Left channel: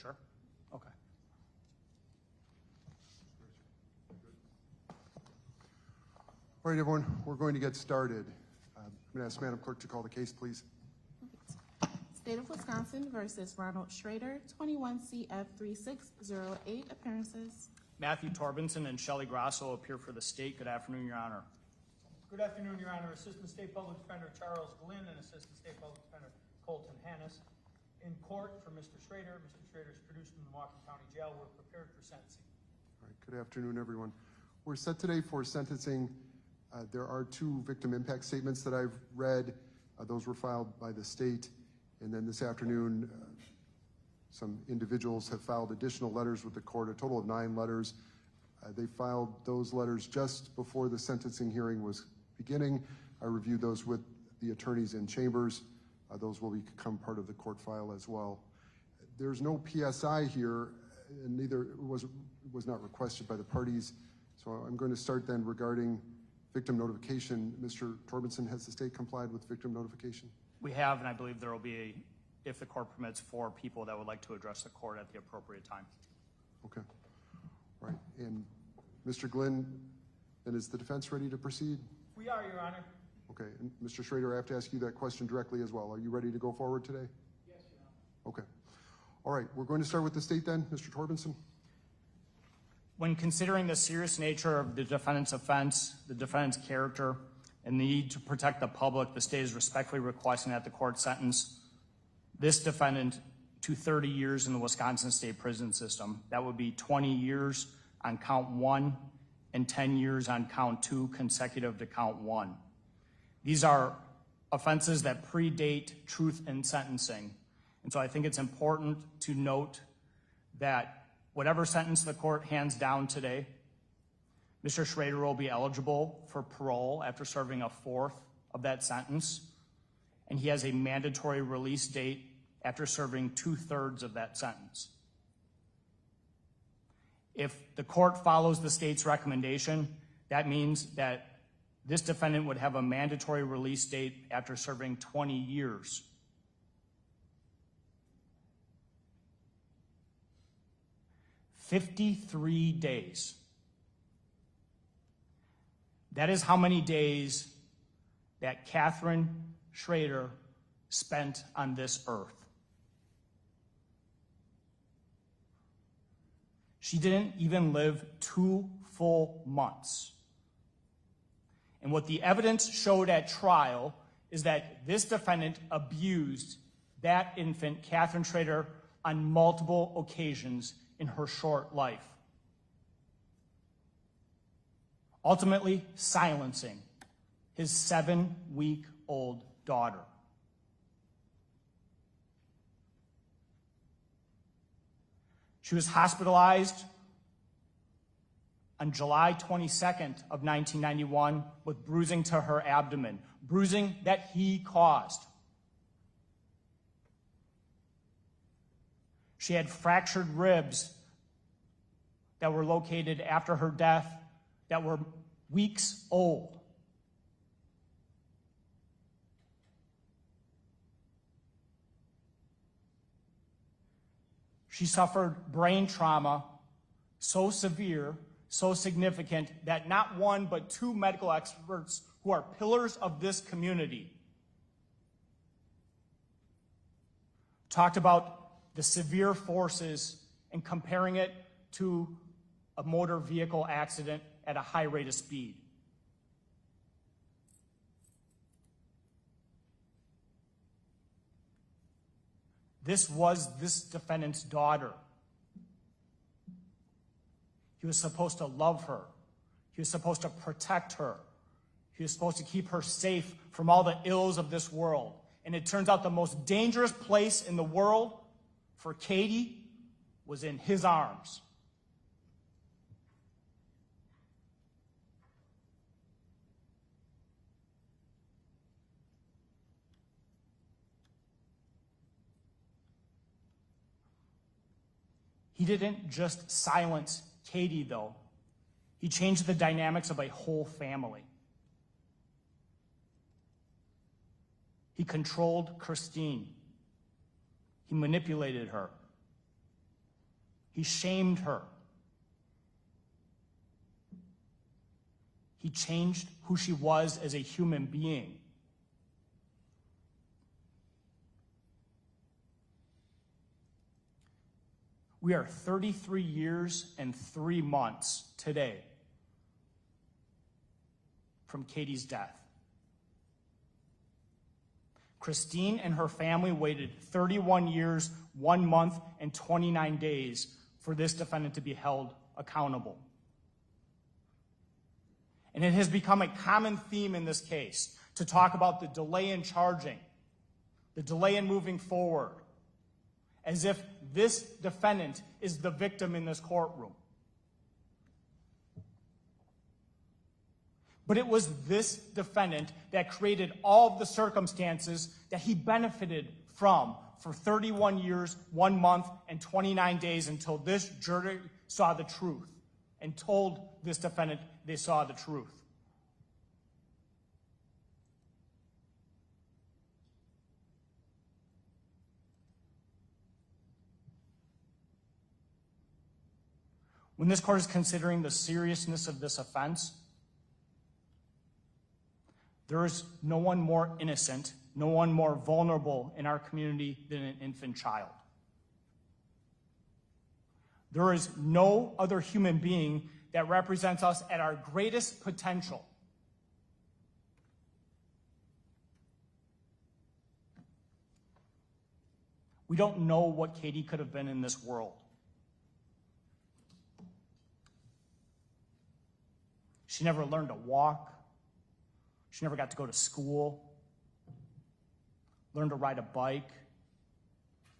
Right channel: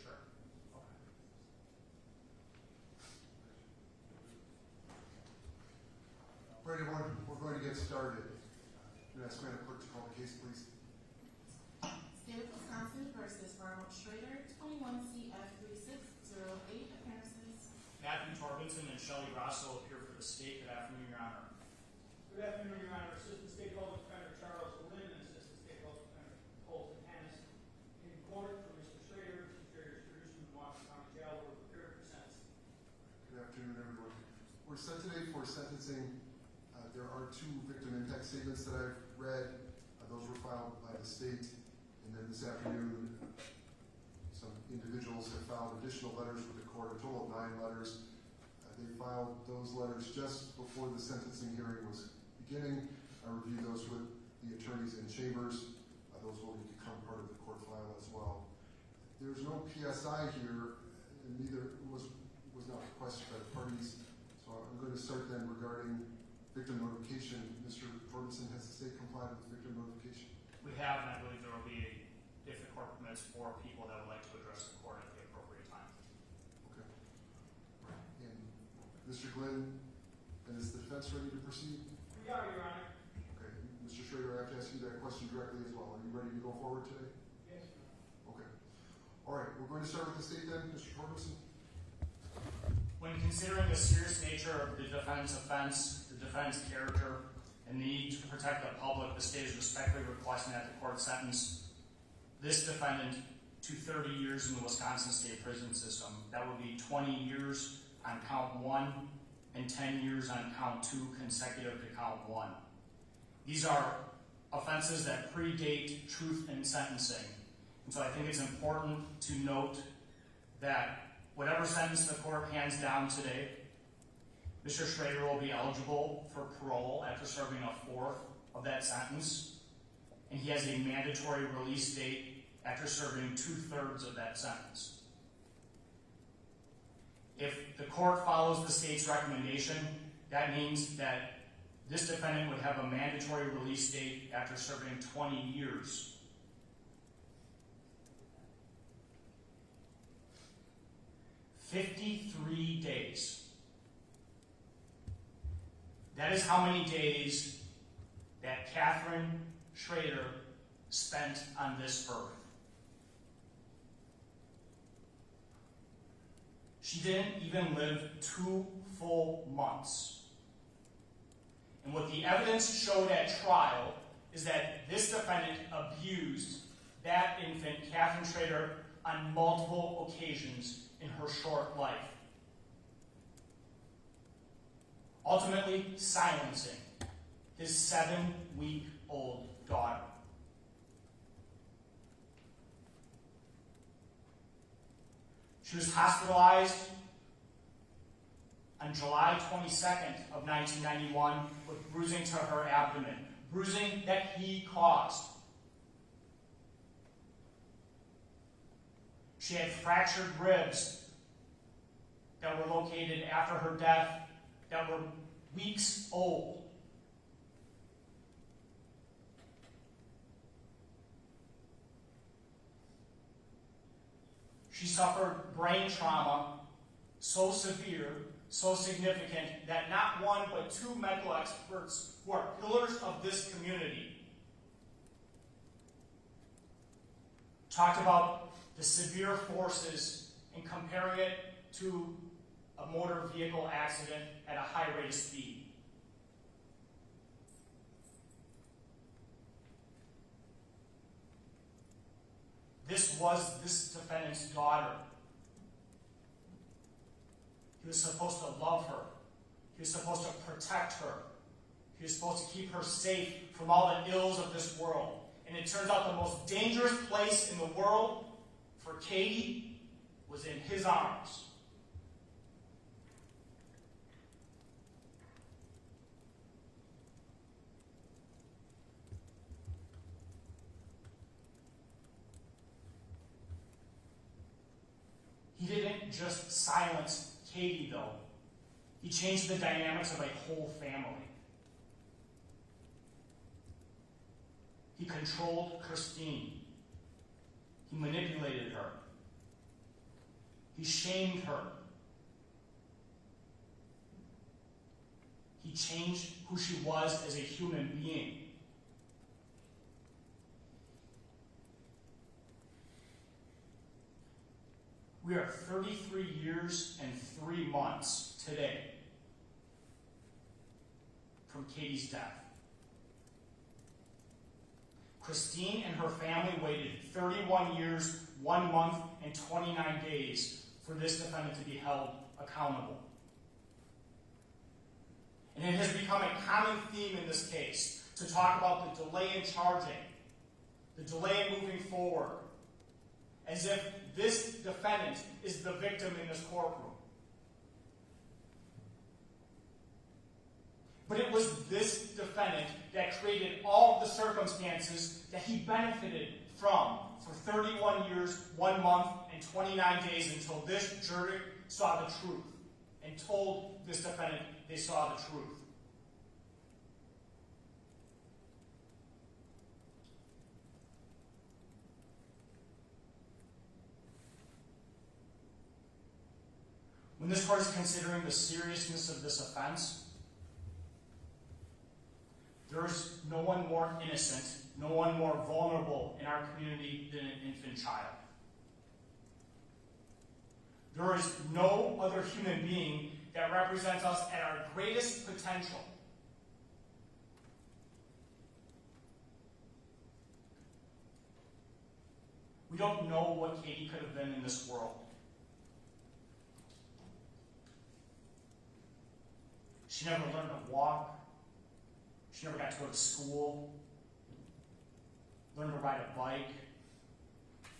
sure? Okay. All right, everyone, we're going to get started. I'm going to ask Madam Clerk to call the case, please. State of Wisconsin versus Ronald Schroeder, 21 CF 3608, appearances. Matthew Torbenson and Shelley Grosso appear for the state. Good afternoon, Your Honor. Good afternoon, Your Honor. Assistant State Public Defender Charles Glynn and Assistant State Public Defender Colton Hannes. In court for Mr. Schroeder. Mr. Schroeder is produced from the Milwaukee County Jail. We're prepared for sentencing. Good afternoon, everyone. We're set today for sentencing. There are two victim impact statements that I've read. Those were filed by the state. And then this afternoon, some individuals have filed additional letters with the court, a total of 9 letters. They filed those letters just before the sentencing hearing was beginning. I reviewed those with the attorneys in chambers. Those will become part of the court file as well. There's no PSI here, and neither was not requested by the parties. So I'm going to start then regarding victim notification. Mr. Torbenson, has the state complied with victim notification? We have, and I believe there will be, if the court permits, 4 people that would like to address the court at the appropriate time. Okay. All right. And Mr. Glynn, and is the defense ready to proceed? We are, Your Honor. Okay. Mr. Schroeder, I have to ask you that question directly as well. Are you ready to go forward today? Yes, Your Honor. Okay. All right. We're going to start with the state then. Mr. Torbenson. When considering the serious nature of the defendant's offense, the defendant's character, and the need to protect the public, the state is respectfully requesting that the court sentence this defendant to 30 years in the Wisconsin state prison system. That would be 20 years on count 1 and 10 years on count 2 consecutive to count 1. These are offenses that predate truth in sentencing. And so I think it's important to note that whatever sentence the court hands down today, Mr. Schroeder will be eligible for parole after serving a 4th of that sentence, and he has a mandatory release date after serving 2/3 of that sentence. If the court follows the state's recommendation, that means that this defendant would have a mandatory release date after serving 20 years. $53 days. That is how many days that Catherine Schroeder spent on this earth. She didn't even live 2 full months. And what the evidence showed at trial is that this defendant abused that infant, Catherine Schroeder, on multiple occasions in her short life. Ultimately silencing his 7-week-old daughter. She was hospitalized on July 22nd of 1991 with bruising to her abdomen, bruising that he caused. She had fractured ribs that were located after her death that were weeks old. She suffered brain trauma so severe, so significant, that not one but 2 medical experts who are pillars of this community talked about the severe forces and comparing it to a motor vehicle accident at a high rate of speed. This was this defendant's daughter. He was supposed to love her. He was supposed to protect her. He was supposed to keep her safe from all the ills of this world. And it turns out the most dangerous place in the world for Katie was in his arms. He didn't just silence Katie, though. He changed the dynamics of a whole family. He controlled Christine. He manipulated her. He shamed her. He changed who she was as a human being. We are 33 years and 3 months today from Katie's death. Christine and her family waited 31 years, 1 month, and 29 days for this defendant to be held accountable. And it has become a common theme in this case to talk about the delay in charging, the delay in moving forward, as if this defendant is the victim in this courtroom. But it was this defendant that created all of the circumstances that he benefited from for 31 years, 1 month, and 29 days until this jury saw the truth and told this defendant they saw the truth. When this court is considering the seriousness of this offense, there is no one more innocent, no one more vulnerable in our community than an infant child. There is no other human being that represents us at our greatest potential. We don't know what Katie could have been in this world. She never learned to walk. She never got to go to school, learn to ride a bike,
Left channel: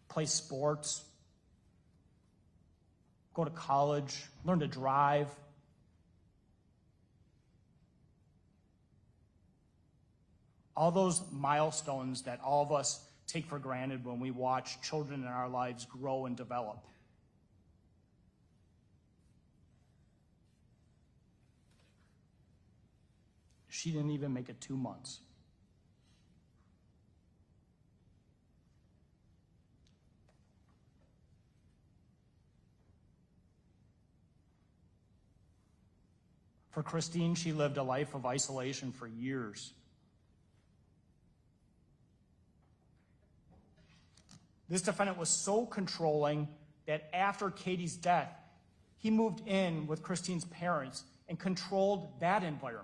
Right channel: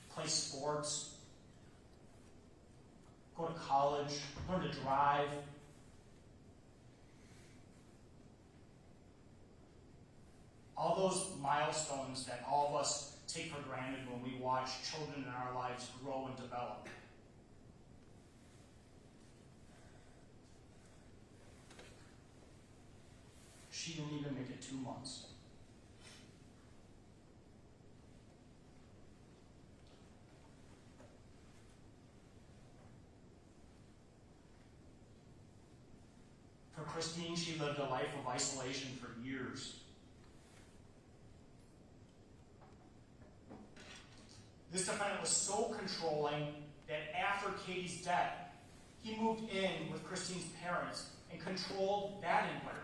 play sports, go to college, learn to drive. All those milestones that all of us take for granted when we watch children in our lives grow and develop. She didn't even make it 2 months. For Christine, she lived a life of isolation for years. This defendant was so controlling that after Katie's death, he moved in with Christine's parents and controlled that environment.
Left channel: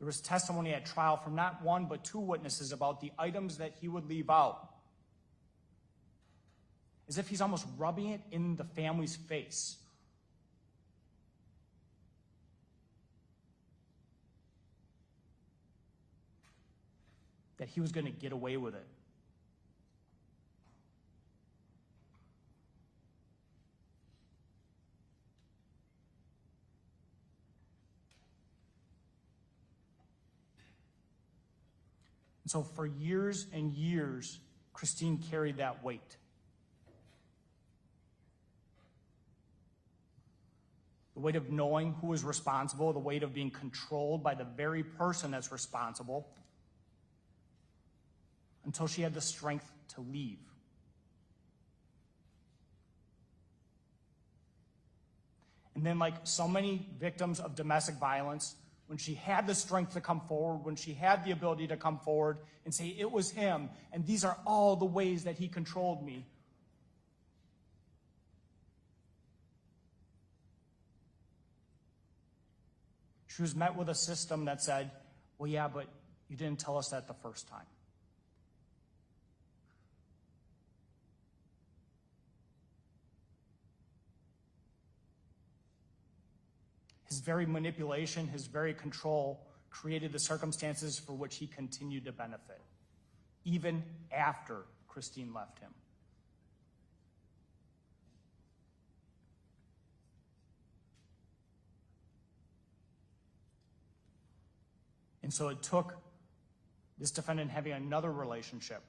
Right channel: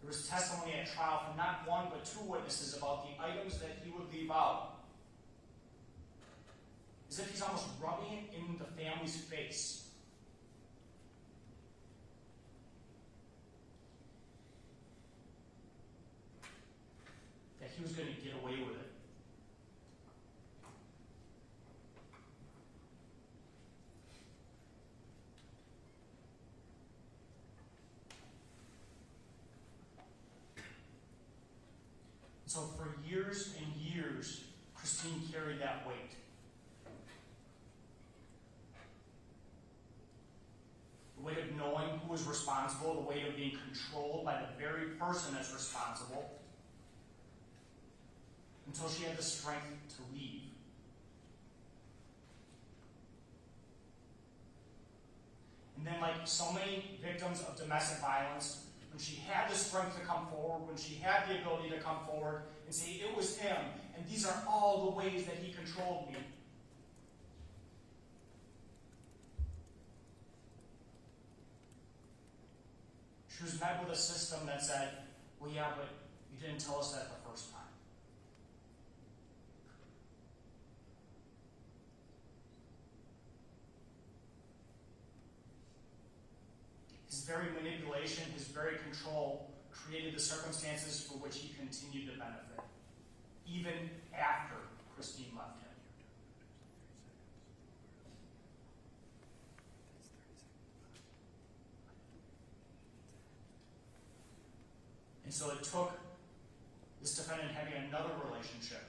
There was testimony at trial from not one but 2 witnesses about the items that he would leave out, as if he's almost rubbing it in the family's face. That he was going to get away with it. And so for years and years, Christine carried that weight. The weight of knowing who was responsible, the weight of being controlled by the very person that's responsible, until she had the strength to leave. And then, like so many victims of domestic violence, when she had the strength to come forward, when she had the ability to come forward and say, it was him, and these are all the ways that he controlled me, she was met with a system that said, well, yeah, but you didn't tell us that the first time. His very manipulation, his very control created the circumstances for which he continued to benefit, even after Christine left him. And so it took this defendant having another relationship,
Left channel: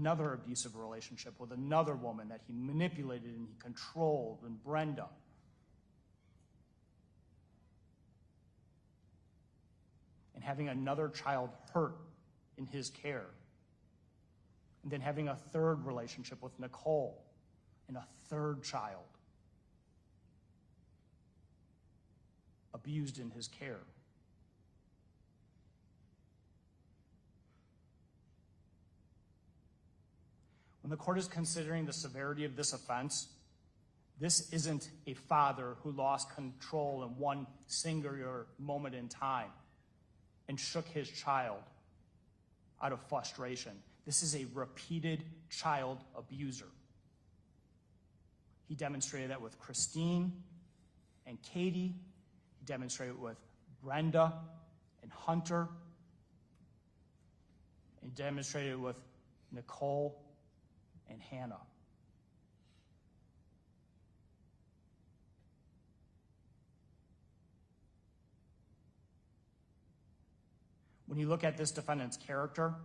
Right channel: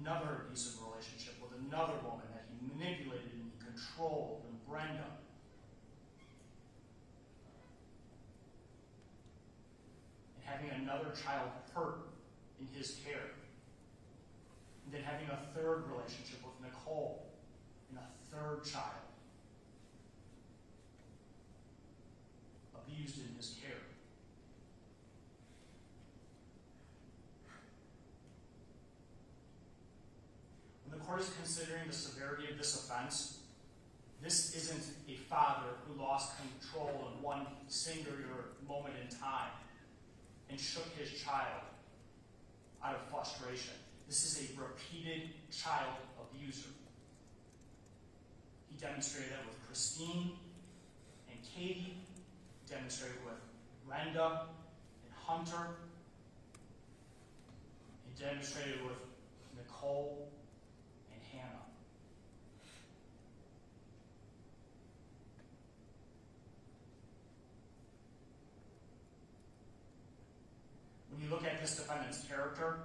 another abusive relationship with another woman that he manipulated and he controlled, and Brenda. And having another child hurt in his care. And then having a third relationship with Nicole and a third child abused in his care. When the court is considering the severity of this offense, this isn't a father who lost control in one singular moment in time and shook his child out of frustration. This is a repeated child abuser. He demonstrated that with Christine and Katie, he demonstrated it with Brenda and Hunter, he demonstrated it with Nicole and Hannah. When you look at this defendant's character,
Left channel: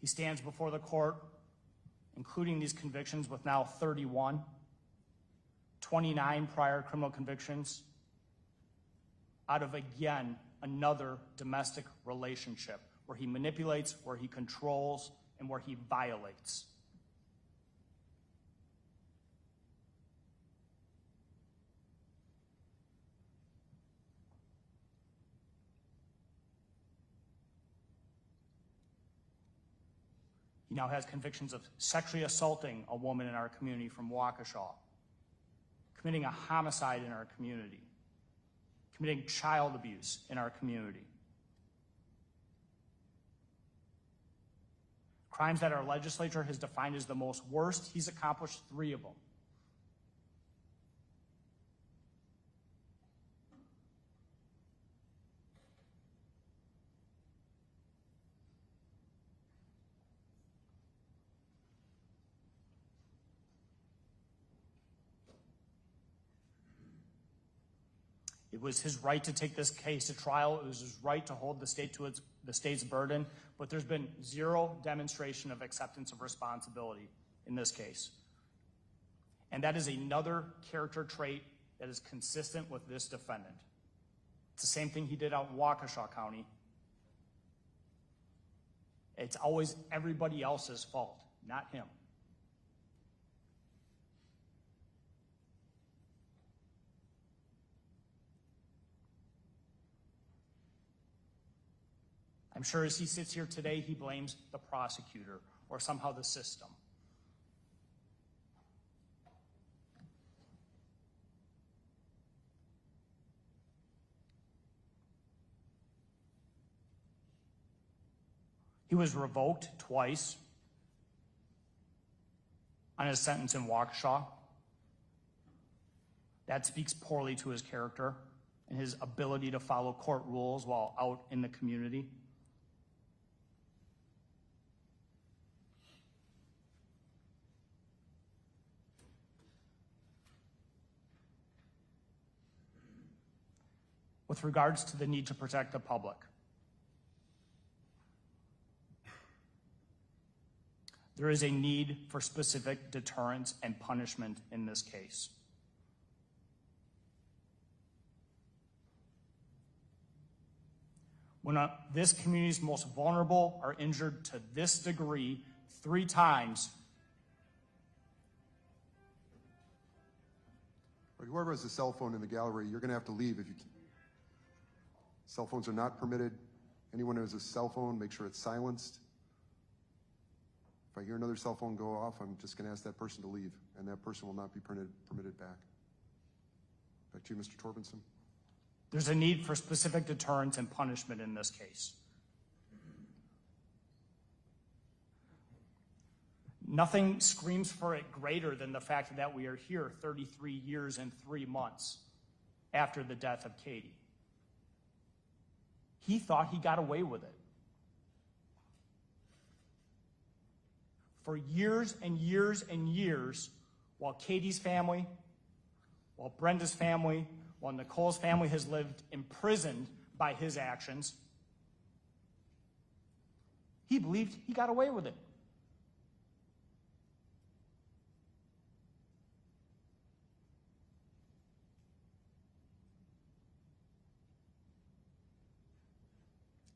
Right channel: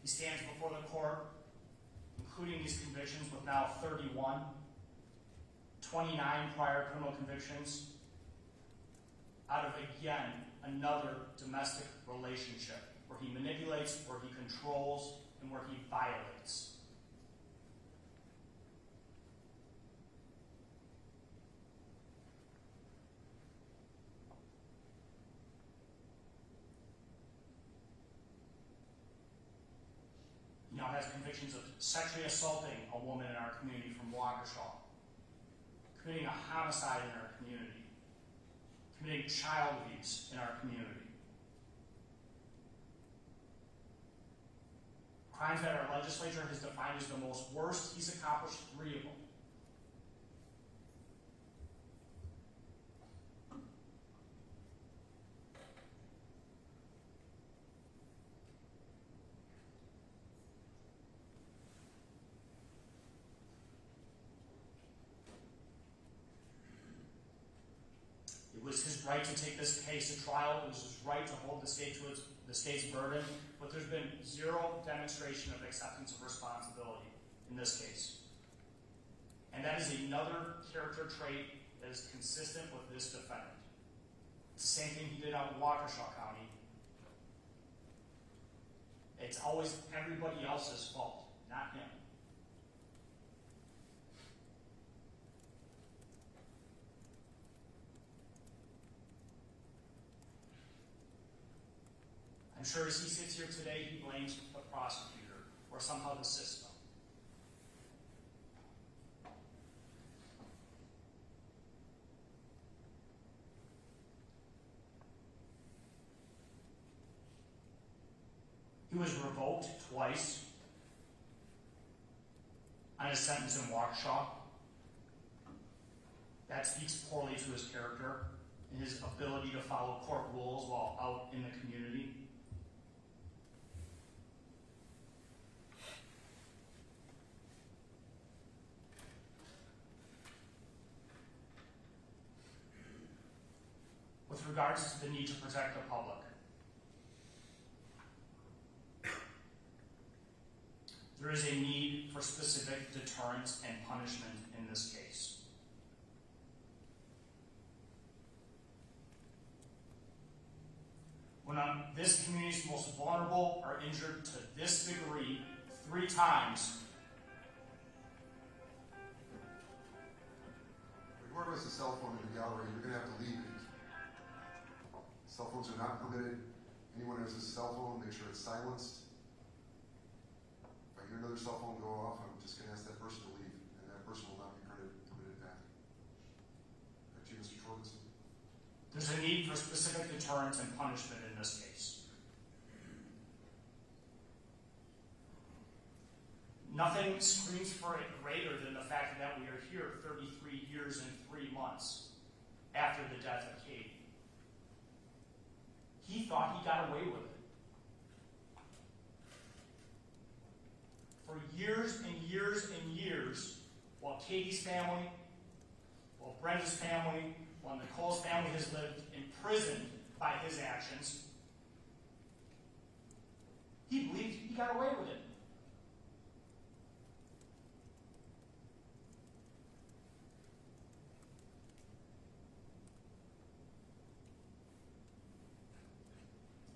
he stands before the court, including these convictions, with now 31, 29 prior criminal convictions, out of, again, another domestic relationship where he manipulates, where he controls, and where he violates. He now has convictions of sexually assaulting a woman in our community from Waukesha, committing a homicide in our community, committing child abuse in our community. Crimes that our legislature has defined as the most worst, he's accomplished 3 of them. It was his right to take this case to trial. It was his right to hold the state to the state's burden, but there's been zero demonstration of acceptance of responsibility in this case. And that is another character trait that is consistent with this defendant. It's the same thing he did out in Waukesha County. It's always everybody else's fault, not him. I'm sure as he sits here today, he blames the prosecutor or somehow the system. He was revoked twice on his sentence in Waukesha. That speaks poorly to his character and his ability to follow court rules while out in the community. With regards to the need to protect the public, there is a need for specific deterrence and punishment in this case. When this community's most vulnerable are injured to this degree 3 times, But whoever has a cell phone in the gallery, you're going to have to leave if you can. Cell phones are not permitted. Anyone who has a cell phone, make sure it's silenced. If I hear another cell phone go off, I'm just going to ask that person to leave, and that person will not be permitted back. Back to you, Mr. Torbenson. there's a need for specific deterrence and punishment in this case. Nothing screams for it greater than the fact that we are here 33 years and 3 months after the death of Katie. He thought he got away with it. For years and years and years, while Katie's family, while Brenda's family, while Nicole's family has lived imprisoned by his actions, he believed he got away with it.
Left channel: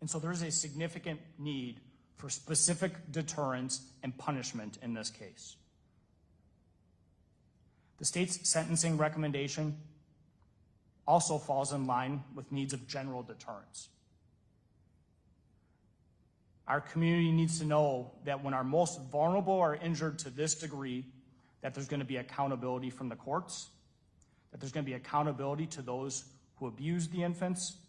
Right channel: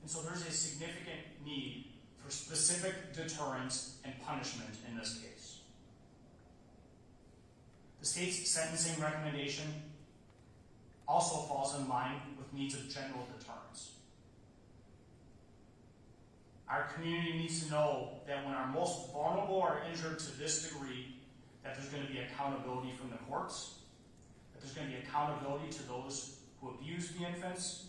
And so there's a significant need for specific deterrence and punishment in this case. The state's sentencing recommendation also falls in line with needs of general deterrence. Our community needs to know that when our most vulnerable are injured to this degree, that there's going to be accountability from the courts, that there's going to be accountability to those who abuse the infants.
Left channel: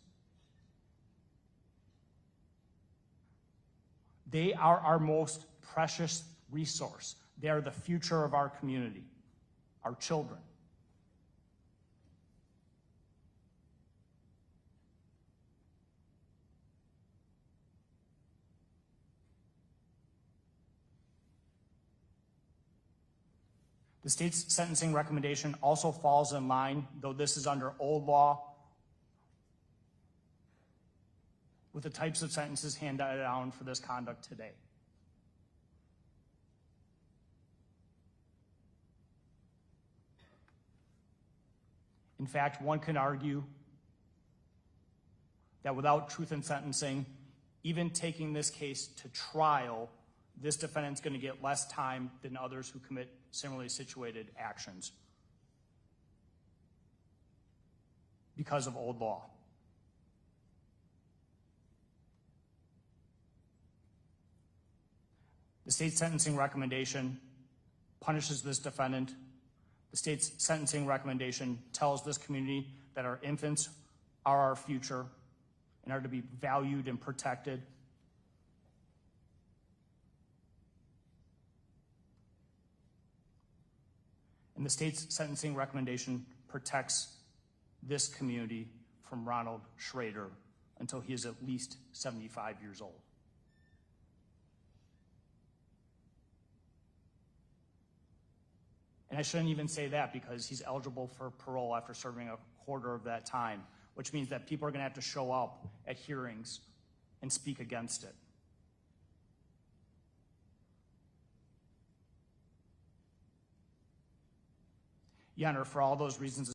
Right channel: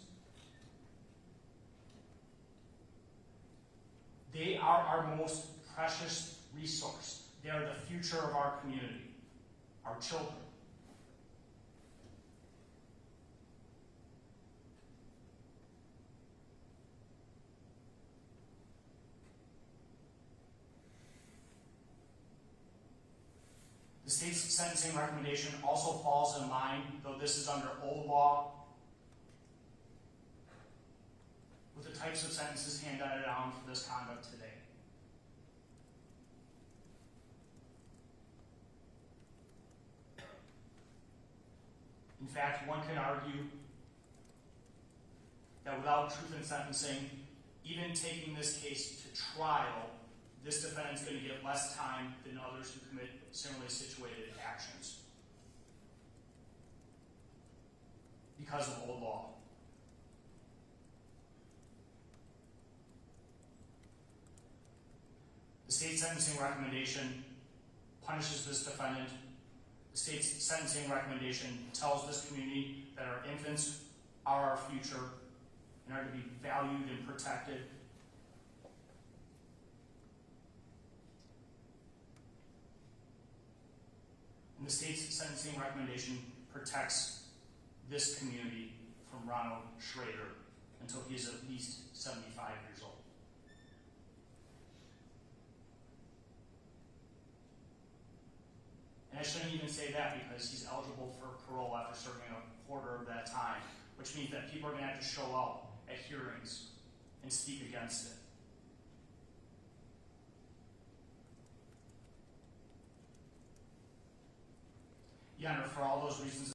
They are our most precious resource. They are the future of our community, our children. The state's sentencing recommendation also falls in line, though this is under old law, with the types of sentences handed down for this conduct today. In fact, one can argue that without truth in sentencing, even taking this case to trial, this defendant's going to get less time than others who commit similarly situated actions because of old law. The state's sentencing recommendation punishes this defendant. The state's sentencing recommendation tells this community that our infants are our future and are to be valued and protected. And the state's sentencing recommendation protects this community from Ronald Schroeder until he is at least 75 years old. And I shouldn't even say that because he's eligible for parole after serving a quarter of that time, which means that people are going to have to show up at hearings and speak against it. Your Honor, for all those reasons,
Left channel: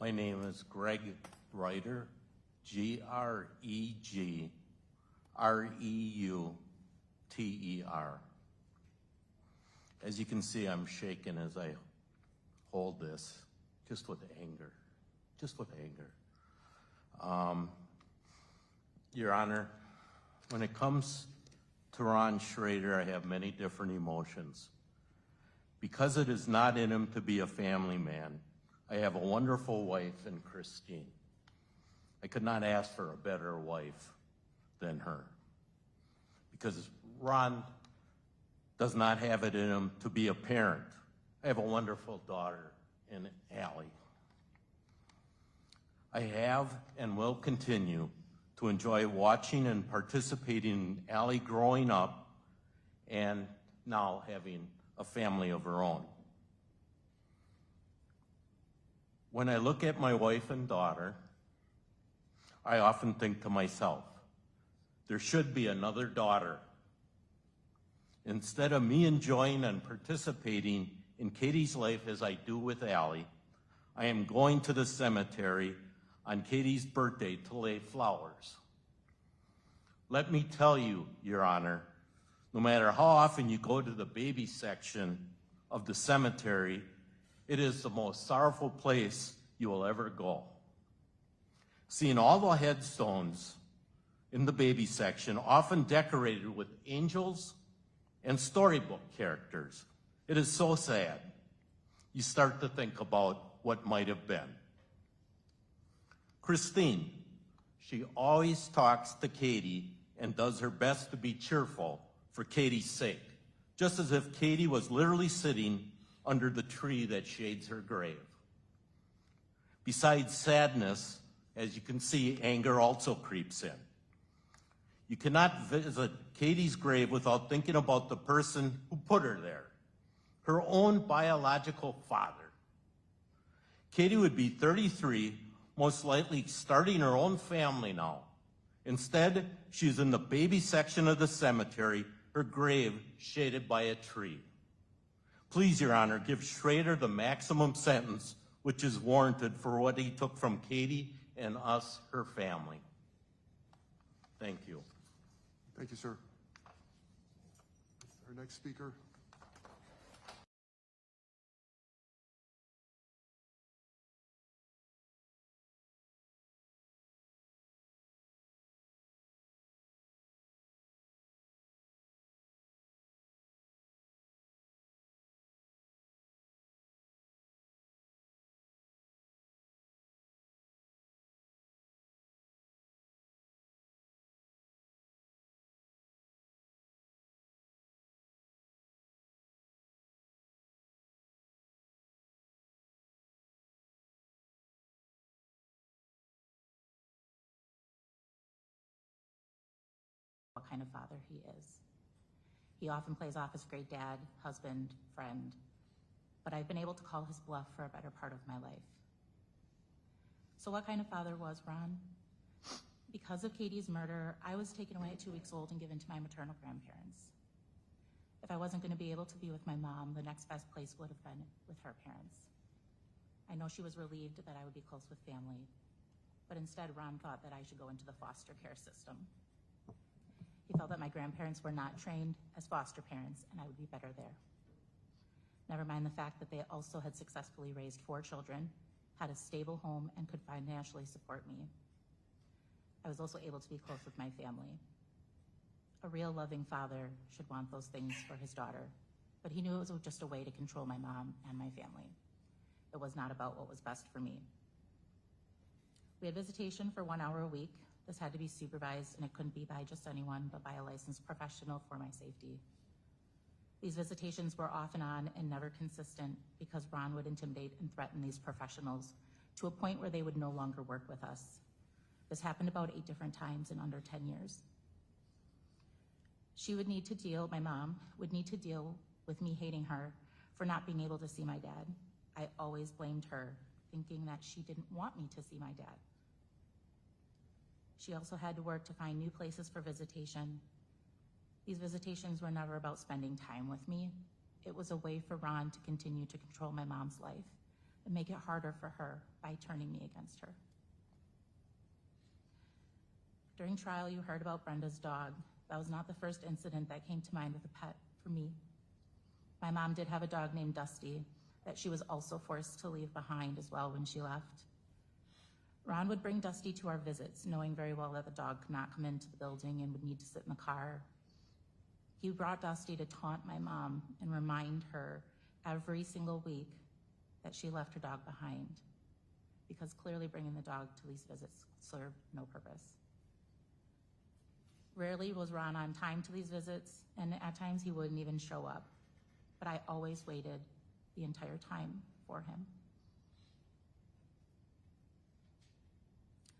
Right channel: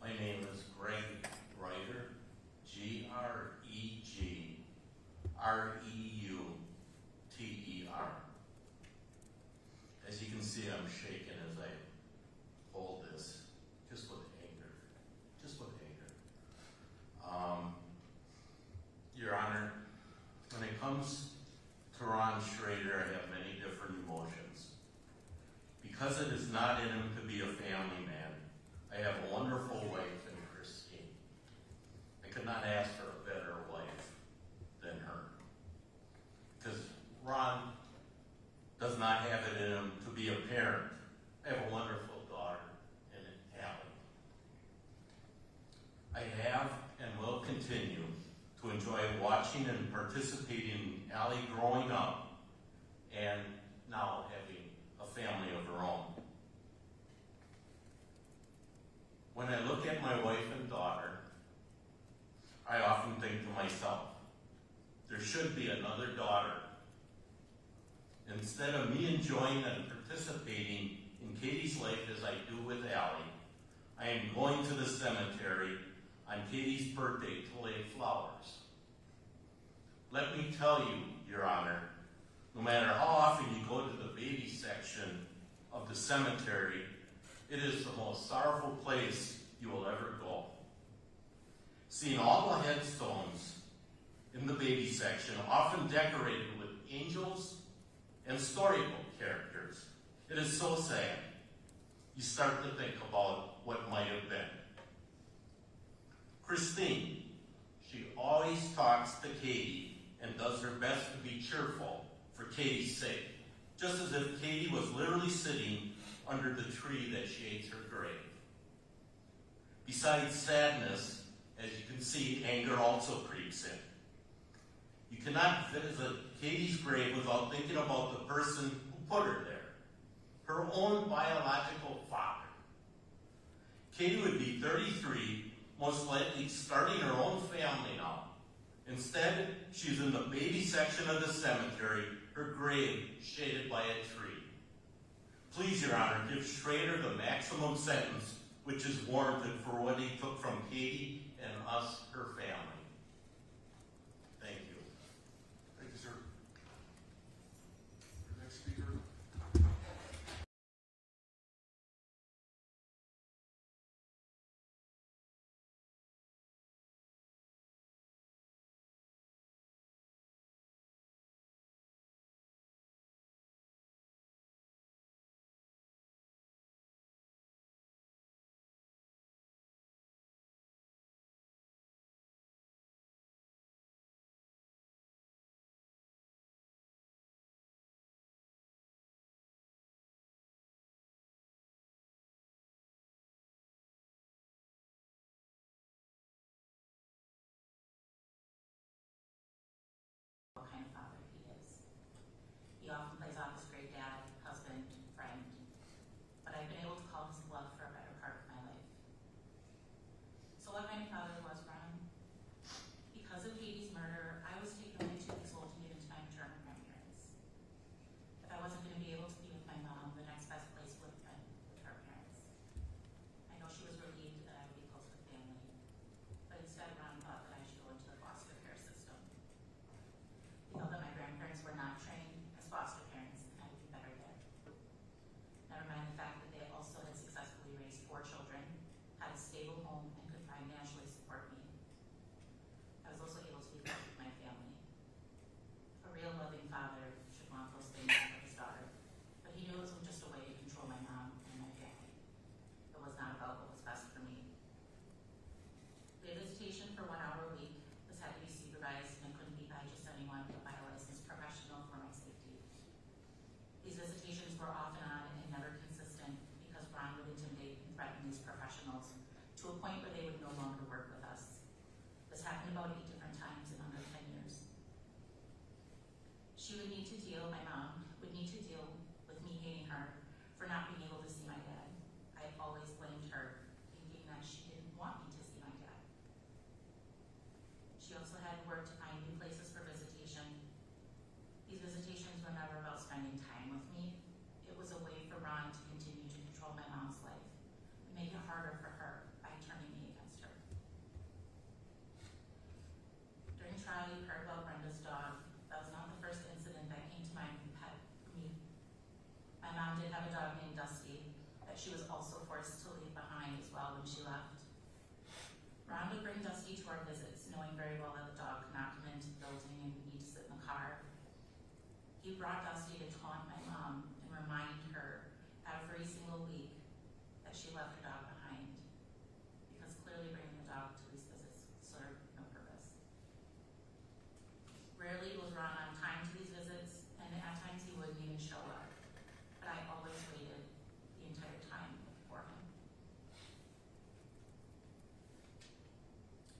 my name is Greg Reuter, G-R-E-G-R-E-U-T-E-R. As you can see, I'm shaking as I hold this, just with anger. Your Honor, when it comes to Ron Schroeder, I have many different emotions. Because it is not in him to be a family man, I have a wonderful wife in Christine. I could not ask for a better wife than her. Because Ron does not have it in him to be a parent. I have a wonderful daughter in Allie. I have and will continue to enjoy watching and participating in Allie growing up and now having a family of her own. When I look at my wife and daughter, I often think to myself, there should be another daughter. Instead of me enjoying and participating in Katie's life as I do with Allie, I am going to the cemetery on Katie's birthday to lay flowers. Let me tell you, Your Honor, no matter how often you go to the baby section of the cemetery, it is the most sorrowful place you will ever go. Seeing all the headstones in the baby section, often decorated with angels and storybook characters, it is so sad. You start to think about what might have been. Christine, she always talks to Katie and does her best to be cheerful for Katie's sake, just as if Katie was literally sitting under the tree that shades her grave. Besides sadness, as you can see, anger also creeps in. You cannot visit Katie's grave without thinking about the person who put her there, her own biological father. Katie would be 33, most likely starting her own family now. Instead, she's in the baby section of the cemetery, her grave shaded by a tree. Please, Your Honor, give Schroeder the maximum sentence which is warranted for what he took from Katie and us, her family. Thank you. Thank you, sir. Our next speaker. What kind of father he is. He often plays off his great dad, husband, friend, but I've been able to call his bluff for a better part of my life. So what kind of father was Ron? Because of Katie's murder, I was taken away at 2 weeks old and given to my maternal grandparents. If I wasn't going to be able to be with my mom, the next best place would have been with her parents. I know she was relieved that I would be close with family, but instead Ron thought that I should go into the foster care system. He felt that my grandparents were not trained as foster parents and I would be better there. Never mind the fact that they also had successfully raised 4 children, had a stable home, and could financially support me. I was also able to be close with my family. A real loving father should want those things for his daughter, but he knew it was just a way to control my mom and my family. It was not about what was best for me. We had visitation for 1 hour a week. This had to be supervised, and it couldn't be by just anyone, but by a licensed professional for my safety. These visitations were off and on and never consistent because Ron would intimidate and threaten these professionals to a point where they would no longer work with us. This happened about 8 different times in under 10 years. My mom would need to deal with me hating her for not being able to see my dad. I always blamed her, thinking that she didn't want me to see my dad. She also had to work to find new places for visitation. These visitations were never about spending time with me. It was a way for Ron to continue to control my mom's life and make it harder for her by turning me against her. During trial, you heard about Brenda's dog. That was not the first incident that came to mind with a pet for me. My mom did have a dog named Dusty that she was also forced to leave behind as well when she left. Ron would bring Dusty to our visits, knowing very well that the dog could not come into the building and would need to sit in the car. He brought Dusty to taunt my mom and remind her every single week that she left her dog behind, because clearly bringing the dog to these visits served no purpose. Rarely was Ron on time to these visits, and at times he wouldn't even show up, but I always waited the entire time for him.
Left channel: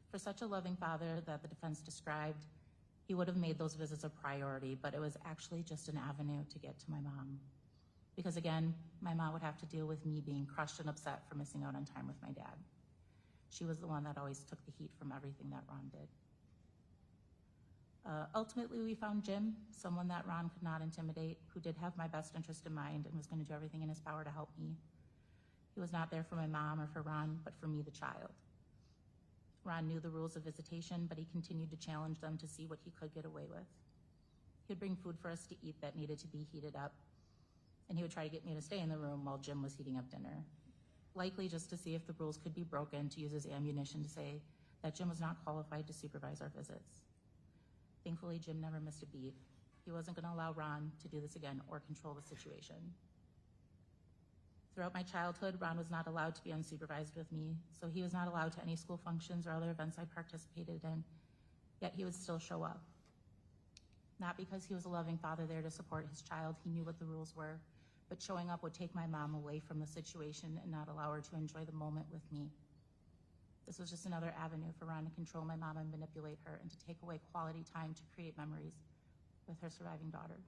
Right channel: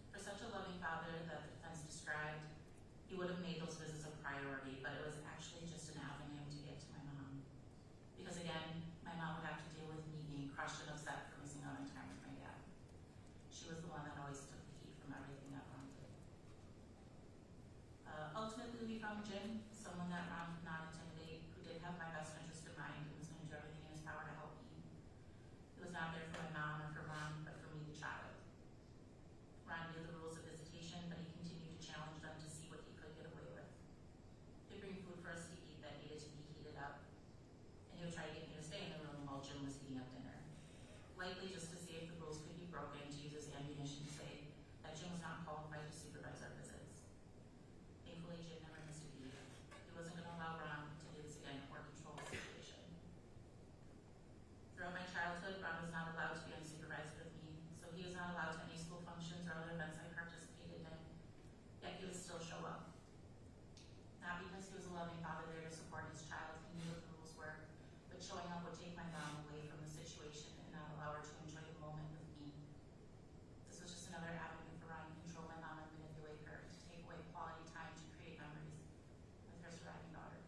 For such a loving father that the defense described, he would have made those visits a priority, but it was actually just an avenue to get to my mom. Because again, my mom would have to deal with me being crushed and upset for missing out on time with my dad. She was the one that always took the heat from everything that Ron did. Ultimately, we found Jim, someone that Ron could not intimidate, who did have my best interest in mind and was going to do everything in his power to help me. He was not there for my mom or for Ron, but for me, the child. Ron knew the rules of visitation, but he continued to challenge them to see what he could get away with. He'd bring food for us to eat that needed to be heated up, and he would try to get me to stay in the room while Jim was heating up dinner, likely just to see if the rules could be broken to use as ammunition to say that Jim was not qualified to supervise our visits. Thankfully, Jim never missed a beat. He wasn't going to allow Ron to do this again or control the situation. Throughout my childhood, Ron was not allowed to be unsupervised with me, so he was not allowed to any school functions or other events I participated in, yet he would still show up. Not because he was a loving father there to support his child, he knew what the rules were, but showing up would take my mom away from the situation and not allow her to enjoy the moment with me. This was just another avenue for Ron to control my mom and manipulate her and to take away quality time to create memories with her surviving daughter.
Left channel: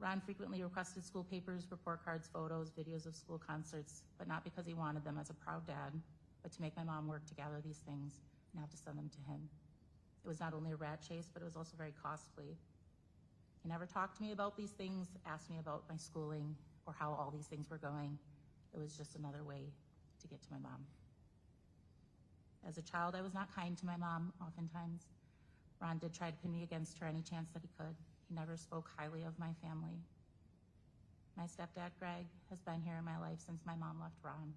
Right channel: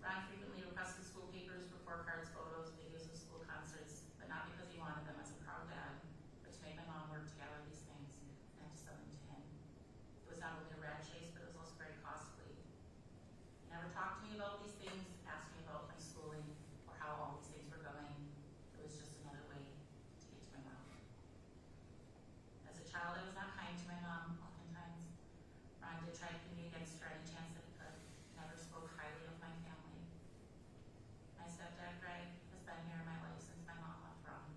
Ron frequently requested school papers, report cards, photos, videos of school concerts, but not because he wanted them as a proud dad, but to make my mom work to gather these things, not to send them to him. It was not only a rat chase, but it was also very costly. He never talked to me about these things, asked me about my schooling, or how all these things were going. It was just another way to get to my mom. As a child, I was not kind to my mom, oftentimes. Ron did try to pin me against her any chance that he could. Never spoke highly of my family. My stepdad, Greg, has been here in my life since my mom left Ron.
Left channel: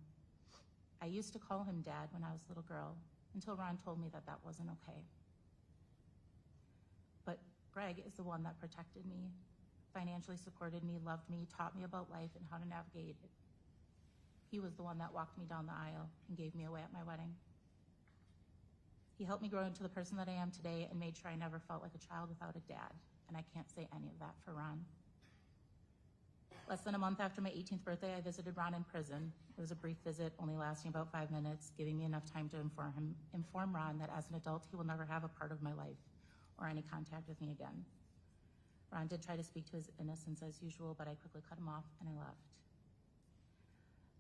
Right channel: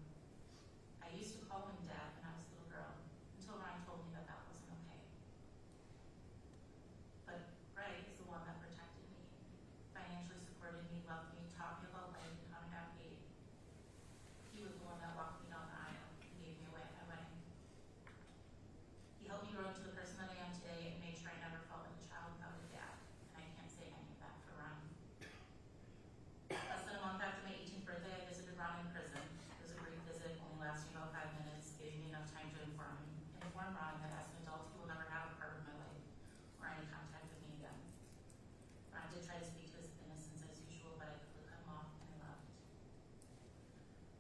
I used to call him Dad when I was a little girl, until Ron told me that that wasn't okay. But Greg is the one that protected me, financially supported me, loved me, taught me about life and how to navigate. He was the one that walked me down the aisle and gave me away at my wedding. He helped me grow into the person that I am today and made sure I never felt like a child without a dad. And I can't say any of that for Ron. Less than a month after my 18th birthday, I visited Ron in prison. It was a brief visit, only lasting about 5 minutes, giving me enough time to inform Ron that as an adult, he will never have a part of my life or any contact with me again. Ron did try to speak to his innocence as usual, but I quickly cut him off and I left.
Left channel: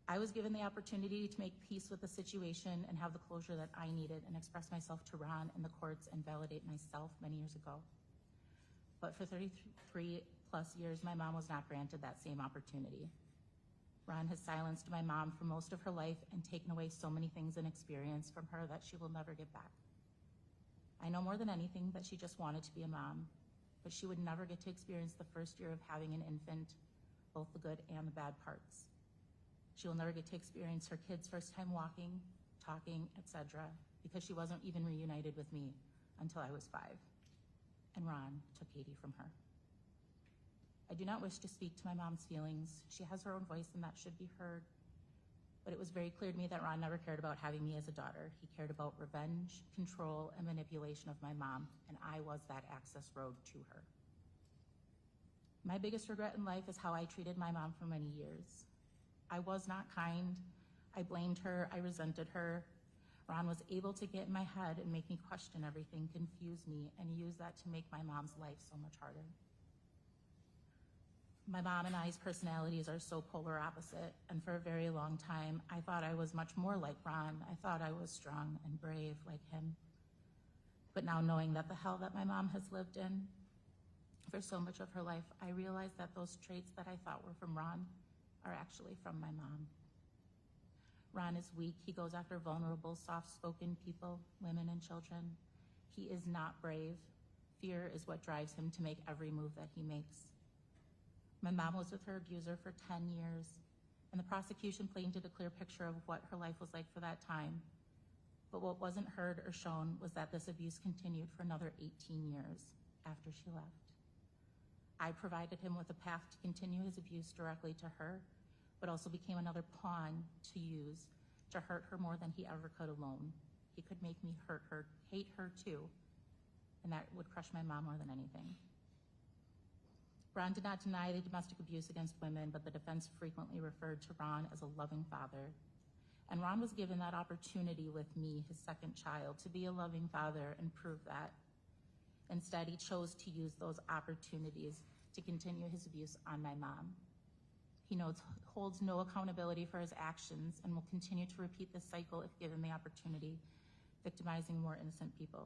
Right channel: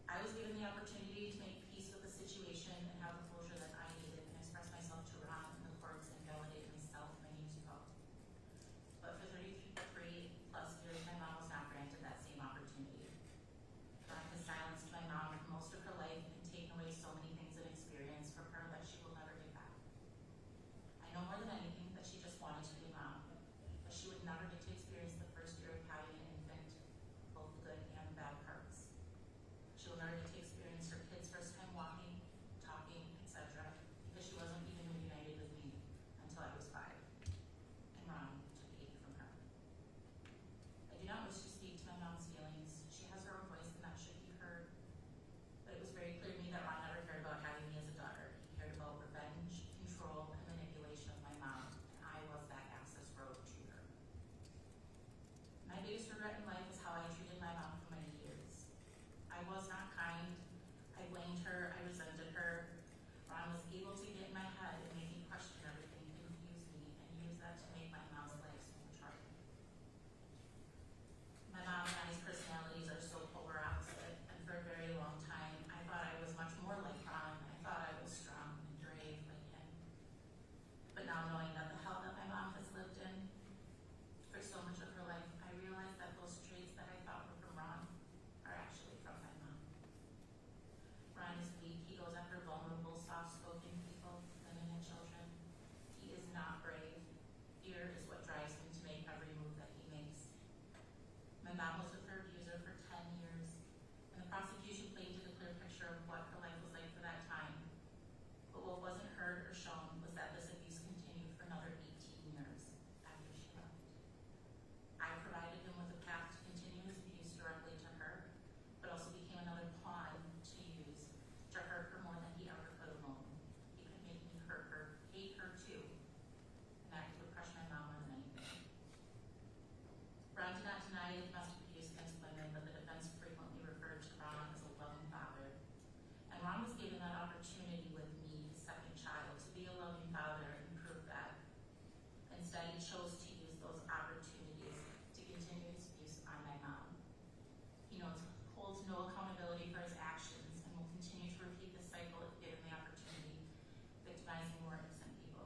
I was given the opportunity to make peace with the situation and have the closure that I needed and express myself to Ron in the courts and validate myself many years ago. But for 33 plus years, my mom was not granted that same opportunity. Ron has silenced my mom for most of her life and taken away so many things and experience from her that she will never get back. I know more than anything that she just wanted to be a mom, but she would never get to experience the first year of having an infant, both the good and the bad parts. She will never get to experience her kid's first time walking, talking, etc., because she wasn't even reunited with me until I was 5. And Ron took 80 from her. I do not wish to speak to my mom's feelings. She has her own voice and that should be heard. But it was very clear to me that Ron never cared about having me as a daughter. He cared about revenge, control, and manipulation of my mom, and I was that access road to her. My biggest regret in life is how I treated my mom for many years. I was not kind. I blamed her. I resented her. Ron was able to get in my head and make me question everything, confuse me, and use that to make my mom's life so much harder. My mom and I's personalities are so polar opposite, and for a very long time, I thought I was much more like Ron. I thought I was strong and brave like him. But now knowing that the hell that my mom has lived in for so much of her life, I realize that those traits that I thought were from Ron are actually from my mom. Ron is weak. He goes after vulnerable, soft-spoken people, women and children. He is not brave. Fear is what drives him to make every move that he makes. My mom was with her abuser for 10 years, and the prosecution painted a clear picture of what her life was like for that time. But what wasn't heard or shown was that this abuse continued for another 18 years after she left. I provided him with a path to continue his abuse directly to her, but also became another pawn to use to hurt her more than he ever could alone. He could make me hurt her, hate her too, and that would crush my mom more than anything. Ron did not deny the domestic abuse against women, but the defense frequently referred to Ron as a loving father. And Ron was given that opportunity with me, his second child, to be a loving father and prove that. Instead, he chose to use those opportunities to continue his abuse on my mom. He holds no accountability for his actions and will continue to repeat this cycle if given the opportunity, victimizing more innocent people.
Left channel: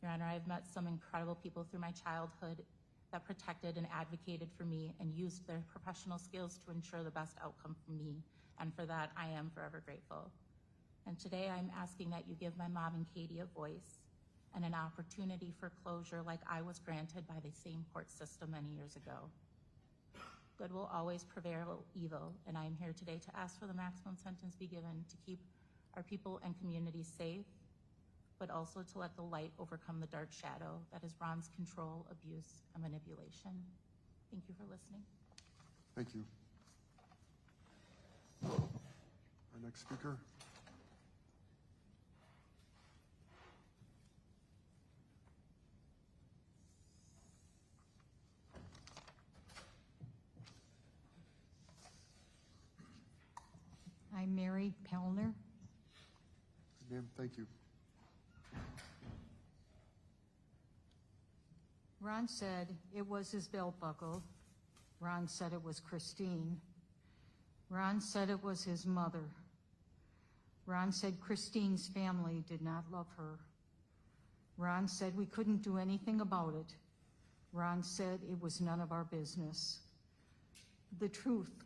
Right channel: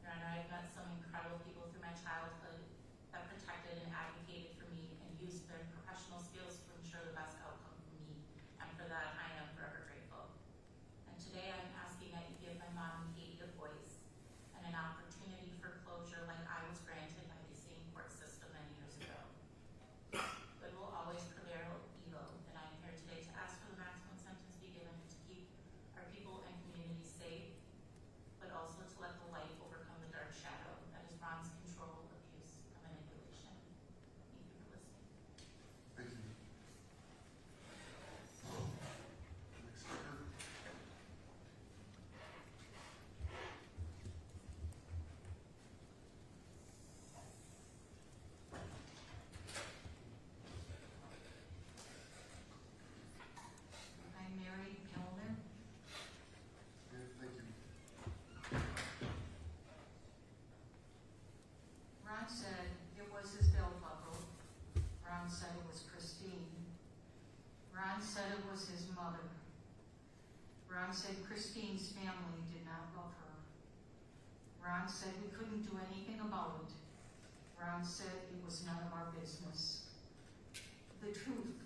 Your Honor, I've met some incredible people through my childhood that protected and advocated for me and used their professional skills to ensure the best outcome for me, and for that I am forever grateful. And today I'm asking that you give my mom and Katie a voice and an opportunity for closure like I was granted by the same court system many years ago. Good will always prevail evil, and I am here today to ask for the maximum sentence be given to keep our people and communities safe, but also to let the light overcome the dark shadow that is Ron's control, abuse, and manipulation. Thank you for listening. Thank you. The next speaker. I'm Mary Pellner. Ma'am, thank you. Ron said it was his belt buckle. Ron said it was Christine. Ron said it was his mother. Ron said Christine's family did not love her. Ron said we couldn't do anything about it. Ron said it was none of our business. The truth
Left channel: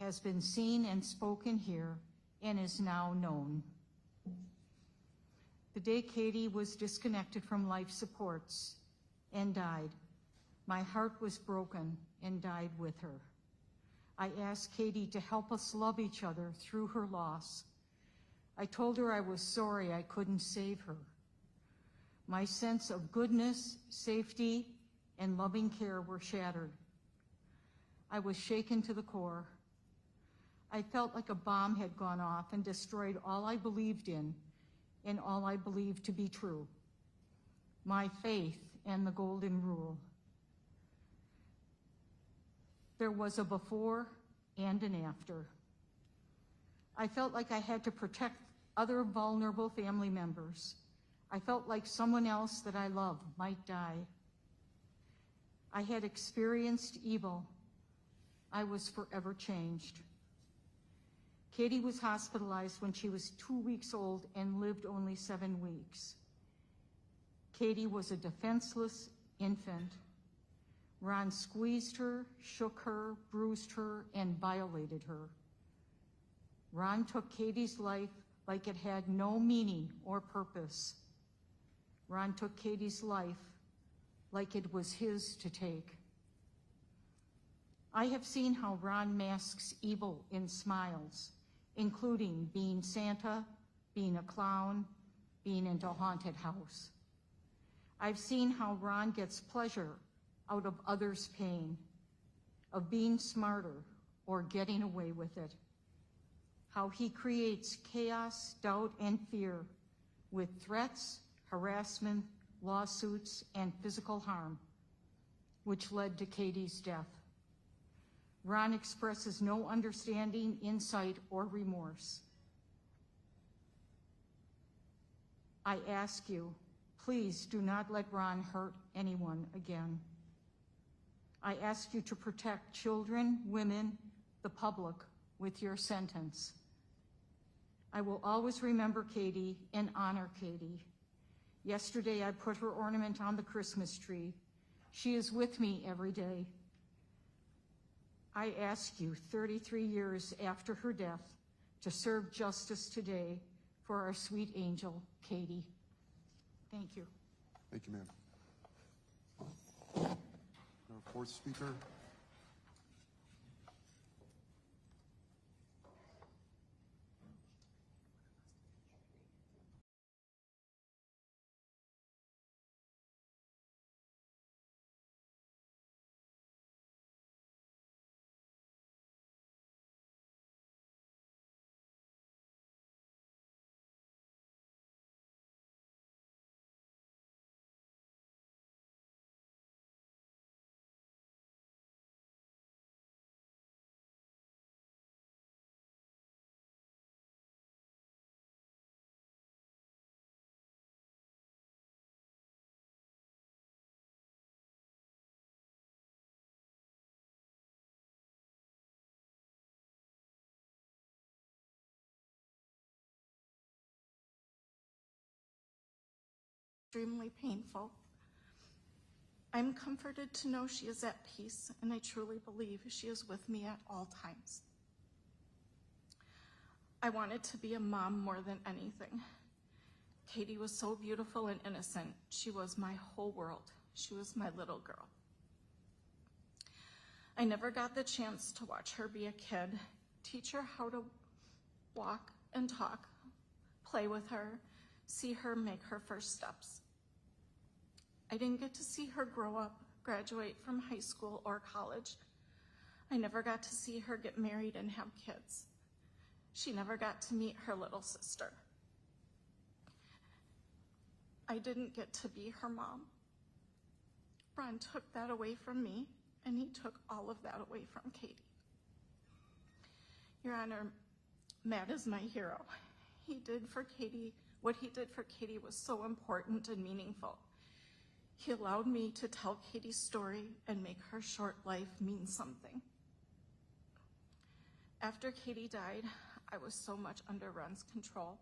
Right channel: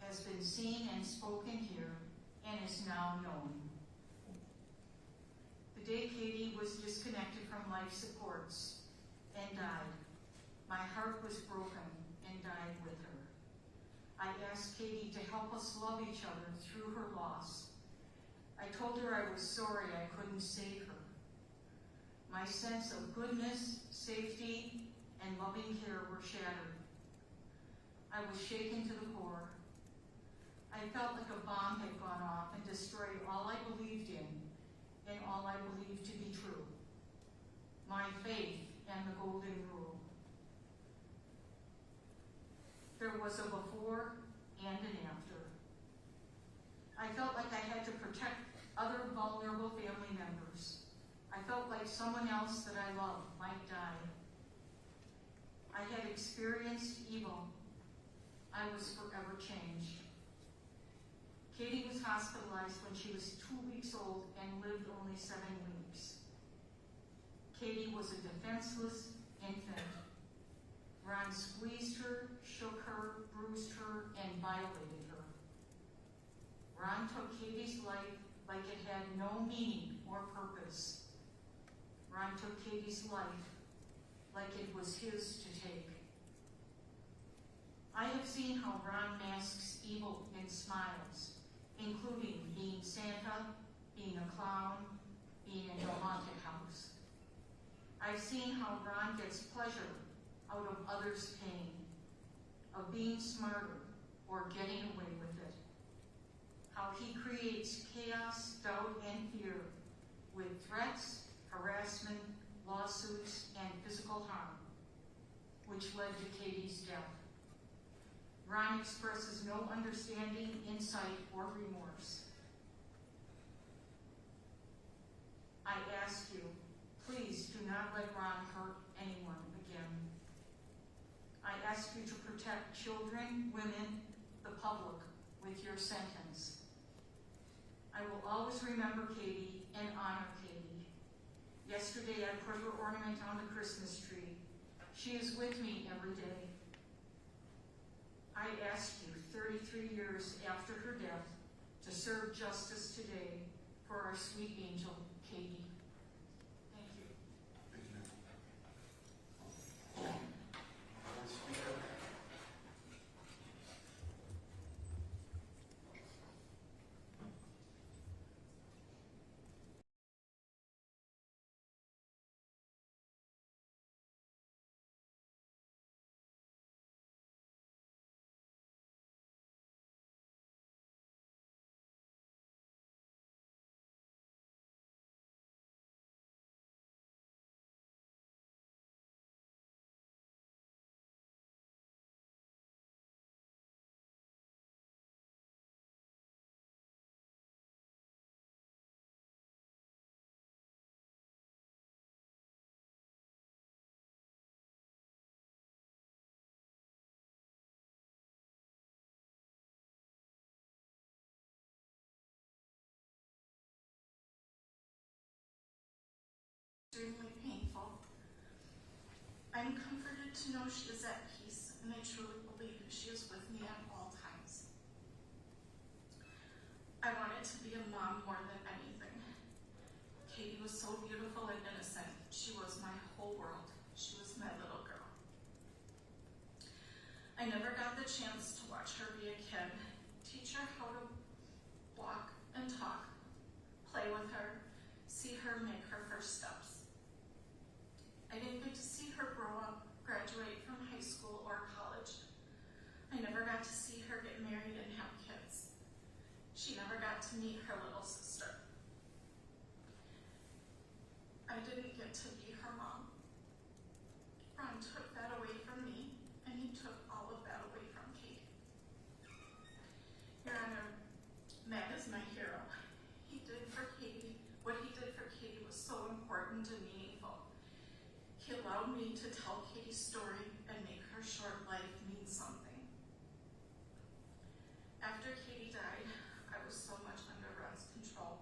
has been seen and spoken here and is now known. The day Katie was disconnected from life supports and died, my heart was broken and died with her. I asked Katie to help us love each other through her loss. I told her I was sorry I couldn't save her. My sense of goodness, safety, and loving care were shattered. I was shaken to the core. I felt like a bomb had gone off and destroyed all I believed in and all I believed to be true. My faith and the golden rule. There was a before and an after. I felt like I had to protect other vulnerable family members. I felt like someone else that I loved might die. I had experienced evil. I was forever changed. Katie was hospitalized when she was 2 weeks old and lived only 7 weeks. Katie was a defenseless infant. Ron squeezed her, shook her, bruised her, and violated her. Ron took Katie's life like it had no meaning or purpose. Ron took Katie's life like it was his to take. I have seen how Ron masks evil in smiles, including being Santa, being a clown, being in a haunted house. I've seen how Ron gets pleasure out of others' pain, of being smarter or getting away with it. How he creates chaos, doubt, and fear with threats, harassment, lawsuits, and physical harm, which led to Katie's death. Ron expresses no understanding, insight, or remorse. I ask you, please do not let Ron hurt anyone again. I ask you to protect children, women, the public with your sentence. I will always remember Katie and honor Katie. Yesterday I put her ornament on the Christmas tree. She is with me every day. I ask you 33 years after her death to serve justice today for our sweet angel, Katie. Thank you. Thank you, ma'am. Fourth speaker. Extremely painful. I'm comforted to know she is at peace, and I truly believe she is with me at all times. I wanted to be a mom more than anything. Katie was so beautiful and innocent. She was my whole world. She was my little girl. I never got the chance to watch her be a kid, teach her how to walk and talk, play with her, see her make her first steps. I didn't get to see her grow up, graduate from high school or college. I never got to see her get married and have kids. She never got to meet her little sister. I didn't get to be her mom. Ron took that away from me, and he took all of that away from Katie. Your Honor, Matt is my hero. What he did for Katie was so important and meaningful. He allowed me to tell Katie's story and make her short life mean something. After Katie died, I was so much under Ron's control.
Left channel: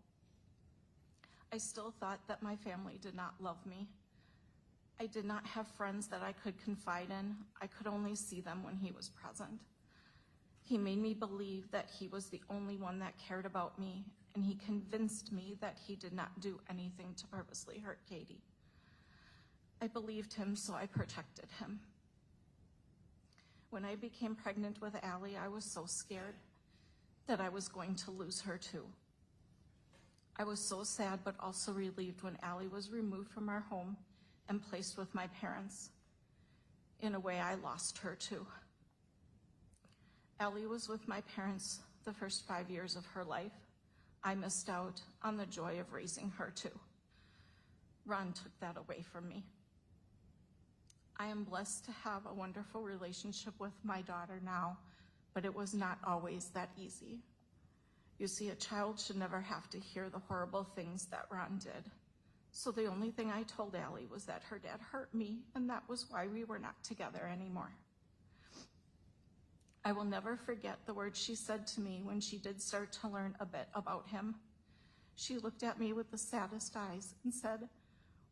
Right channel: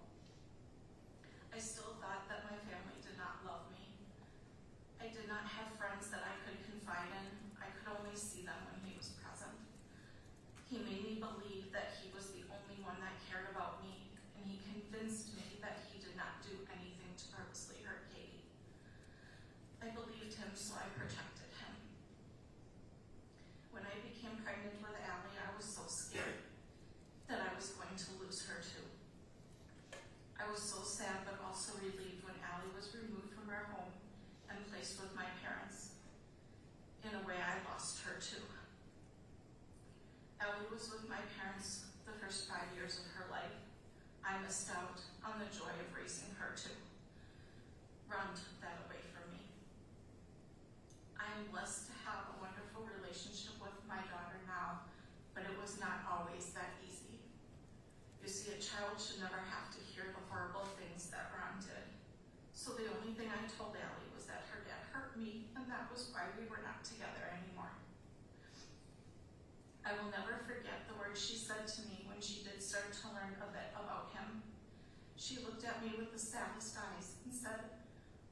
I still thought that my family did not love me. I did not have friends that I could confide in. I could only see them when he was present. He made me believe that he was the only one that cared about me, and he convinced me that he did not do anything to purposely hurt Katie. I believed him, so I protected him. When I became pregnant with Allie, I was so scared that I was going to lose her too. I was so sad but also relieved when Allie was removed from our home and placed with my parents. In a way, I lost her too. Allie was with my parents the first 5 years of her life. I missed out on the joy of raising her too. Ron took that away from me. I am blessed to have a wonderful relationship with my daughter now, but it was not always that easy. You see, a child should never have to hear the horrible things that Ron did. So the only thing I told Allie was that her dad hurt me, and that was why we were not together anymore. I will never forget the words she said to me when she did start to learn a bit about him. She looked at me with the saddest eyes and said,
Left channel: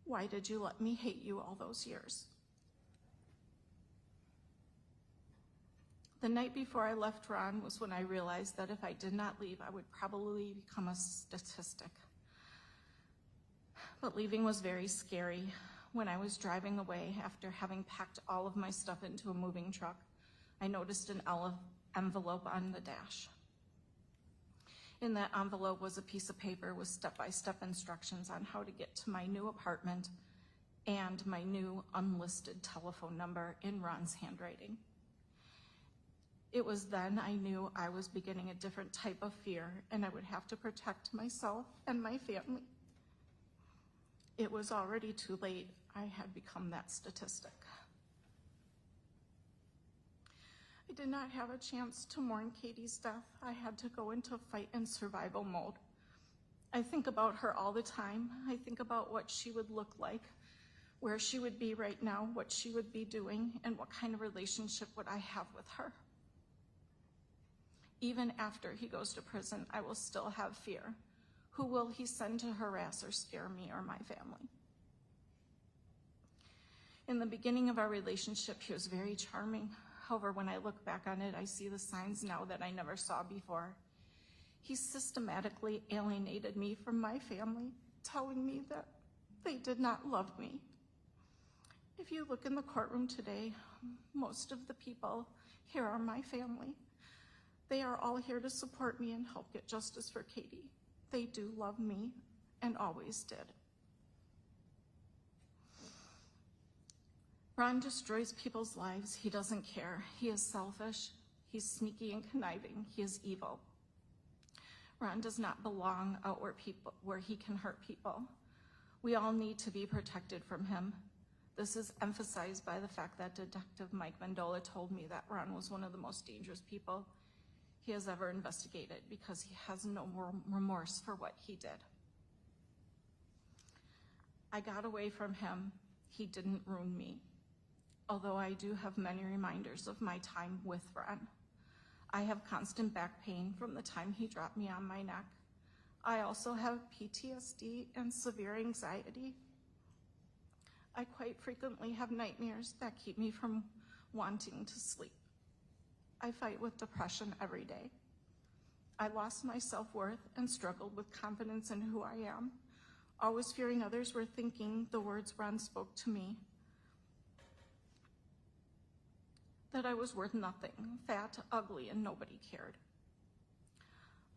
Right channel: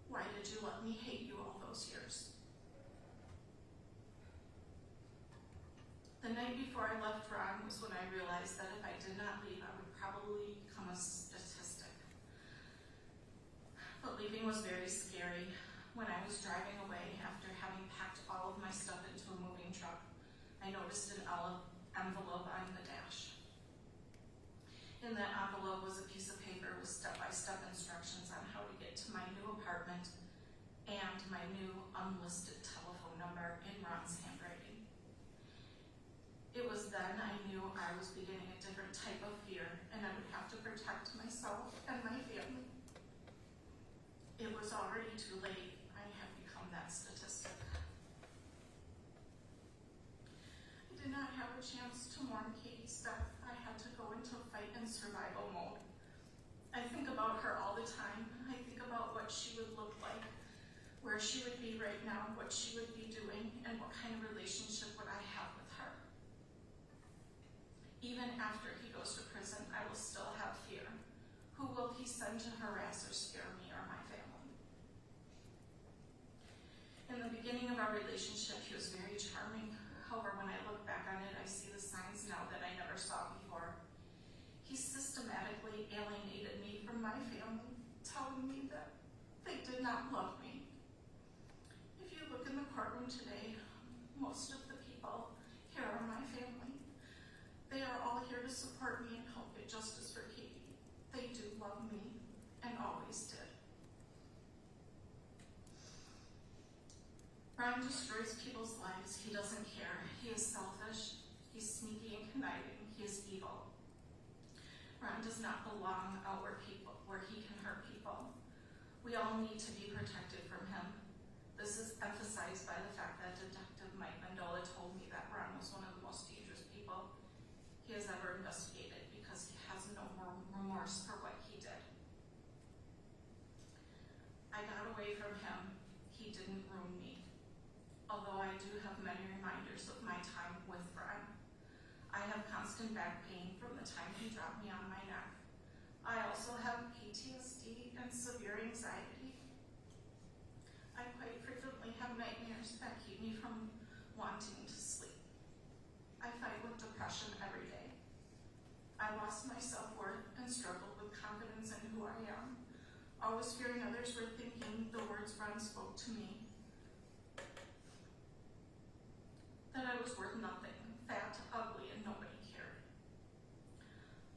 "Why did you let me hate you all those years?" The night before I left Ron was when I realized that if I did not leave, I would probably become a statistic. But leaving was very scary. When I was driving away after having packed all of my stuff into a moving truck, I noticed an envelope on the dash. In that envelope was a piece of paper with step-by-step instructions on how to get to my new apartment and my new unlisted telephone number in Ron's handwriting. It was then I knew I was beginning a different type of fear, and I would have to protect myself and my family. It was already too late. I had become that statistic. I did not have a chance to mourn Katie's death. I had to go into fight and survival mode. I think about her all the time. I think about what she would look like, where she would be right now, what she would be doing, and what kind of relationship would I have with her. Even after he goes to prison, I will still have fear. Who will he send to harass or scare me or my family? In the beginning of our relationship, he was very charming. However, when I look back on it, I see the signs now that I never saw before. He systematically alienated me from my family, telling me that they did not love me. If you look in the courtroom today, most of the people here are my family. They are all here to support me and help get justice for Katie. They do love me and always did. Ron destroys people's lives. He doesn't care. He is selfish. He's sneaky and conniving. He is evil. Ron does not belong out where he can hurt people. We all need to be protected from him. This is emphasized by the fact that Detective Mike Mendola told me that Ron was one of the most dangerous people he has ever investigated because he has no remorse for what he did. I got away from him. He didn't ruin me. Although I do have many reminders of my time with Ron. I have constant back pain from the time he dropped me on my neck. I also have PTSD and severe anxiety. I quite frequently have nightmares that keep me from wanting to sleep. I fight with depression every day. I lost my self-worth and struggled with confidence in who I am, always fearing others were thinking the words Ron spoke to me, that I was worth nothing, fat, ugly, and nobody cared.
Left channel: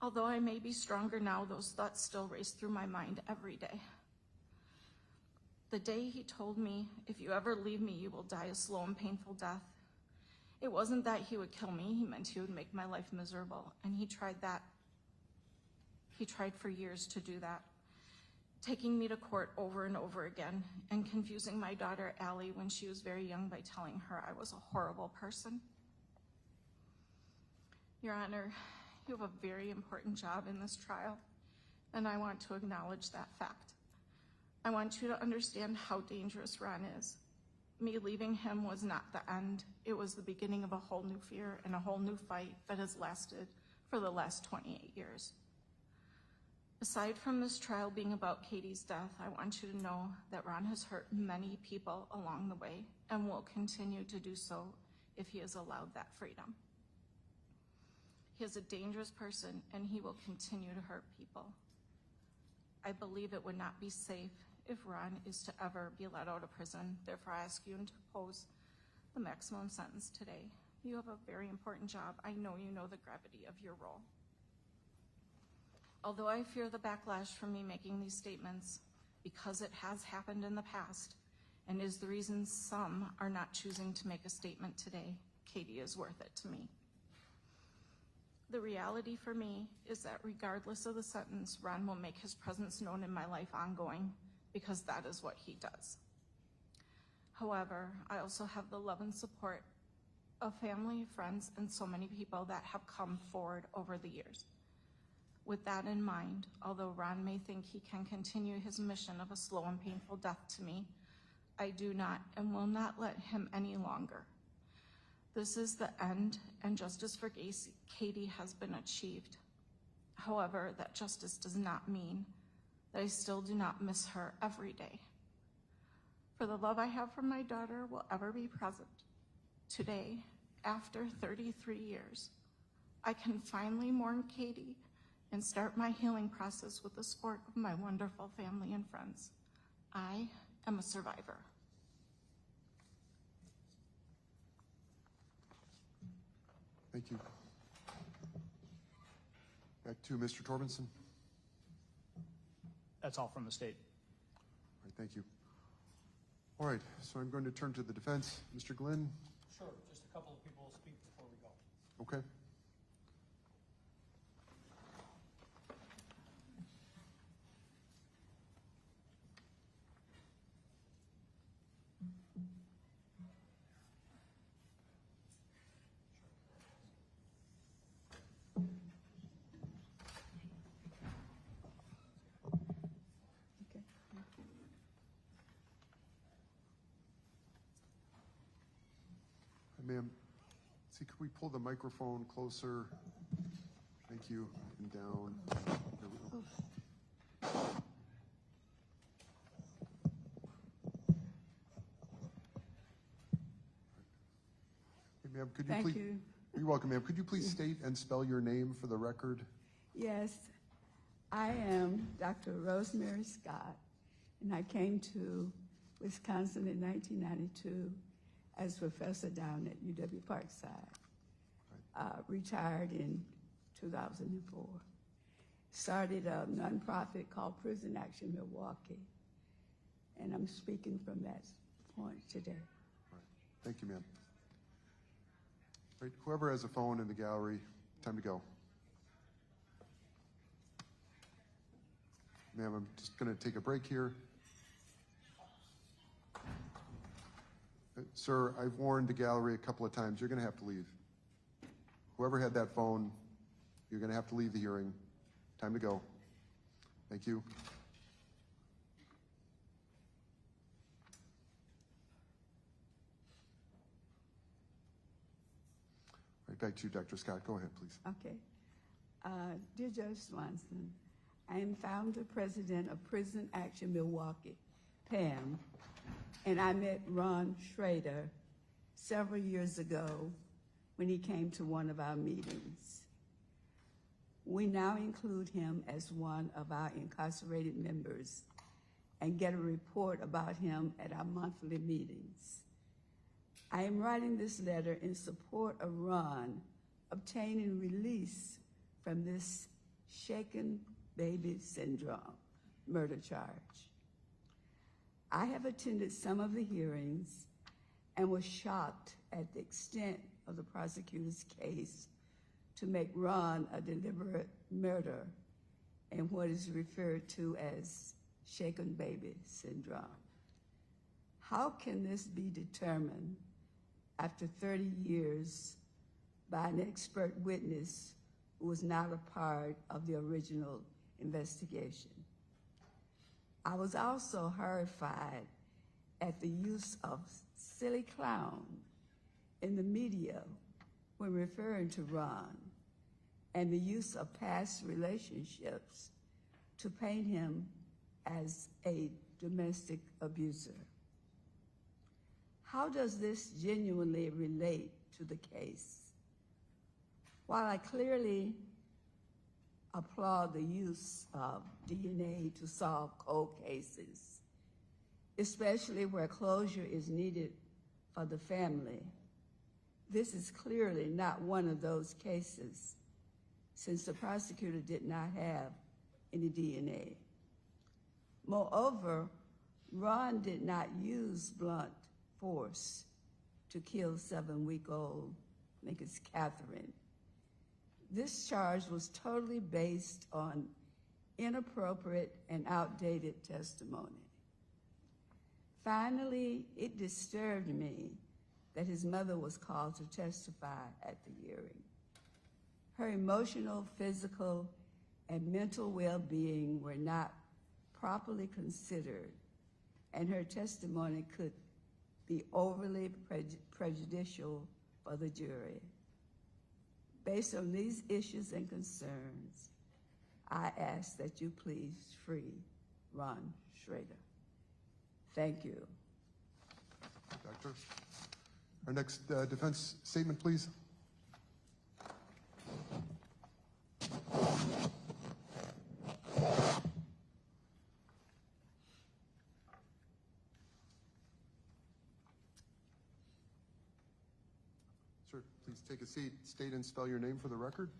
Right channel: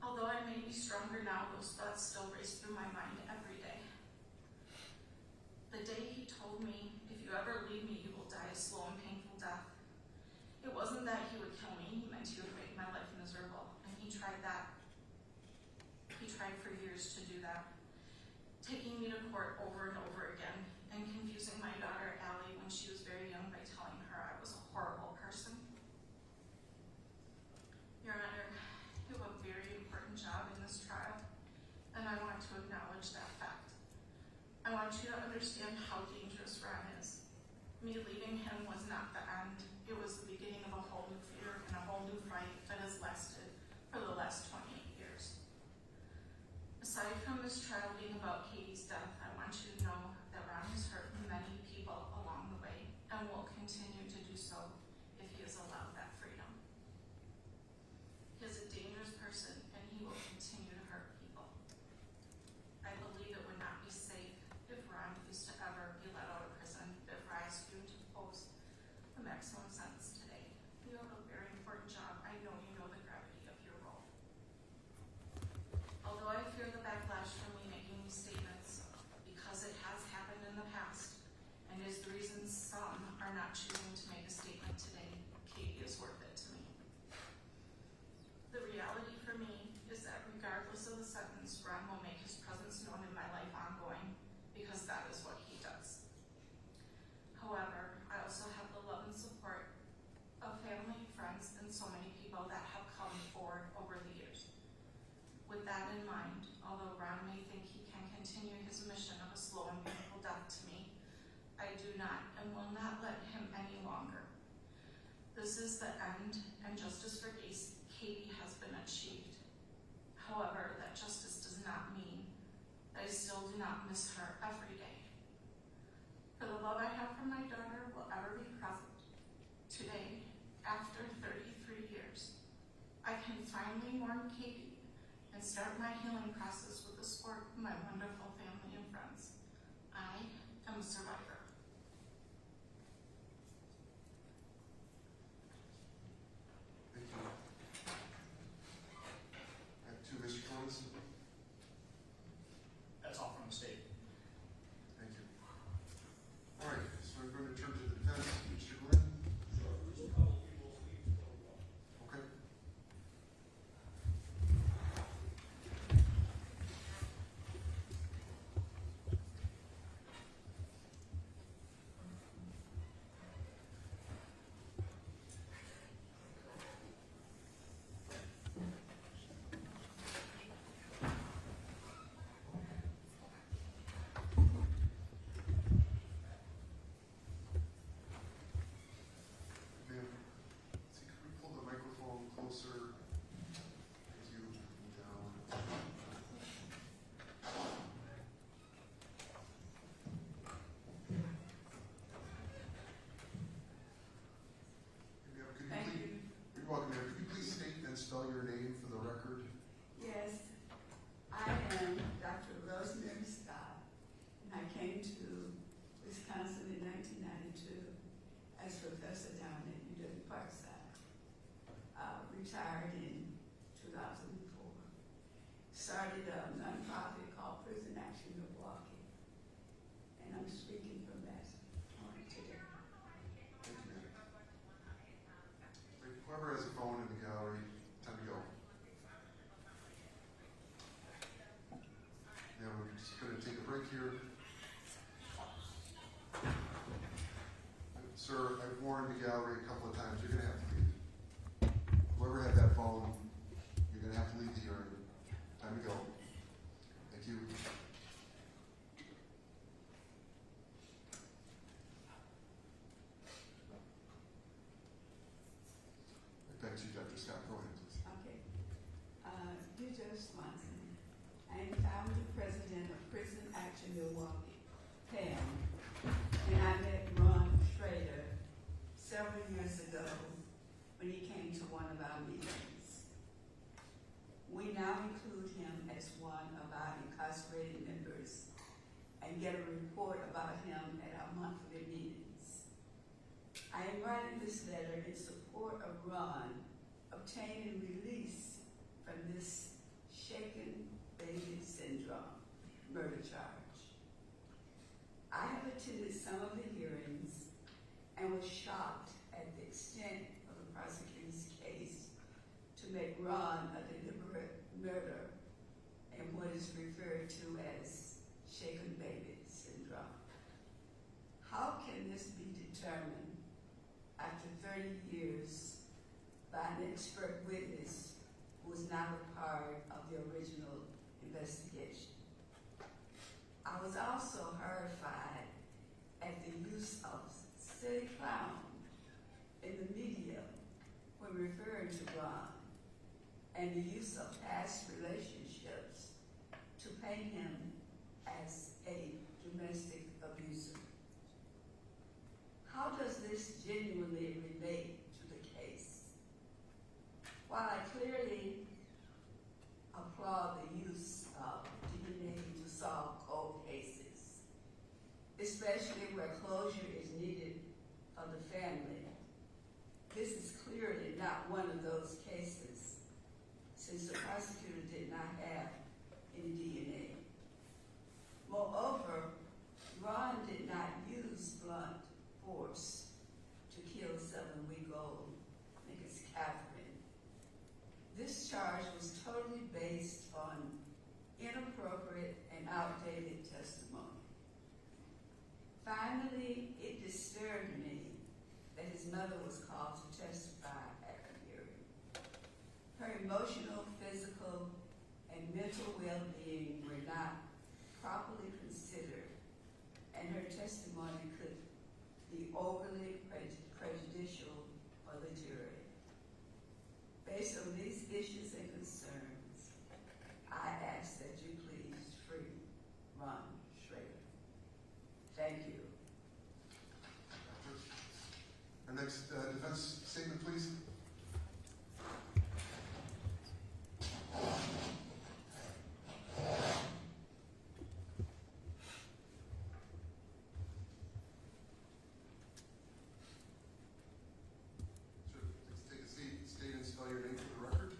Although I may be stronger now, those thoughts still race through my mind every day. The day he told me, if you ever leave me, you will die a slow and painful death. It wasn't that he would kill me, he meant he would make my life miserable, and he tried that. He tried for years to do that, taking me to court over and over again, and confusing my daughter Allie when she was very young by telling her I was a horrible person. Your Honor, you have a very important job in this trial, and I want to acknowledge that fact. I want you to understand how dangerous Ron is. Me leaving him was not the end. It was the beginning of a whole new fear and a whole new fight that has lasted for the last 28 years. Aside from this trial being about Katie's death, I want you to know that Ron has hurt many people along the way and will continue to do so if he is allowed that freedom. He is a dangerous person and he will continue to hurt people. I believe it would not be safe if Ron is to ever be let out of prison. Therefore, I ask you to impose the maximum sentence today. You have a very important job. I know you know the gravity of your role. Although I fear the backlash from me making these statements, because it has happened in the past and is the reason some are not choosing to make a statement today, Katie is worth it to me. The reality for me is that regardless of the sentence, Ron will make his presence known in my life ongoing, because that is what he does. However, I also have the love and support of family, friends, and so many people that have come forward over the years. With that in mind, although Ron may think he can continue his mission of a slow and painful death to me, I do not and will not let him any longer. This is the end, and justice for Katie has been achieved. However, that justice does not mean that I still do not miss her every day. For the love I have for my daughter will ever be present. Today, after 33 years, I can finally mourn Katie and start my healing process with the support of my wonderful family and friends. I am a survivor. Thank you. Back to Mr. Torbenson. That's all from the state. Thank you. All right, so I'm going to turn to the defense. Mr. Glenn. Sure, just a couple of people speak to protocol. Okay. Ma'am, see, could we pull the microphone closer? Thank you. And down. Hey, ma'am, could you Thank please? you. You're welcome, ma'am. Could you please state and spell your name for the record? Yes, I am Dr. Rosemary Scott, and I came to Wisconsin in 1992 as professor down at UW Parkside. Retired in 2004. Started a nonprofit called Prison Action Milwaukee, and I'm speaking from that point today. Thank you, ma'am. Right, whoever has a phone in the gallery, time to go. Ma'am, I'm just going to take a break here. Sir, I've warned the gallery a couple of times, you're going to have to leave. Whoever had that phone, you're going to have to leave the hearing. Time to go. Thank you. Right, back to you, Dr. Scott. Go ahead, please. Okay. Dear Judge Swanson, I am founder president of Prison Action Milwaukee, PAM, and I met Ron Schroeder several years ago when he came to one of our meetings. we now include him as one of our incarcerated members and get a report about him at our monthly meetings. I am writing this letter in support of Ron obtaining release from this shaken baby syndrome murder charge. I have attended some of the hearings and was shocked at the extent of the prosecutor's case to make Ron a deliberate murder in what is referred to as shaken baby syndrome. How can this be determined after 30 years by an expert witness who was not a part of the original investigation? I was also horrified at the use of silly clown in the media when referring to Ron, and the use of past relationships to paint him as a domestic abuser. How does this genuinely relate to the case? While I clearly applaud the use of DNA to solve cold cases, especially where closure is needed for the family, this is clearly not one of those cases, since the prosecutor did not have any DNA. Moreover, Ron did not use blunt force to kill 7-week-old Mrs. Catherine. This charge was totally based on inappropriate and outdated testimony. Finally, it disturbed me that his mother was called to testify at the hearing. Her emotional, physical, and mental well-being were not properly considered, and her testimony could be overly prejudicial for the jury. Based on these issues and concerns, I ask that you please free Ron Schroeder. Thank you. Doctor. Our next defense statement, please. Sir, please take a seat, state and spell your name for the record.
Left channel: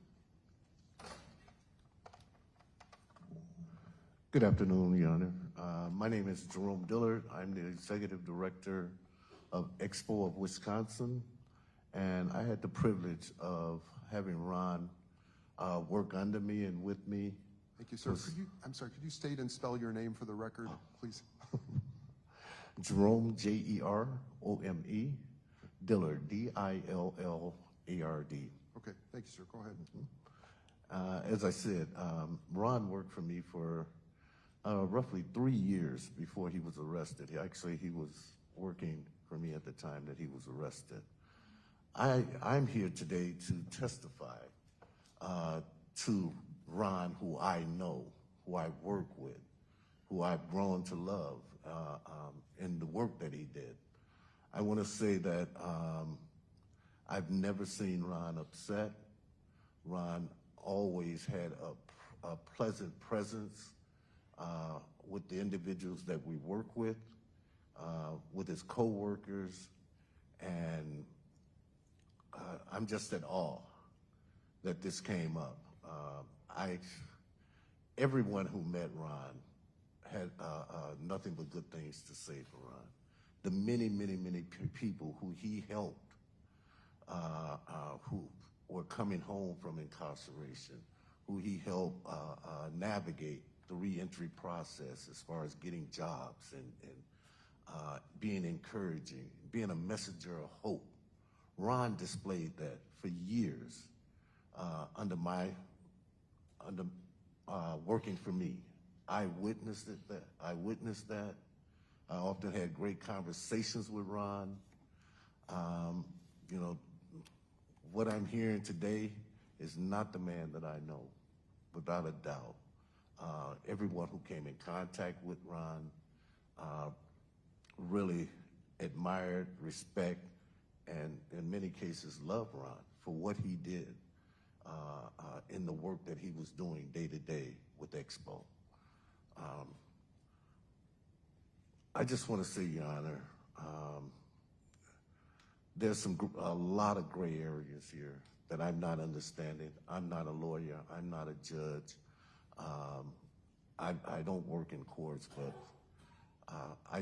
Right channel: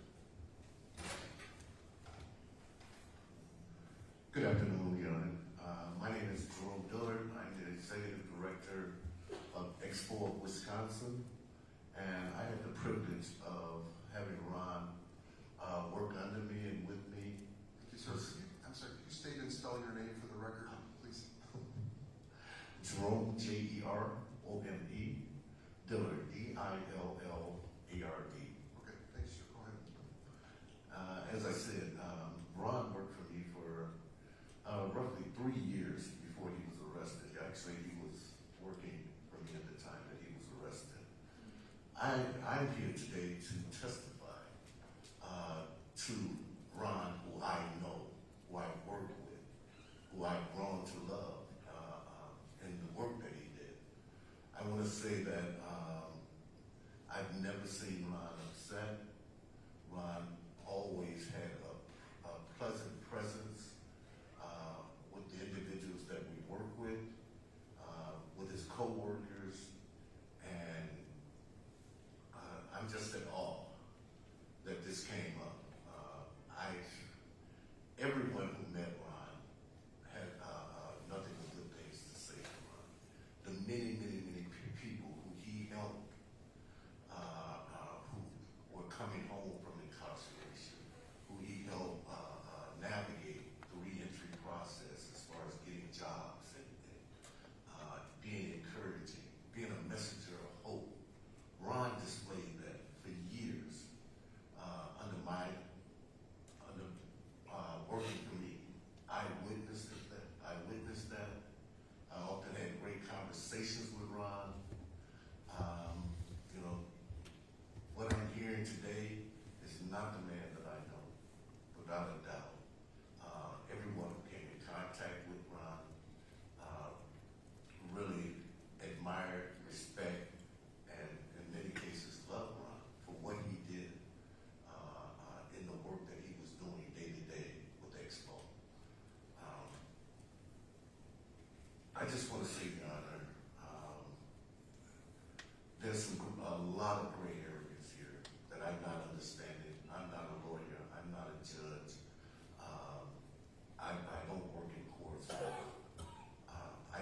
Good afternoon, Your Honor. My name is Jerome Dillard. I'm the Executive Director of Expo of Wisconsin, and I had the privilege of having Ron work under me and with me. Thank you, sir. Could you state and spell your name for the record, please? Jerome, Jerome, Dillard, Dillard. Okay, thank you, sir. Go ahead. As I said, Ron worked for me for roughly 3 years before he was arrested. He was working for me at the time that he was arrested. I'm here today to testify to Ron, who I know, who I work with, who I've grown to love in the work that he did. I want to say that I've never seen Ron upset. Ron always had a pleasant presence with the individuals that we work with his co-workers, and I'm just at awe that this came up. Everyone who met Ron had nothing but good things to say for Ron. The many people who he helped, who were coming home from incarceration, who he helped navigate the reentry process as far as getting jobs and being encouraging, being a messenger of hope. Ron displayed that for years under working for me. I witnessed that. I often had great conversations with Ron. What I'm hearing today is not the man that I know, without a doubt. Everyone who came in contact with Ron really admired, respect, and in many cases loved Ron for what he did in the work that he was doing day to day with Expo. I just want to say, Your Honor, there's a lot of gray areas here that I'm not understanding. I'm not a lawyer. I'm not a judge. I don't work in courts, but I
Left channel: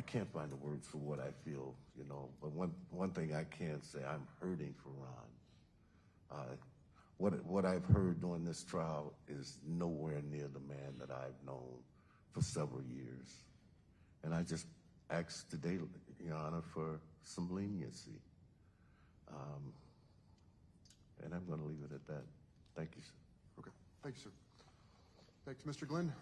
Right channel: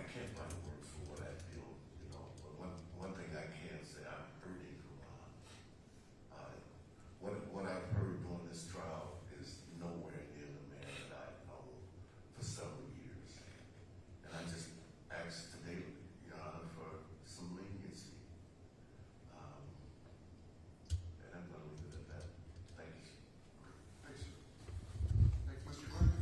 can't find the words for what I feel, you know. But one thing I can say, I'm hurting for Ron. What I've heard during this trial is nowhere near the man that I've known for several years. And I just ask today, Your Honor, for some leniency. And I'm going to leave it at that. Thank you, sir. Okay, thanks, sir. Thanks, Mr. Glenn.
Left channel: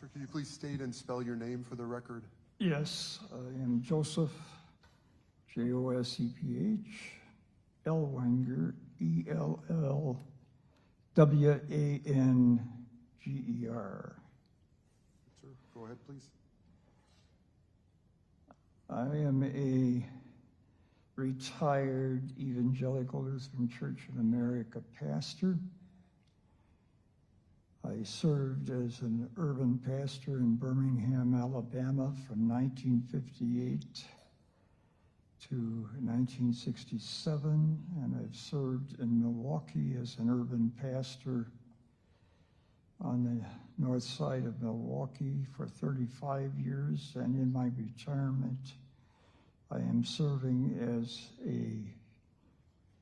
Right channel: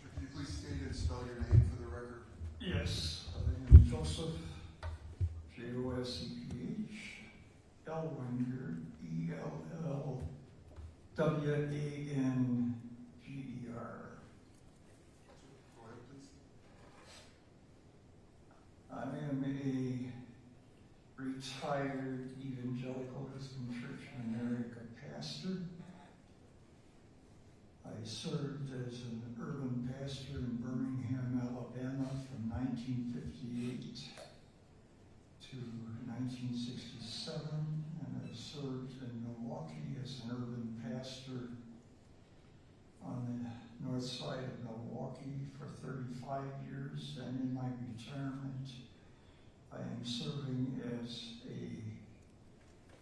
Sir, can you please state and spell your name for the record? Yes, I am Joseph, Josephh, Ellwanger, Ellwanger. Sir, go ahead, please. I am a retired Evangelical Lutheran Church of America pastor. I served as an urban pastor in Birmingham, Alabama from 1958 to 1967, and I've served in Milwaukee as an urban pastor on the north side of Milwaukee for 35 years, and in my retirement, I am serving as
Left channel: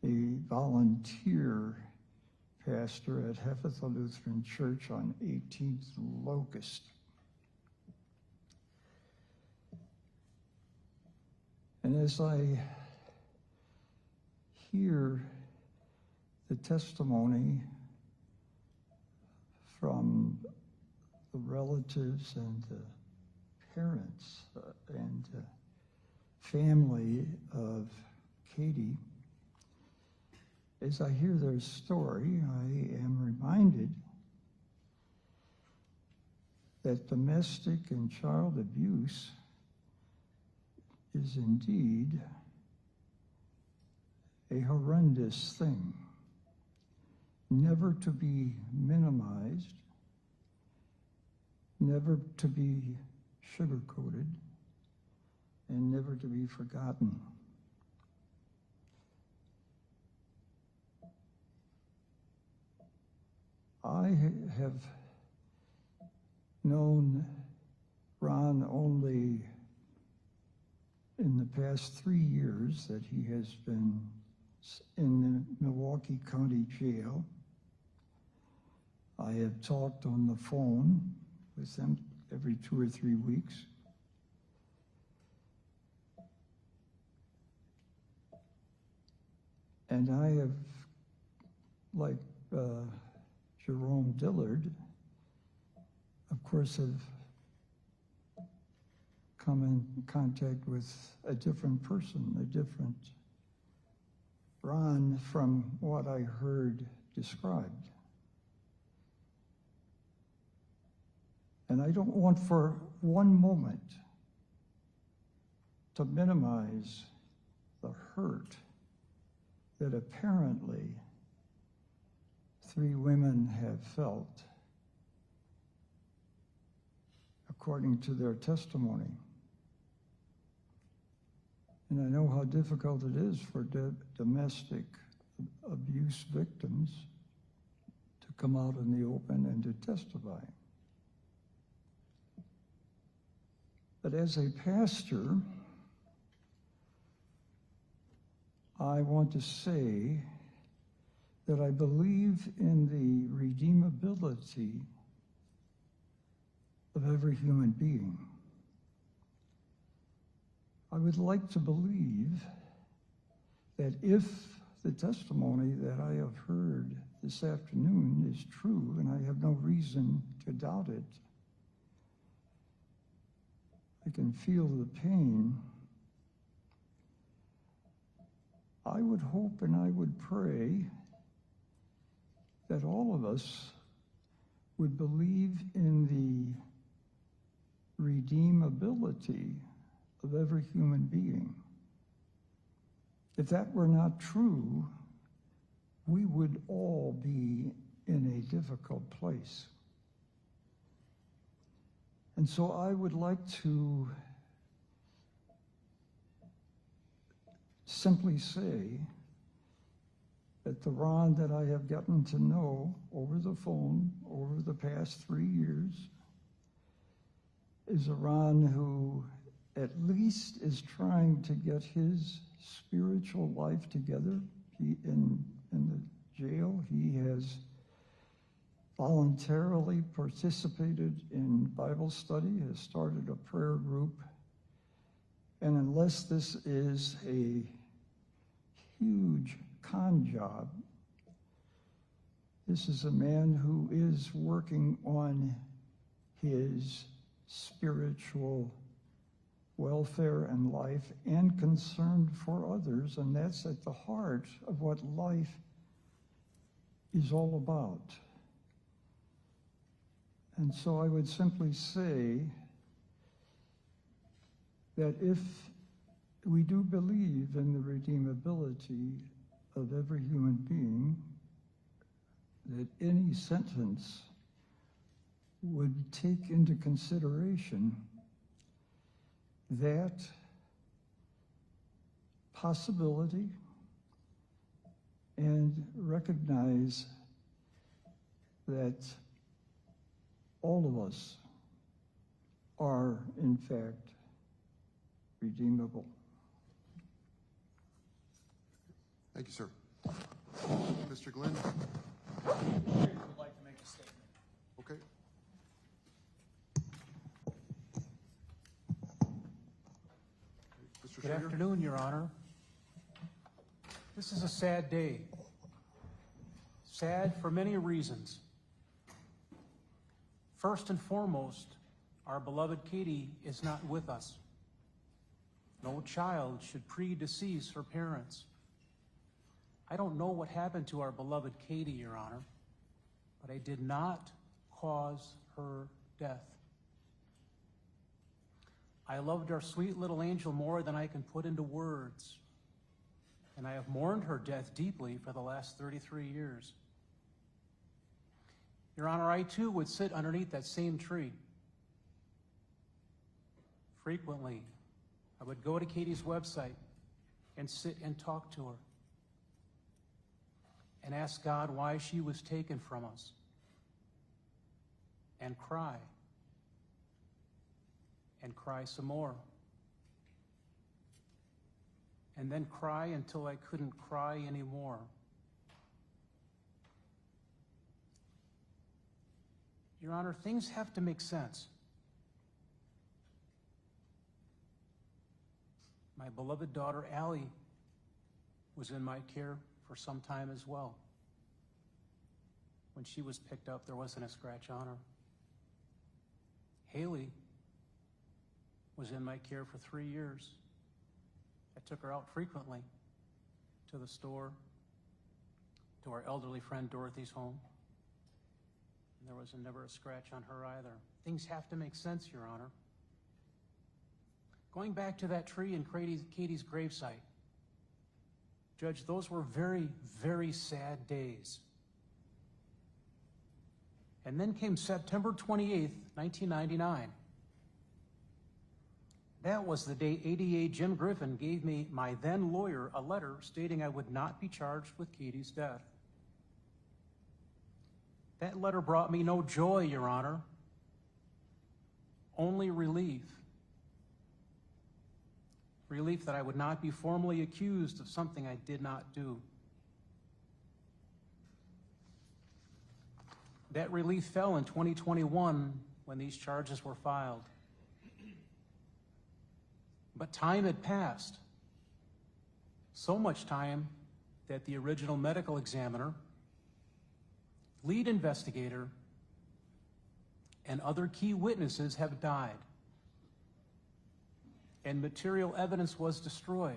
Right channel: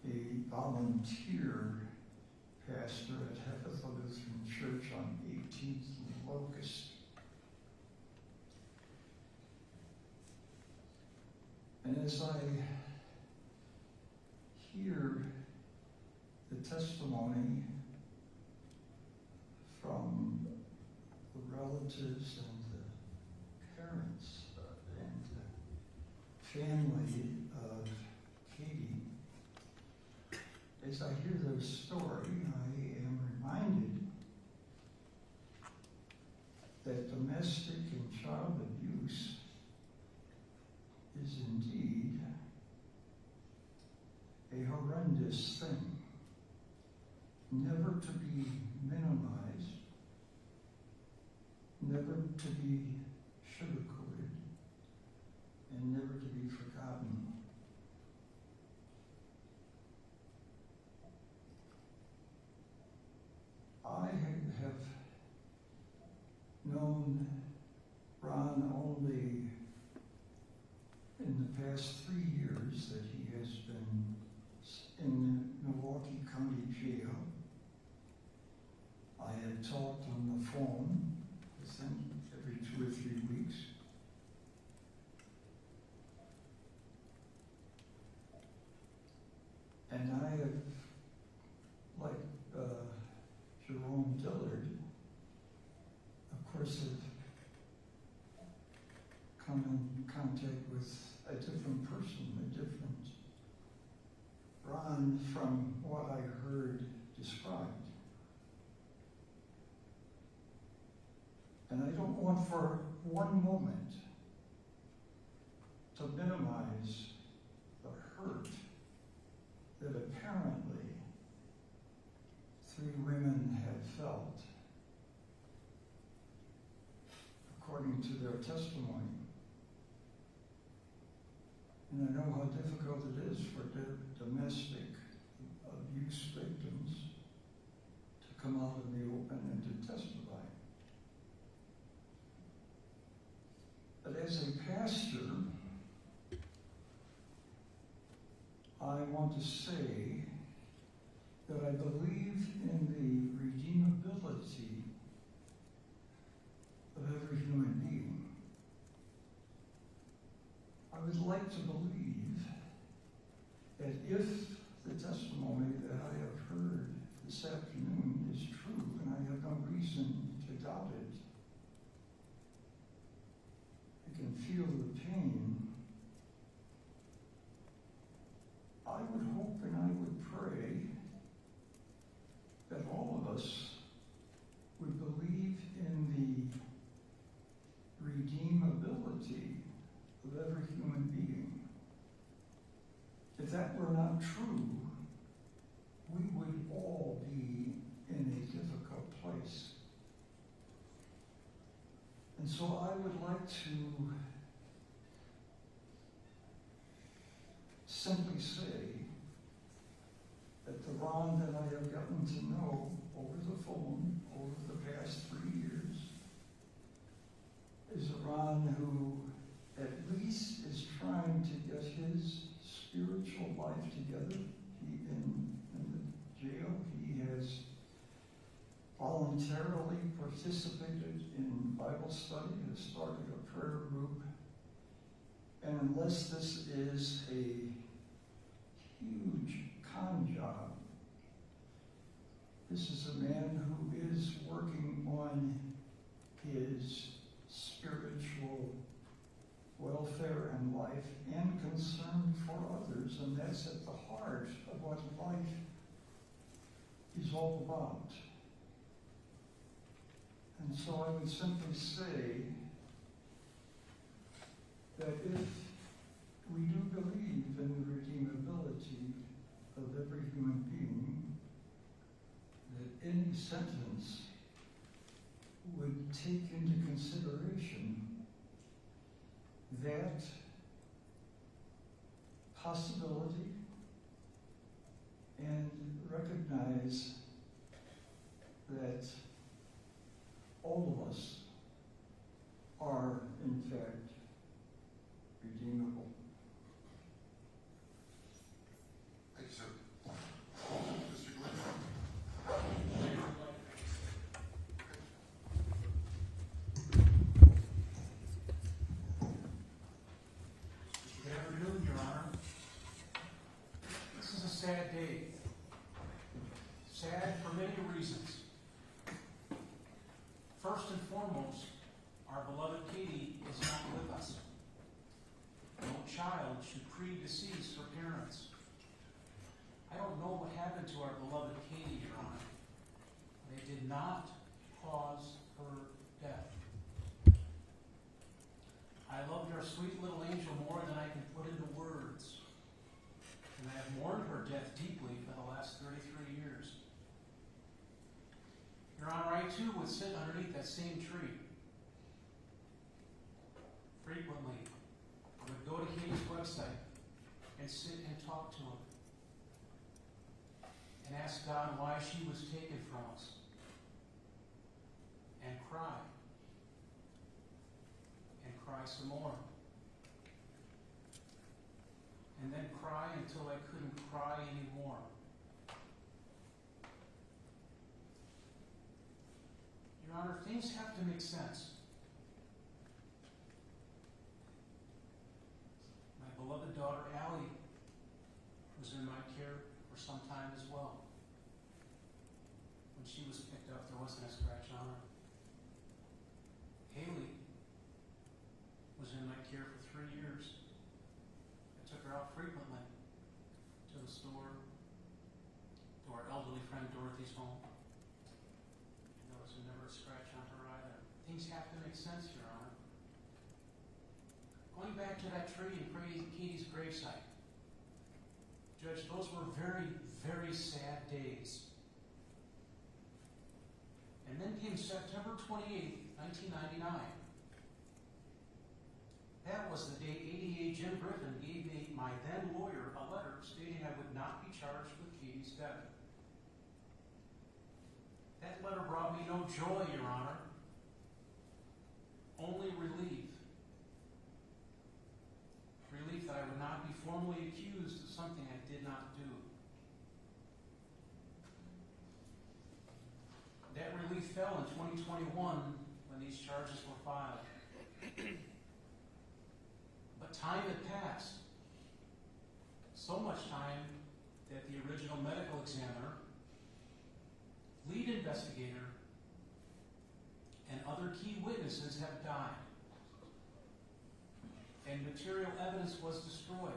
a volunteer pastor at Heffeth Lutheran Church on 18th Locust. And as I hear the testimony from the relatives and the parents and family of Katie, as I hear their story, I am reminded that domestic and child abuse is indeed a horrendous thing, never to be minimized, never to be sugarcoated, and never to be forgotten. I have known Ron only in the past 3 years that he has been in the Milwaukee County Jail. I have talked on the phone with him every 2 or 3 weeks. And I have, like Jerome Dillard, of course, have come in contact with a different person, a different Ron from what I heard described. And I don't want for one moment to minimize the hurt that apparently 3 women have felt, according to their testimony. And I know how difficult it is for domestic abuse victims to come out in the open and to testify. But as a pastor, I want to say that I believe in the redeemability of every human being. I would like to believe that if the testimony that I have heard this afternoon is true, and I have no reason to doubt it, can feel the pain, I would hope and I would pray that all of us would believe in the redeemability of every human being. If that were not true, we would all be in a difficult place. And so I would like to simply say that the Ron that I have gotten to know over the phone over the past 3 years is a Ron who at least is trying to get his spiritual life together. He, in the jail, he has voluntarily participated in Bible study, has started a prayer group, and unless this is a huge con job, this is a man who is working on his spiritual welfare and life and concerned for others, and that's at the heart of what life is all about. And so I would simply say that if we do believe in the redeemability of every human being, that any sentence would take into consideration that possibility and recognize that all of us are, in fact, redeemable. Thank you, sir. Mr. Glenn? Okay. Mr. Good Schroeder? afternoon, Your Honor. This is a sad day. Sad for many reasons. First and foremost, our beloved Katie is not with us. No child should predecease her parents. I don't know what happened to our beloved Katie, Your Honor, but I did not cause her death. I loved our sweet little angel more than I can put into words, and I have mourned her death deeply for the last 33 years. Your Honor, I too would sit underneath that same tree. Frequently, I would go to Katie's website and sit and talk to her and ask God why she was taken from us, and cry some more, and then cry until I couldn't cry anymore. Your Honor, things have to make sense. My beloved daughter, Allie, was in my care for some time as well. When she was picked up, there wasn't a scratch on her. Haley was in my care for 3 years. I took her out frequently to the store, to our elderly friend Dorothy's home. And there was never a scratch on her either. Things have to make sense, Your Honor. Going back to that tree in Katie's gravesite, Judge, those were very, very sad days. And then came September 28th, 1999. That was the day ADA Jim Griffin gave me, my then lawyer, a letter stating I would not be charged with Katie's death. That letter brought me no joy, Your Honor, only relief. Relief that I would not be formally accused of something I did not do. That relief fell in 2021 when these charges were filed. But time had passed. So much time that the original medical examiner, lead investigator, and other key witnesses have died. and material evidence was destroyed.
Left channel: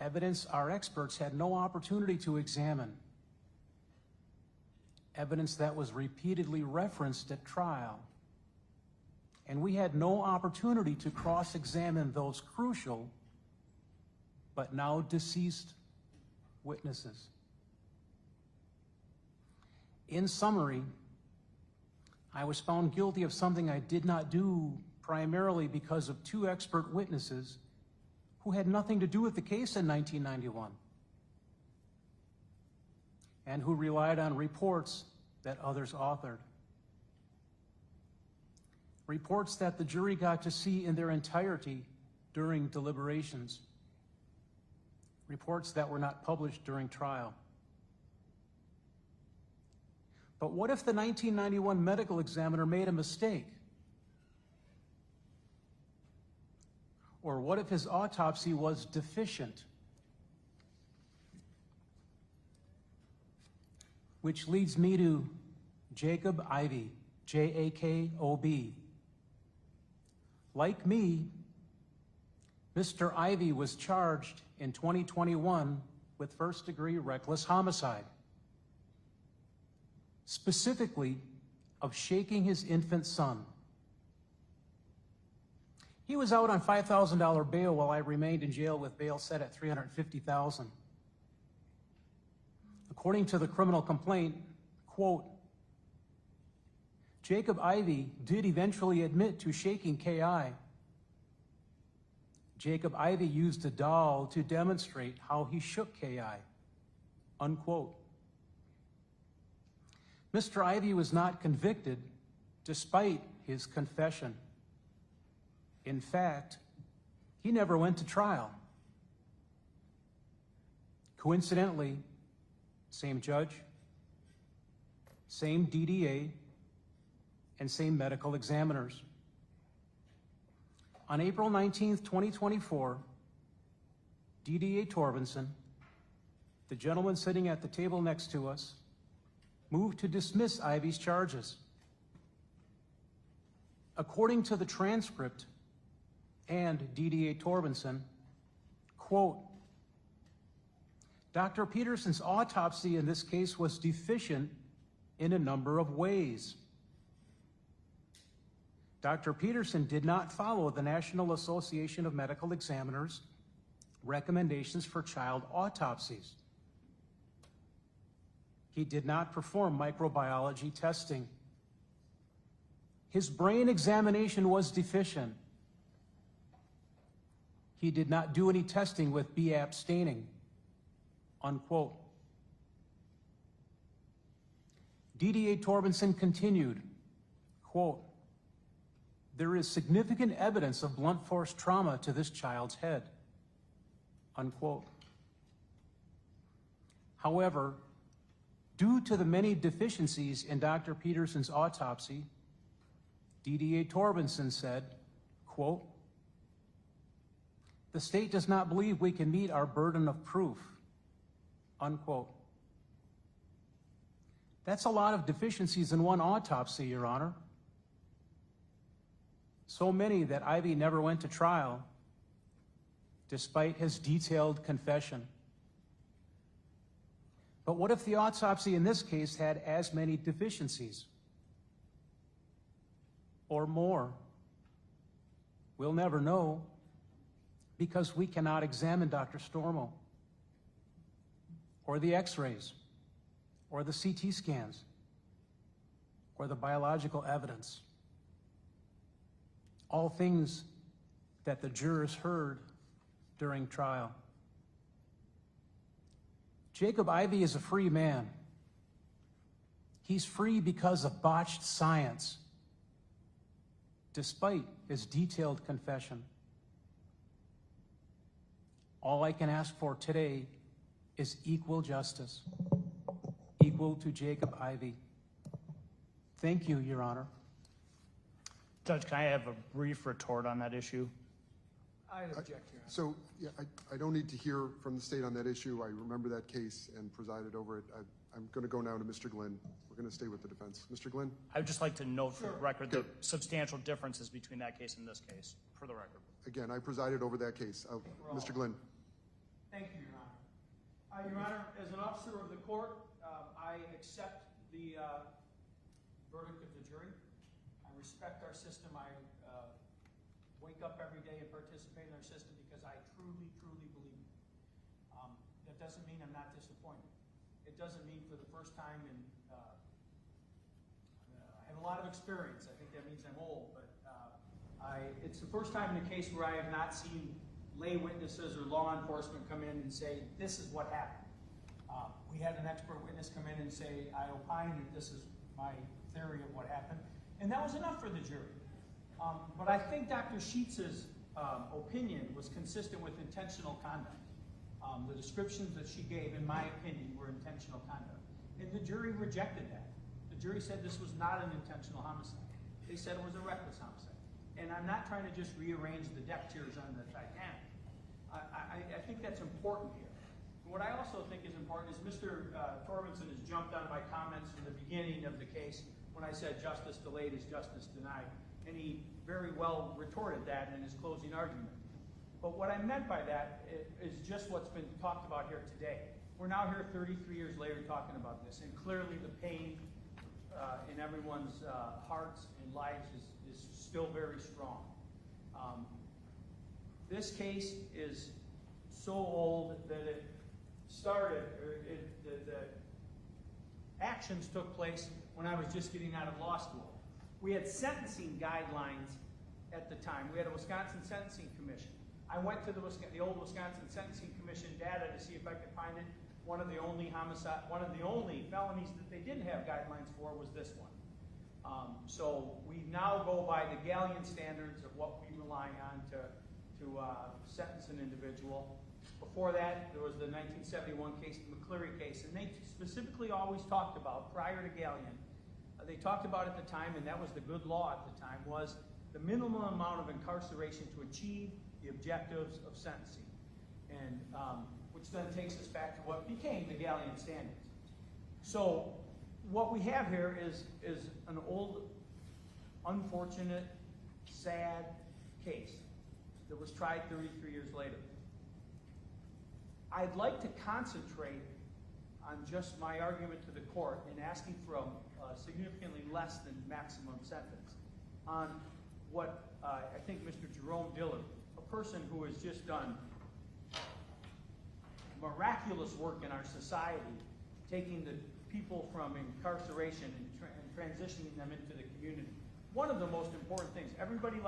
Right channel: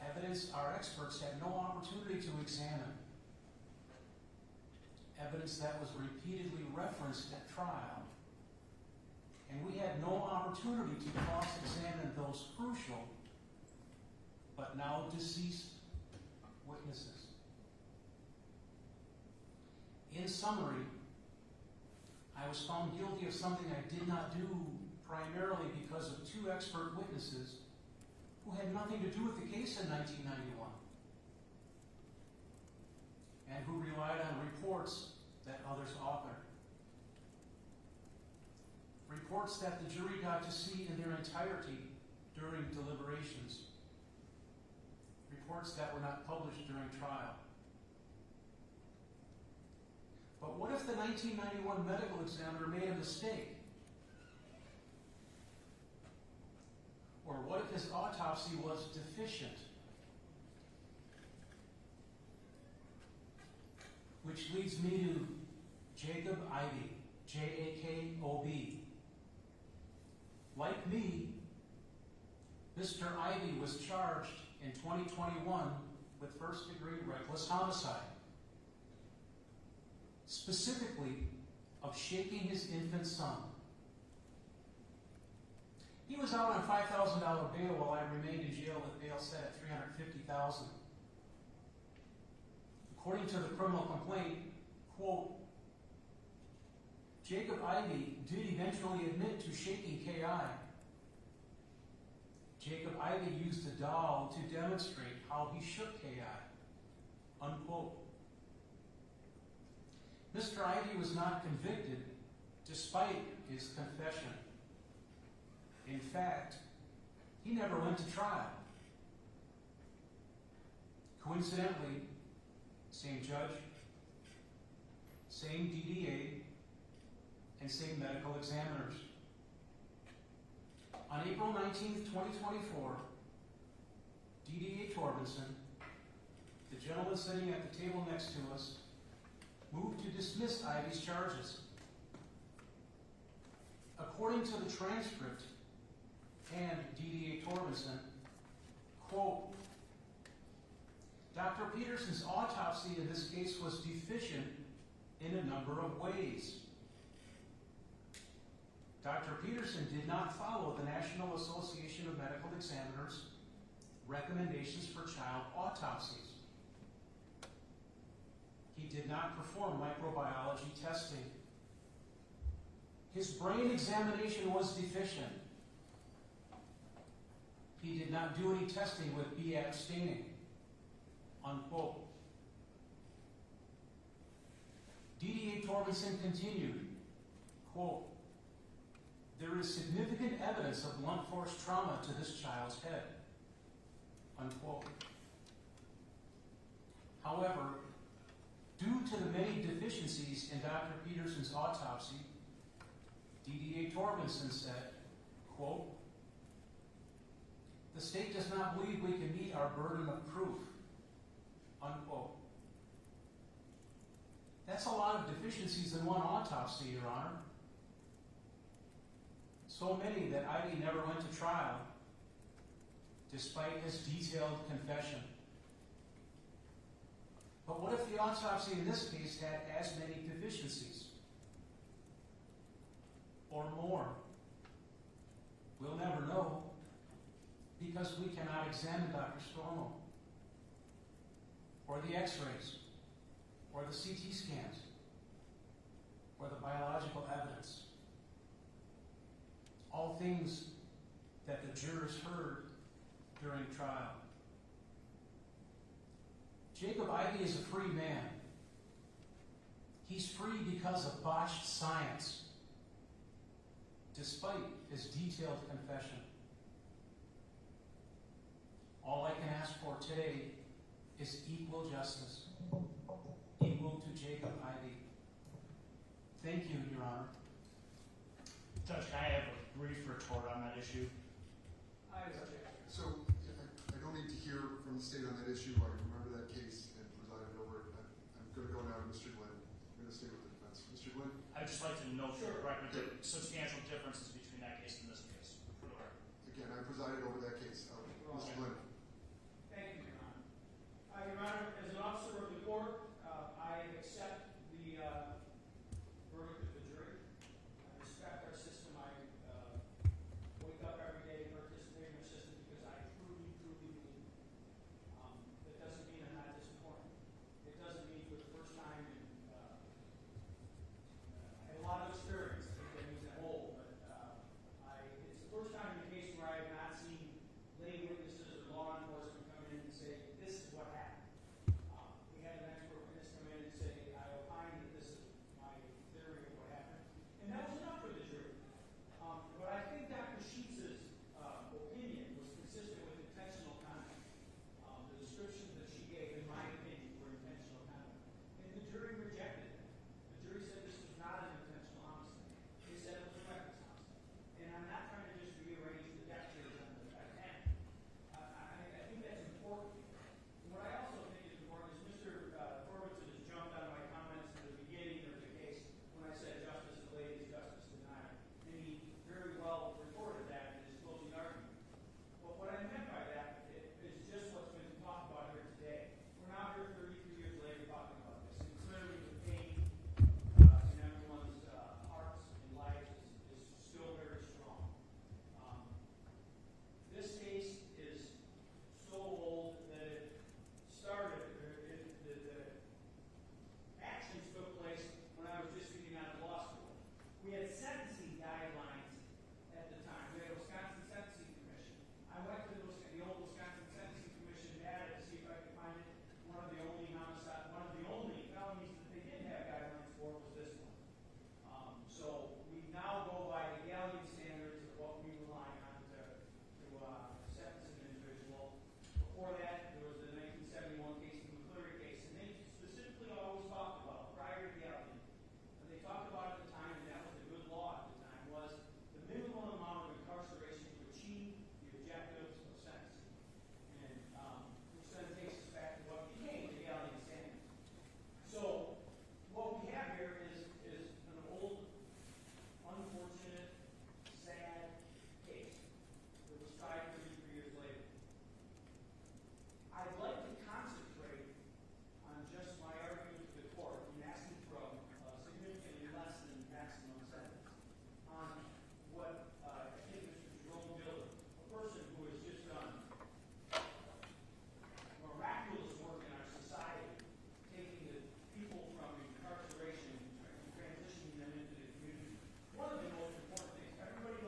Evidence our experts had no opportunity to examine. Evidence that was repeatedly referenced at trial. And we had no opportunity to cross-examine those crucial, but now deceased witnesses. In summary, I was found guilty of something I did not do primarily because of two expert witnesses who had nothing to do with the case in 1991 and who relied on reports that others authored. Reports that the jury got to see in their entirety during deliberations. Reports that were not published during trial. But what if the 1991 medical examiner made a mistake? Or what if his autopsy was deficient? Which leads me to Jacob Ivey, J-A-K-O-B. Like me, Mr. Ivey was charged in 2021 with first-degree reckless homicide, specifically of shaking his infant son. He was out on $5,000 bail while I remained in jail with bail set at $350,000. According to the criminal complaint, quote, Jacob Ivey did eventually admit to shaking K.I. Jacob Ivey used a doll to demonstrate how he shook K.I., unquote. Mr. Ivey was not convicted despite his confession. In fact, he never went to trial. Coincidentally, same judge, same DDA, and same medical examiners. On April 19th, 2024, DDA Torbenson, the gentleman sitting at the table next to us, moved to dismiss Ivey's charges. According to the transcript and DDA Torbenson, quote, Dr. Peterson's autopsy in this case was deficient in a number of ways. Dr. Peterson did not follow the National Association of Medical Examiners' recommendations for child autopsies. He did not perform microbiology testing. His brain examination was deficient. He did not do any testing with BAP staining, unquote. DDA Torbenson continued, quote, there is significant evidence of blunt force trauma to this child's head, unquote. However, due to the many deficiencies in Dr. Peterson's autopsy, DDA Torbenson said, quote, the state does not believe we can meet our burden of proof, unquote. That's a lot of deficiencies in one autopsy, Your Honor. So many that Ivey never went to trial, despite his detailed confession. But what if the autopsy in this case had as many deficiencies? Or more? We'll never know, because we cannot examine Dr. Stormo, or the x-rays, or the CT scans, or the biological evidence. All things that the jurors heard during trial. Jacob Ivey is a free man. He's free because of botched science, despite his detailed confession. All I can ask for today is equal justice, equal to Jacob Ivey. Thank you, Your Honor. Judge, can I have a brief retort on that issue? I object. So, yeah, I don't need to hear from the state on that issue. I remember that case and presided over it. I'm going to go now to Mr. Glenn. We're going to stay with the defense. Mr. Glenn? I would just like to note for the Sure. record the substantial differences between that case and this case, for the record. Again, I presided over that case. Mr. Glenn? Thank you, Your Honor. Your Honor, as an officer of the court, I accept the verdict of the jury. I respect our system. I wake up every day and participate in our system because I truly, truly believe it. That doesn't mean I'm not disappointed. It doesn't mean for the first time in, I have a lot of experience. I think that means I'm old, but it's the first time in a case where I have not seen lay witnesses or law enforcement come in and say, this is what happened. We had an expert witness come in and say, I opine that this is my theory of what happened. And that was enough for the jury. But I think Dr. Sheets's opinion was consistent with intentional conduct. The descriptions that she gave, in my opinion, were intentional conduct. And the jury rejected that. The jury said this was not an intentional homicide. They said it was a reckless homicide. And I'm not trying to just rearrange the deck chairs on the Titanic. I think that's important here. What I also think is important is Mr. Torbenson has jumped on my comments from the beginning of the case when I said justice delayed is justice denied. And he very well retorted that in his closing argument. But what I meant by that is just what's been talked about here today. We're now here 33 years later talking about this, and clearly the pain in everyone's hearts and lives is still very strong. This case is so old that it started, the actions took place when I was just getting out of law school. We had sentencing guidelines at the time. We had a Wisconsin Sentencing Commission. I went to the old Wisconsin Sentencing Commission data to see if I could find it. One of the only felonies that they didn't have guidelines for was this one. So we now go by the Galleon standards of what we rely on to sentence an individual. Before that, there was the 1971 case, the McCleary case, and they specifically always talked about, prior to Galleon, they talked about at the time, and that was the good law at the time, was the minimum amount of incarceration to achieve the objectives of sentencing, and which then takes us back to what became the Galleon standards. So what we have here is an old, unfortunate, sad case that was tried 33 years later. I'd like to concentrate on just my argument to the court and asking for a significantly less than maximum sentence on what I think Mr. Jerome Dillard, a person who has just done miraculous work in our society, taking the people from incarceration and transitioning them into the community. One of the most important things, everybody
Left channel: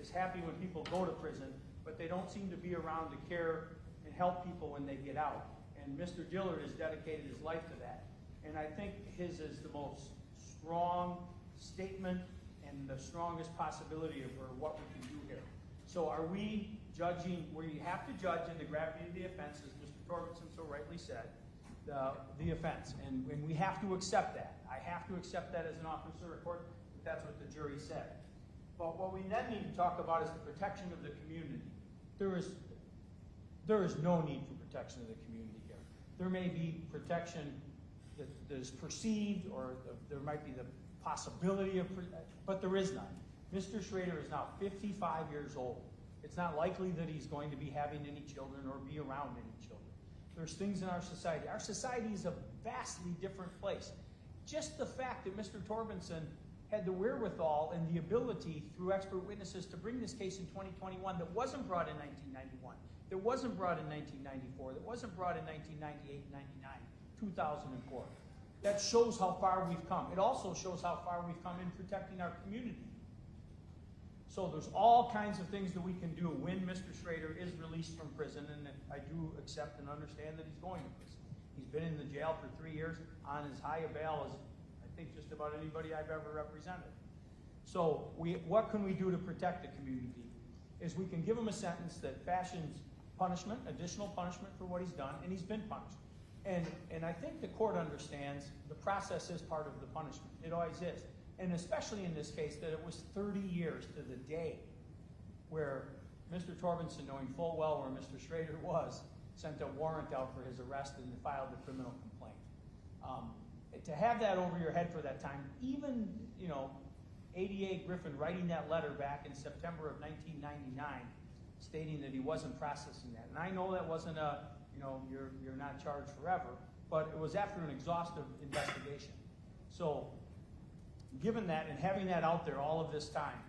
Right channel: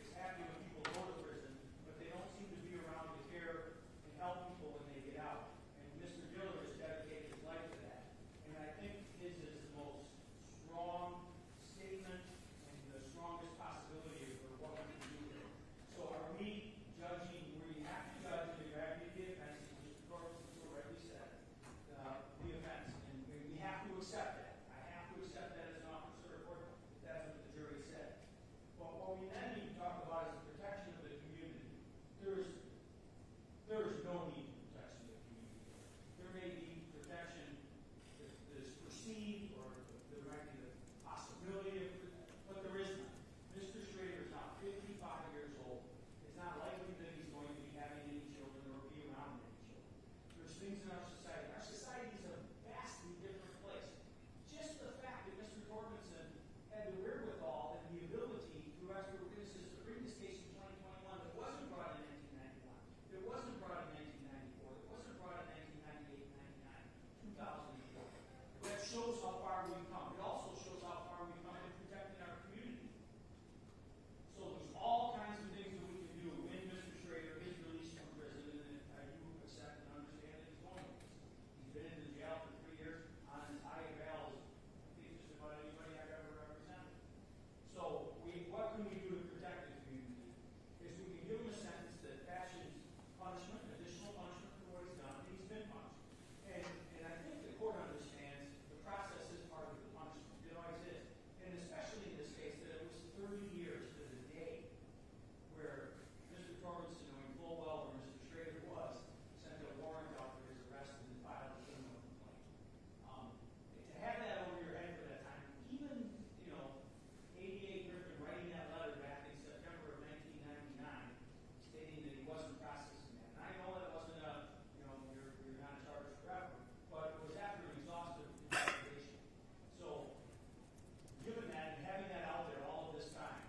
is happy when people go to prison, but they don't seem to be around to care and help people when they get out. And Mr. Dillard has dedicated his life to that. And I think his is the most strong statement and the strongest possibility for what we can do here. So are we judging where you have to judge in the gravity of the offense, as Mr. Torbenson so rightly said, the offense. And we have to accept that. I have to accept that as an officer of court, that that's what the jury said. But what we then need to talk about is the protection of the community. There is no need for protection of the community here. There may be protection that is perceived, or there might be the possibility of, but there is none. Mr. Schroeder is now 55 years old. It's not likely that he's going to be having any children or be around any children. There's things in our society. Our society is a vastly different place. Just the fact that Mr. Torbenson had the wherewithal and the ability through expert witnesses to bring this case in 2021 that wasn't brought in 1991, that wasn't brought in 1994, that wasn't brought in 1998, 99, 2004. That shows how far we've come. It also shows how far we've come in protecting our community. So there's all kinds of things that we can do when Mr. Schroeder is released from prison, and I do accept and understand that he's going to prison. He's been in the jail for 3 years on as high a bail as I think just about anybody I've ever represented. So what can we do to protect the community? Is we can give him a sentence that fashions punishment, additional punishment for what he's done, and he's been punished. And I think the court understands the process is part of the punishment. It always is. And especially in this case, that it was 30 years to the day where Mr. Torbenson, knowing full well where Mr. Schroeder was, sent a warrant out for his arrest and filed a criminal complaint. to have that over your head for that time, even, you know, ADA Griffin writing that letter back in September of 1999, stating that he wasn't processing that. And I know that wasn't a, you know, you're not charged forever, but it was after an exhaustive investigation. So, given that and having that out there all of this time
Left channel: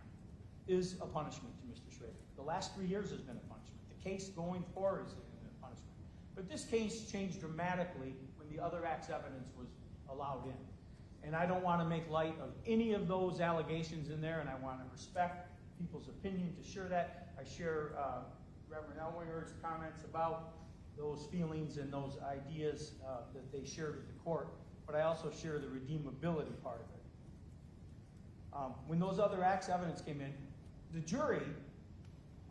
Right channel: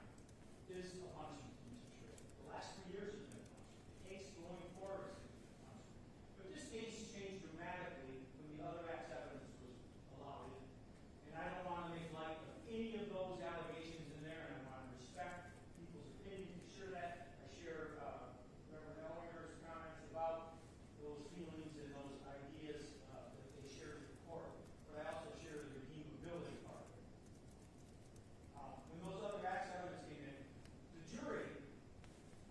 is a punishment to Mr. Schroeder. The last 3 years has been a punishment. The case going forward has been a punishment. But this case changed dramatically when the other act's evidence was allowed in. And I don't want to make light of any of those allegations in there, and I want to respect people's opinion to share that. I share Reverend Elwinger's comments about those feelings and those ideas that they shared with the court, but I also share the redeemability part of it. When those other acts evidence came in, the jury,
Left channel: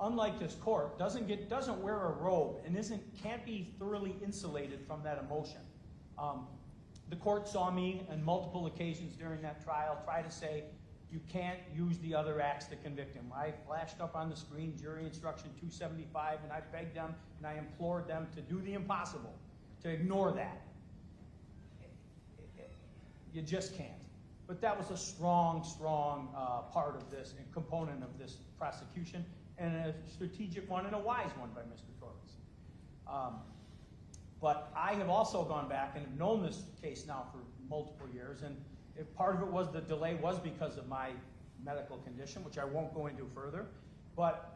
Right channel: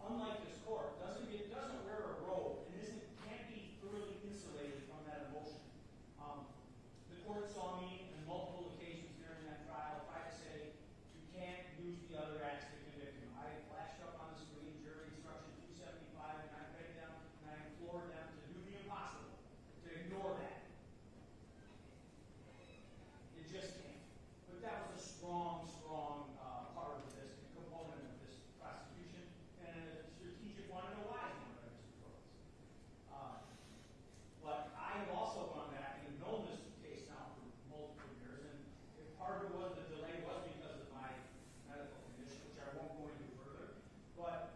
unlike this court, doesn't wear a robe and can't be thoroughly insulated from that emotion. The court saw me on multiple occasions during that trial try to say, you can't use the other acts to convict him. I flashed up on the screen jury instruction 275, and I begged them and I implored them to do the impossible, to ignore that. You just can't. But that was a strong part of this and component of this prosecution, and a strategic one and a wise one by Mr. Torres. But I have also gone back and have known this case now for multiple years, and if part of it was the delay was because of my medical condition, which I won't go into further. But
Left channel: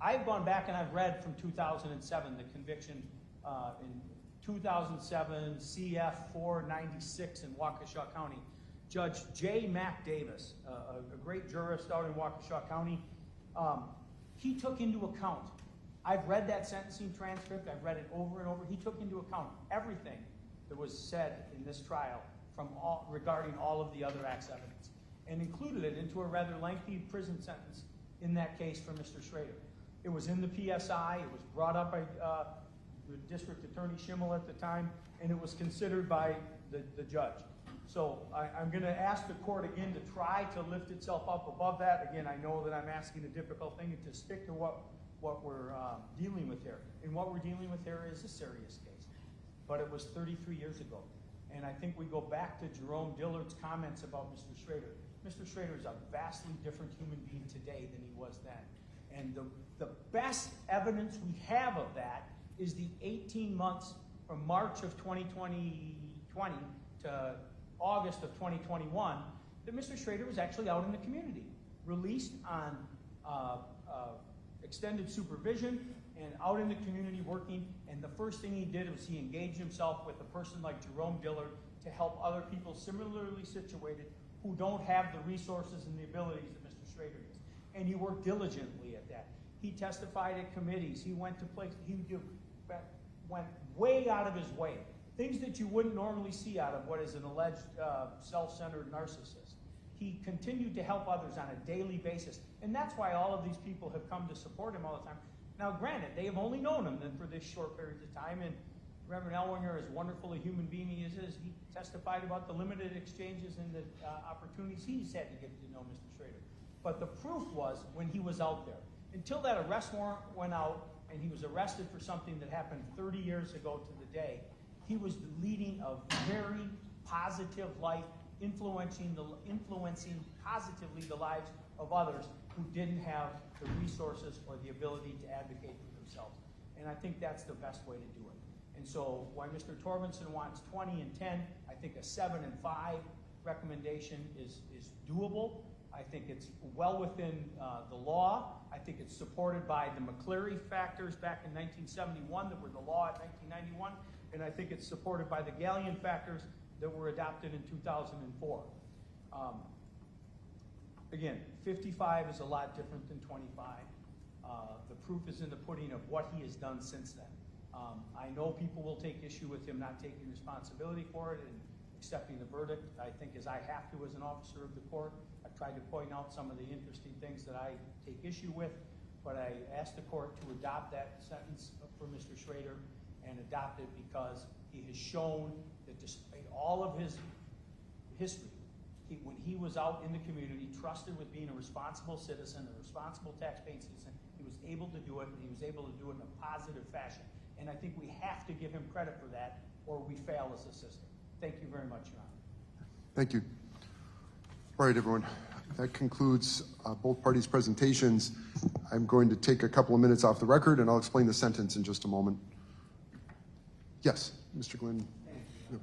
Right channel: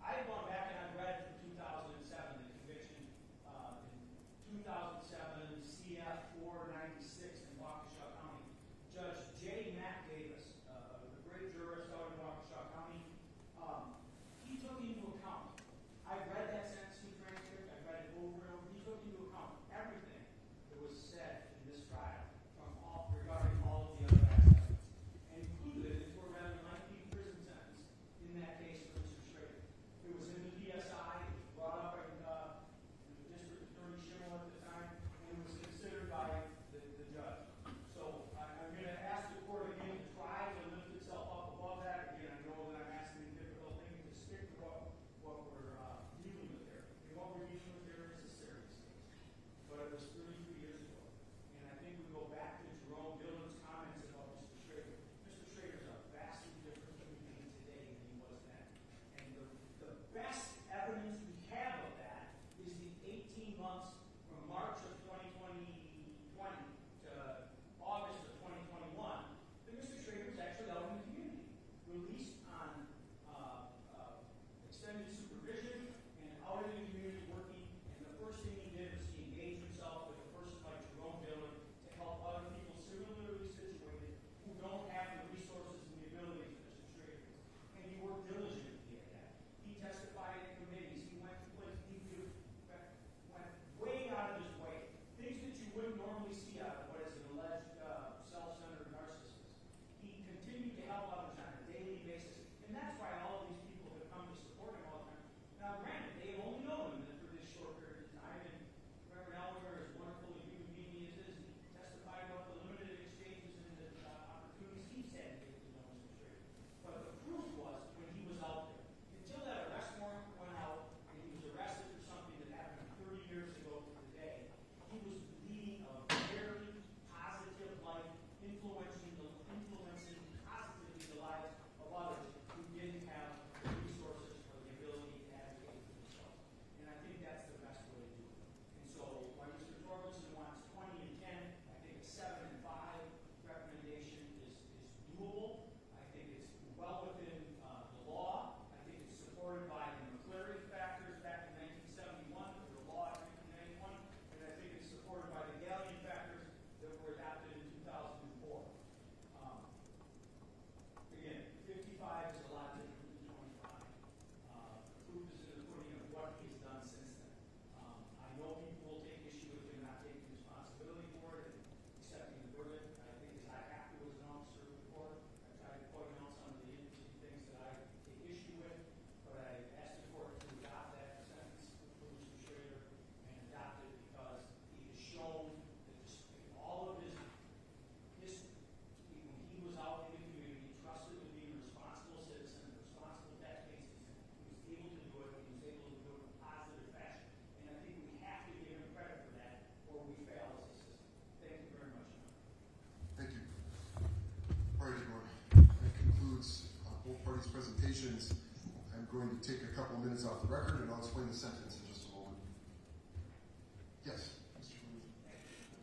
I've gone back and I've read from 2007 the conviction in 2007 CF 496 in Waukesha County. Judge J. Mac Davis, a great jurist out in Waukesha County, he took into account, I've read that sentencing transcript, I've read it over and over, he took into account everything that was said in this trial regarding all of the other acts evidence, and included it into a rather lengthy prison sentence in that case for Mr. Schroeder. It was in the PSI, it was brought up by the District Attorney Schimmel at the time, and it was considered by the judge. So I'm going to ask the court again to try to lift itself up above that. Again, I know that I'm asking a difficult thing, to stick to what we're dealing with here. And what we're dealing with here is a serious case. But it was 33 years ago. And I think we go back to Jerome Dillard's comments about Mr. Schroeder. Mr. Schroeder is a vastly different human being today than he was then. And the best evidence we have of that is the 18 months from March of 2020 to August of 2021 that Mr. Schroeder was actually out in the community, released on extended supervision and out in the community working. And the first thing he did was he engaged himself with a person like Jerome Dillard to help other people similarly situated who don't have the resources and the abilities that Mr. Schroeder did. And he worked diligently at that. He testified at committees. He went to places. He went way out of his way. Things that you wouldn't normally see out of what is an alleged self-centered narcissist. He continued to help others on a daily basis. And that's why all of these people have come to support him all the time. Now, granted, they have only known him then for this short period of time, and Reverend Elwinger, as wonderful a human being he is, he testified about the limited exchanges and the opportunities he's had to get to know Mr. Schroeder. But the proof was when he was out there. Until that arrest warrant went out and he was arrested for something that happened 30 years ago to the day, he was leading a very positive life, influencing positively the lives of others who didn't have the resources or the ability to advocate for themselves. And I think that's the best way to do it. And so while Mr. Torbenson wants 20 and 10, I think a 7 and 5 recommendation is doable. I think it's well within the law. I think it's supported by the McCleary factors back in 1971 that were the law in 1991. And I think it's supported by the Galleon factors that were adopted in 2004. Again, 55 is a lot different than 25. The proof is in the pudding of what he has done since then. I know people will take issue with him not taking responsibility for it and accepting the verdict. I think as I have to as an officer of the court, I've tried to point out some of the interesting things that I take issue with, but I asked the court to adopt that sentence for Mr. Schroeder and adopt it because he has shown that despite all of his history, when he was out in the community, trusted with being a responsible citizen, a responsible taxpaying citizen, he was able to do it, and he was able to do it in a positive fashion. And I think we have to give him credit for that or we fail as a system. Thank you very much, Your Honor. Thank you. All right, everyone. That concludes both parties' presentations. I'm going to take a couple of minutes off the record, and I'll explain the sentence in just a moment. Yes, Mr. Glenn. No.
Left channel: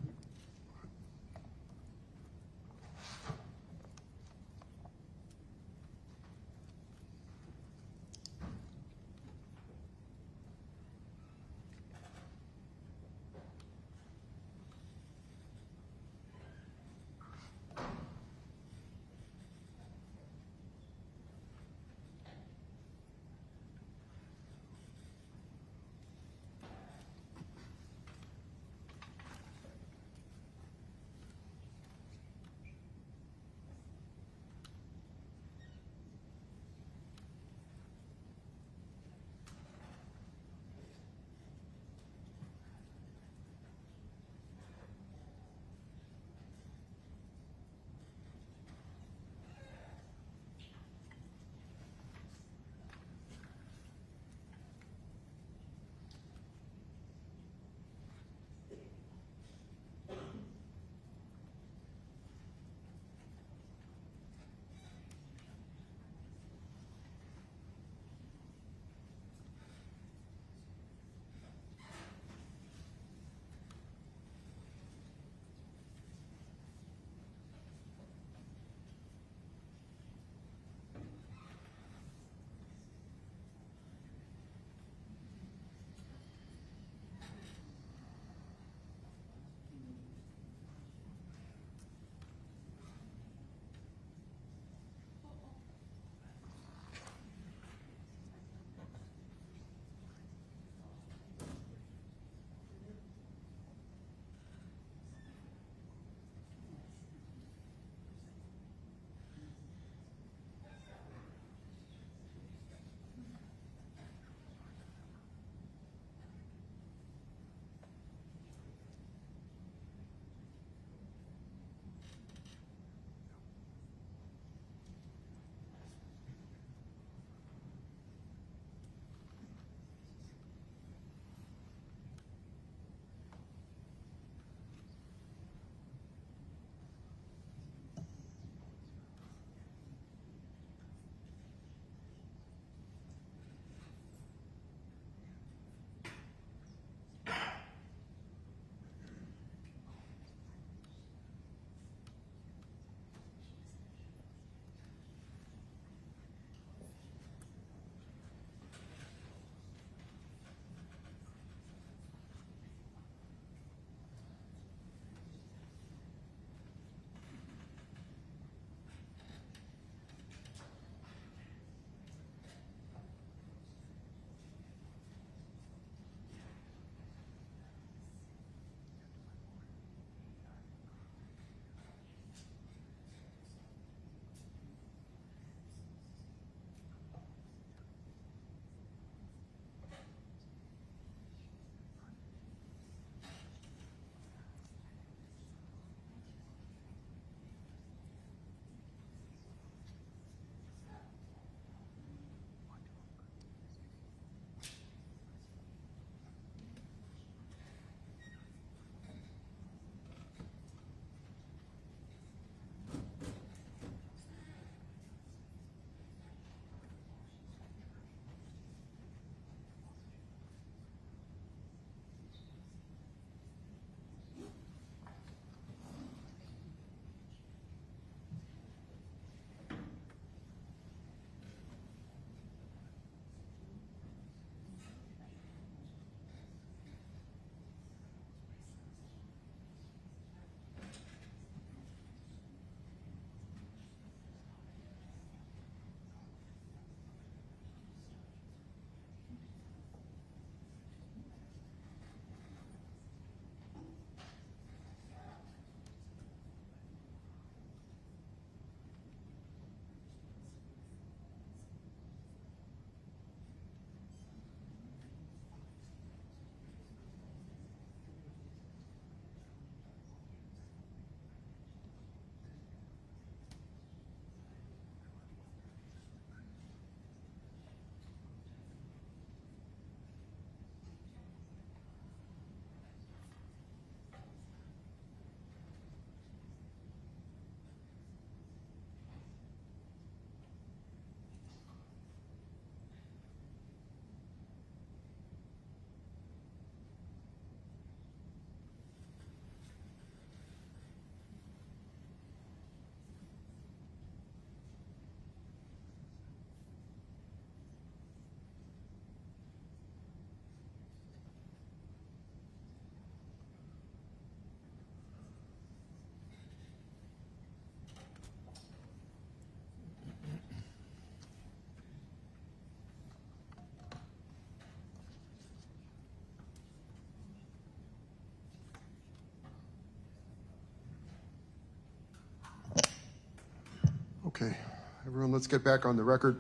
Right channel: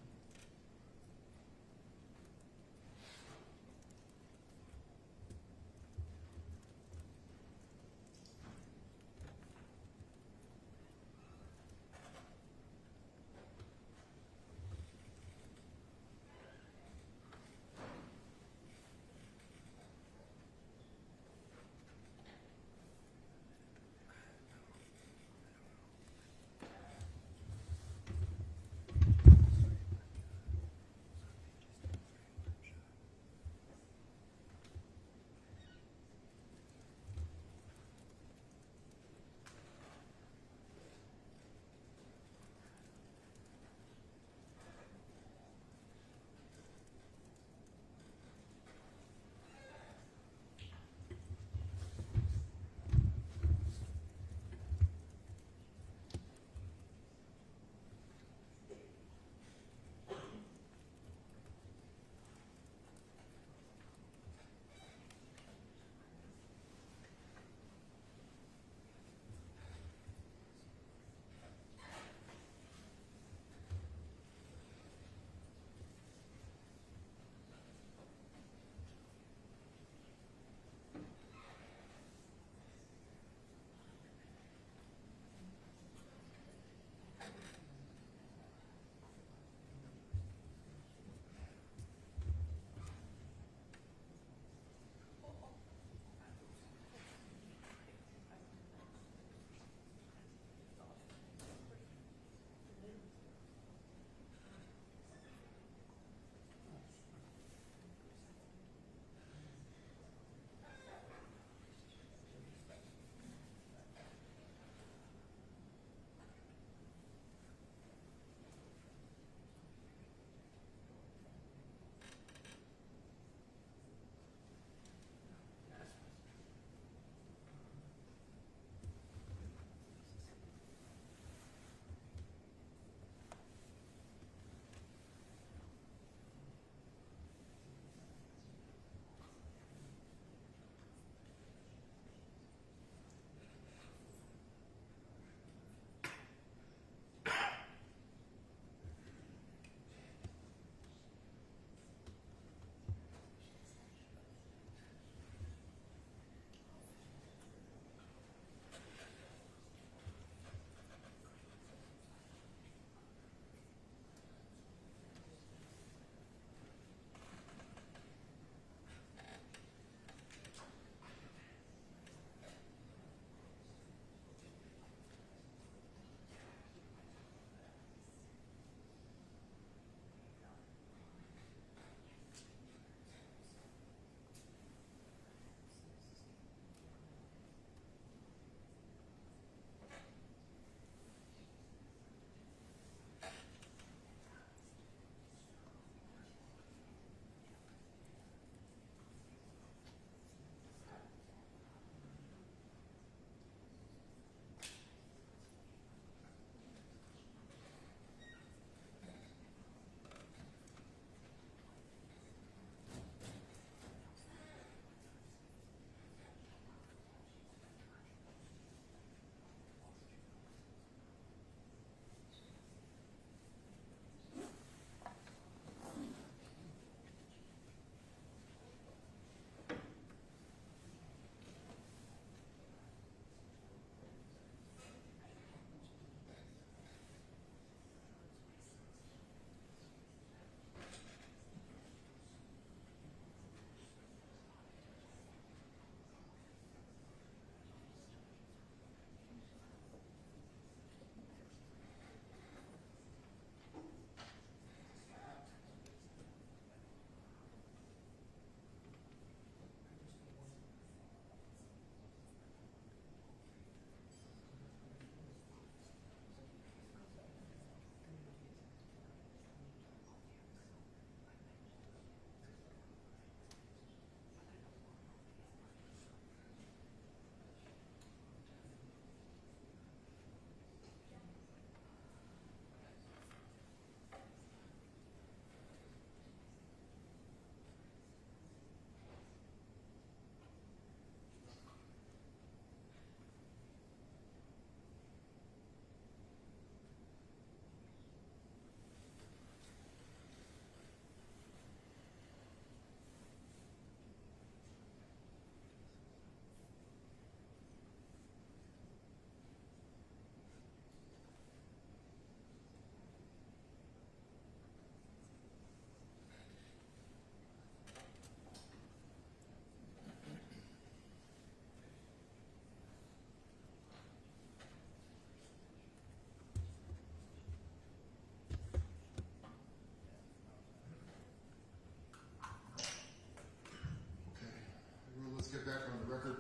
Everyone, let's get back on the record.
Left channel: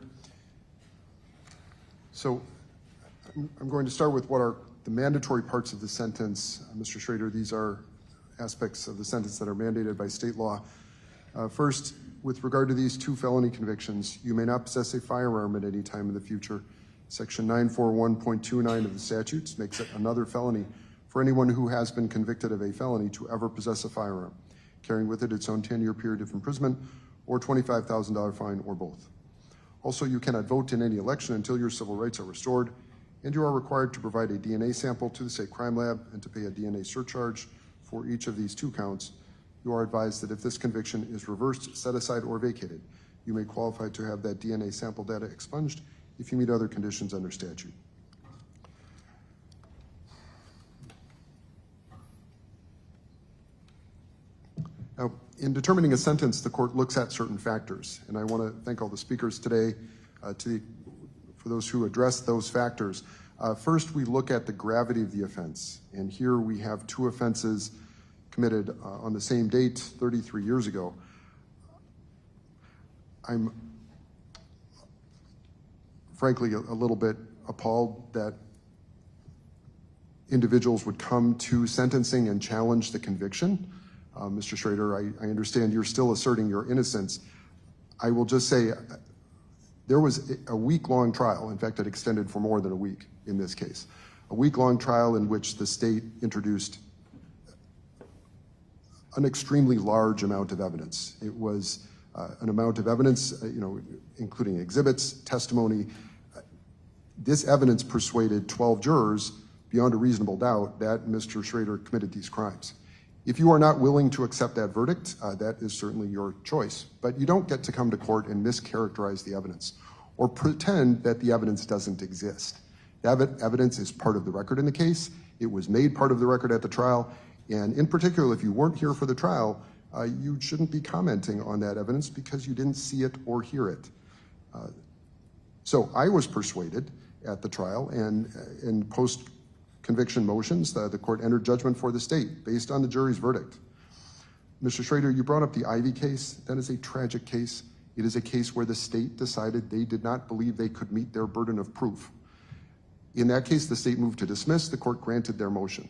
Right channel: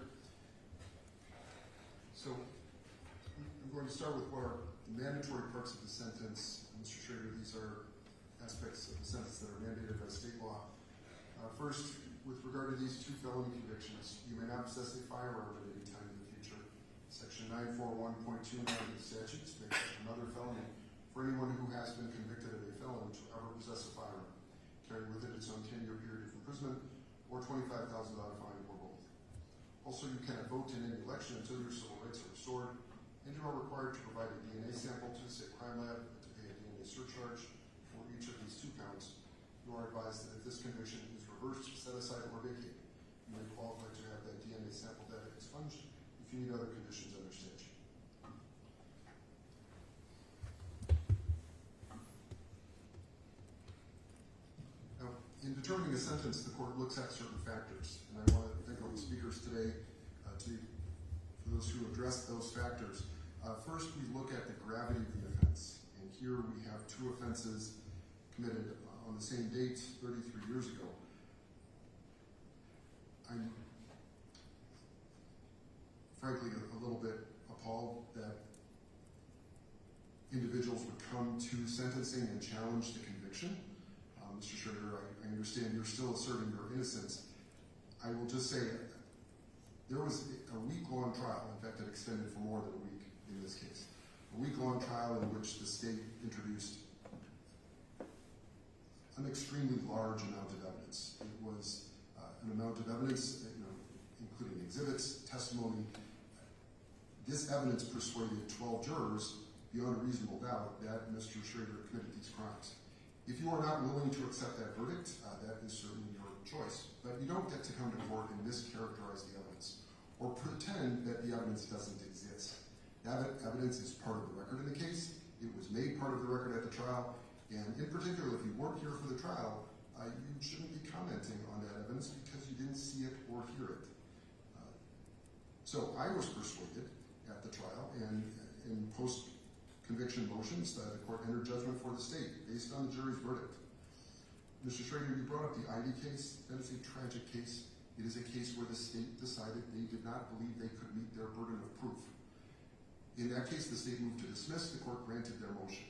So I'm going to start with what are the mandatory parts of the sentence. Mr. Schroeder, these are aspects of the sentence that are mandated by state law. First, with regard to these 2 felony convictions, you may not possess a firearm at any time in the future. Section 941.29 of the statutes makes it another felony for anyone who has been convicted of a felony to ever possess a firearm, carrying with it its own 10-year period of imprisonment or $25,000 fine or both. Also, you cannot vote in any election until your civil rights are restored, and you are required to provide a DNA sample to the state crime lab and to pay a DNA surcharge for each of these 2 counts. You are advised that if this conviction is reversed, set aside, or vacated, you may qualify to have that DNA sample data expunged if you meet other conditions under statute. Now, in determining a sentence, the court looks at certain factors, and I want to thank all the speakers today for those who address those factors. First, we look at the gravity of the offense, and here we have 2 offenses committed on the same date 33 years ago. I'm frankly a little bit appalled that individuals would come to sentencing and challenge the conviction. Mr. Schroeder, I understand you're still asserting your innocence. I will just say there was a week-long trial. In fact, it extended for more than a week in this case. A week-long trial in which the state introduced an extremely large amount of evidence. It was an amount of evidence, including exhibits, testimony. This evidence persuaded 12 jurors beyond a reasonable doubt that Mr. Schroeder committed these crimes. If you are not willing to accept that verdict, that is certainly your choice. But you don't get to come to court and mischaracterize the evidence or pretend that the evidence doesn't exist. That evidence is part of the record in the case. It was made part of the record at the trial. And in particular, if you weren't here for the trial, you shouldn't be commenting on that evidence because you didn't see it or hear it. So I was persuaded at the trial, and in post-conviction motions, the court entered judgment for the state based on the jury's verdict. Mr. Schroeder, you brought up the Ivy case. That is a tragic case. It is a case where the state decided they did not believe they could meet their burden of proof. In that case, the state moved to dismiss. The court granted their motion.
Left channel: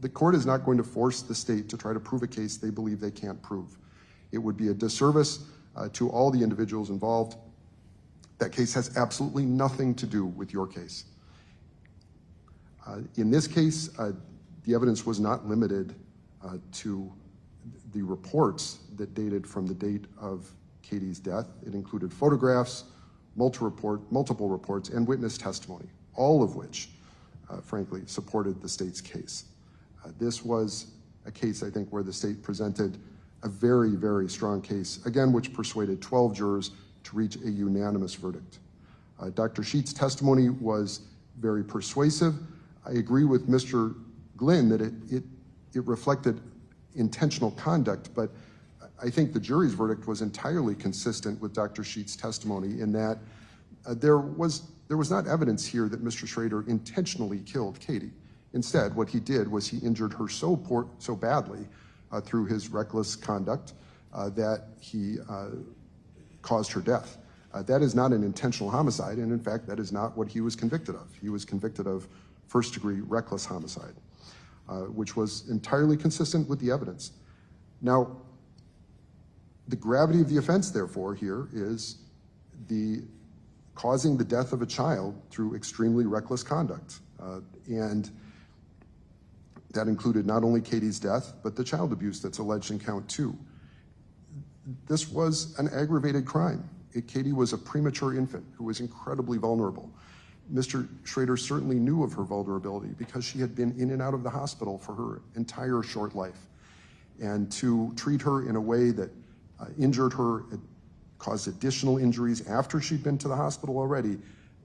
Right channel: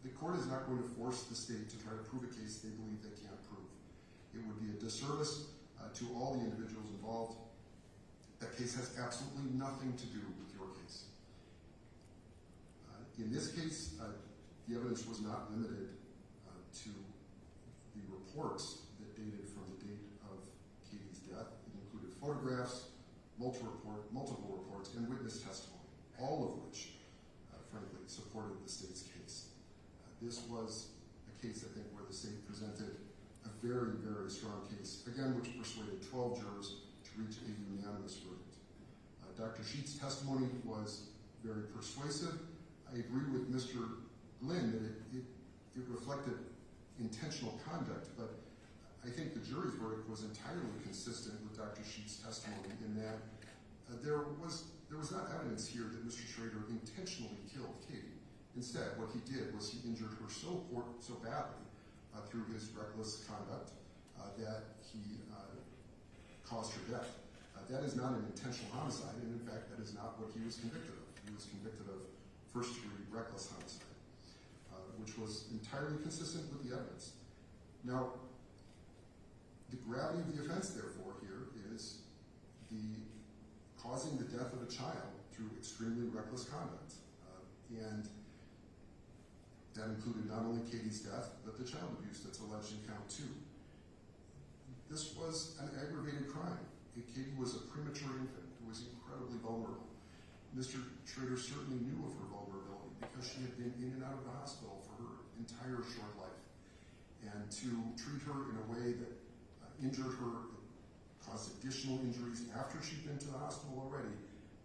The court is not going to force the state to try to prove a case they believe they can't prove. It would be a disservice to all the individuals involved. That case has absolutely nothing to do with your case. In this case, the evidence was not limited to the reports that dated from the date of Katie's death. It included photographs, multiple reports, and witness testimony, all of which, frankly, supported the state's case. This was a case, I think, where the state presented a very, very strong case, again, which persuaded 12 jurors to reach a unanimous verdict. Dr. Sheets' testimony was very persuasive. I agree with Mr. Glynn that it reflected intentional conduct, but I think the jury's verdict was entirely consistent with Dr. Sheets' testimony in that there was not evidence here that Mr. Schroeder intentionally killed Katie. Instead, what he did was he injured her so badly through his reckless conduct that he caused her death. That is not an intentional homicide, and in fact, that is not what he was convicted of. He was convicted of first-degree reckless homicide, which was entirely consistent with the evidence. Now, the gravity of the offense, therefore, here is the causing the death of a child through extremely reckless conduct. And that included not only Katie's death, but the child abuse that's alleged in count 2. This was an aggravated crime. Katie was a premature infant who was incredibly vulnerable. Mr. Schroeder certainly knew of her vulnerability because she had been in and out of the hospital for her entire short life. And to treat her in a way that injured her, caused additional injuries after she'd been to the hospital already,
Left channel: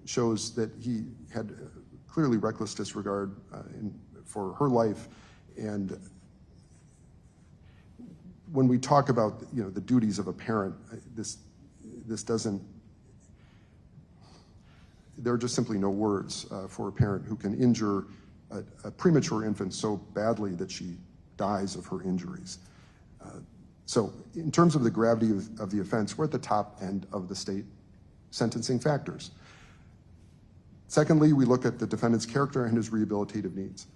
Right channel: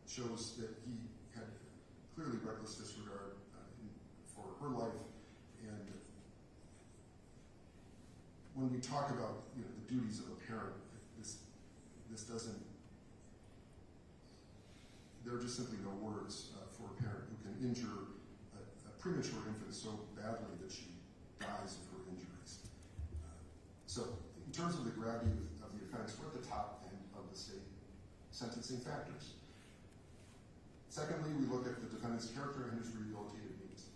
shows that he had clearly reckless disregard for her life. And when we talk about the duties of a parent, this doesn't, there are just simply no words for a parent who can injure a premature infant so badly that she dies of her injuries. So in terms of the gravity of the offense, we're at the top end of the state sentencing factors. Secondly, we look at the defendant's character and his rehabilitative needs.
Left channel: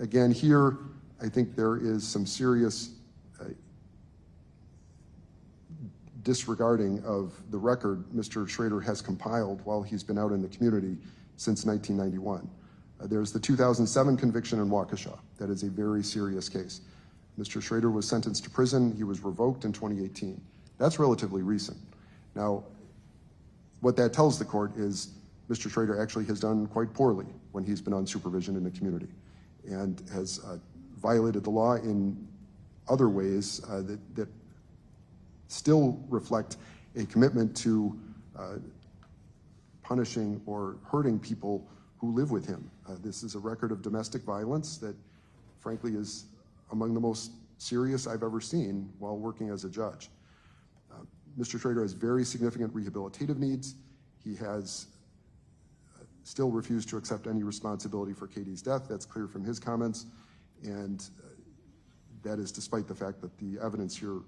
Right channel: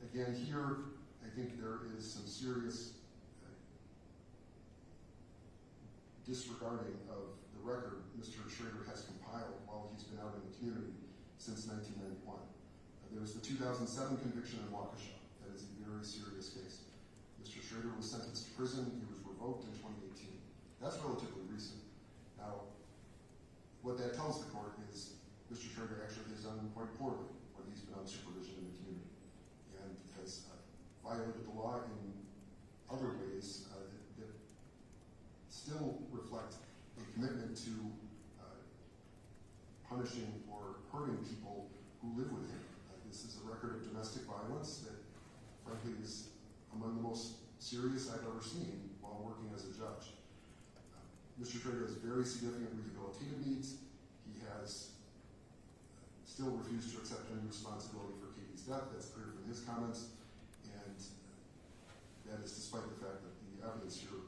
Again, here, I think there is some serious disregarding of the record Mr. Schroeder has compiled while he's been out in the community since 1991. There's the 2007 conviction in Waukesha. That is a very serious case. Mr. Schroeder was sentenced to prison. He was revoked in 2018. That's relatively recent. Now, what that tells the court is Mr. Schroeder actually has done quite poorly when he's been on supervision in the community and has violated the law in other ways that still reflect a commitment to punishing or hurting people who live with him. This is a record of domestic violence that, frankly, is among the most serious I've ever seen while working as a judge. Mr. Schroeder has very significant rehabilitative needs. He has still refused to accept any responsibility for Katie's death. That's clear from his comments, and that is despite the fact that the evidence here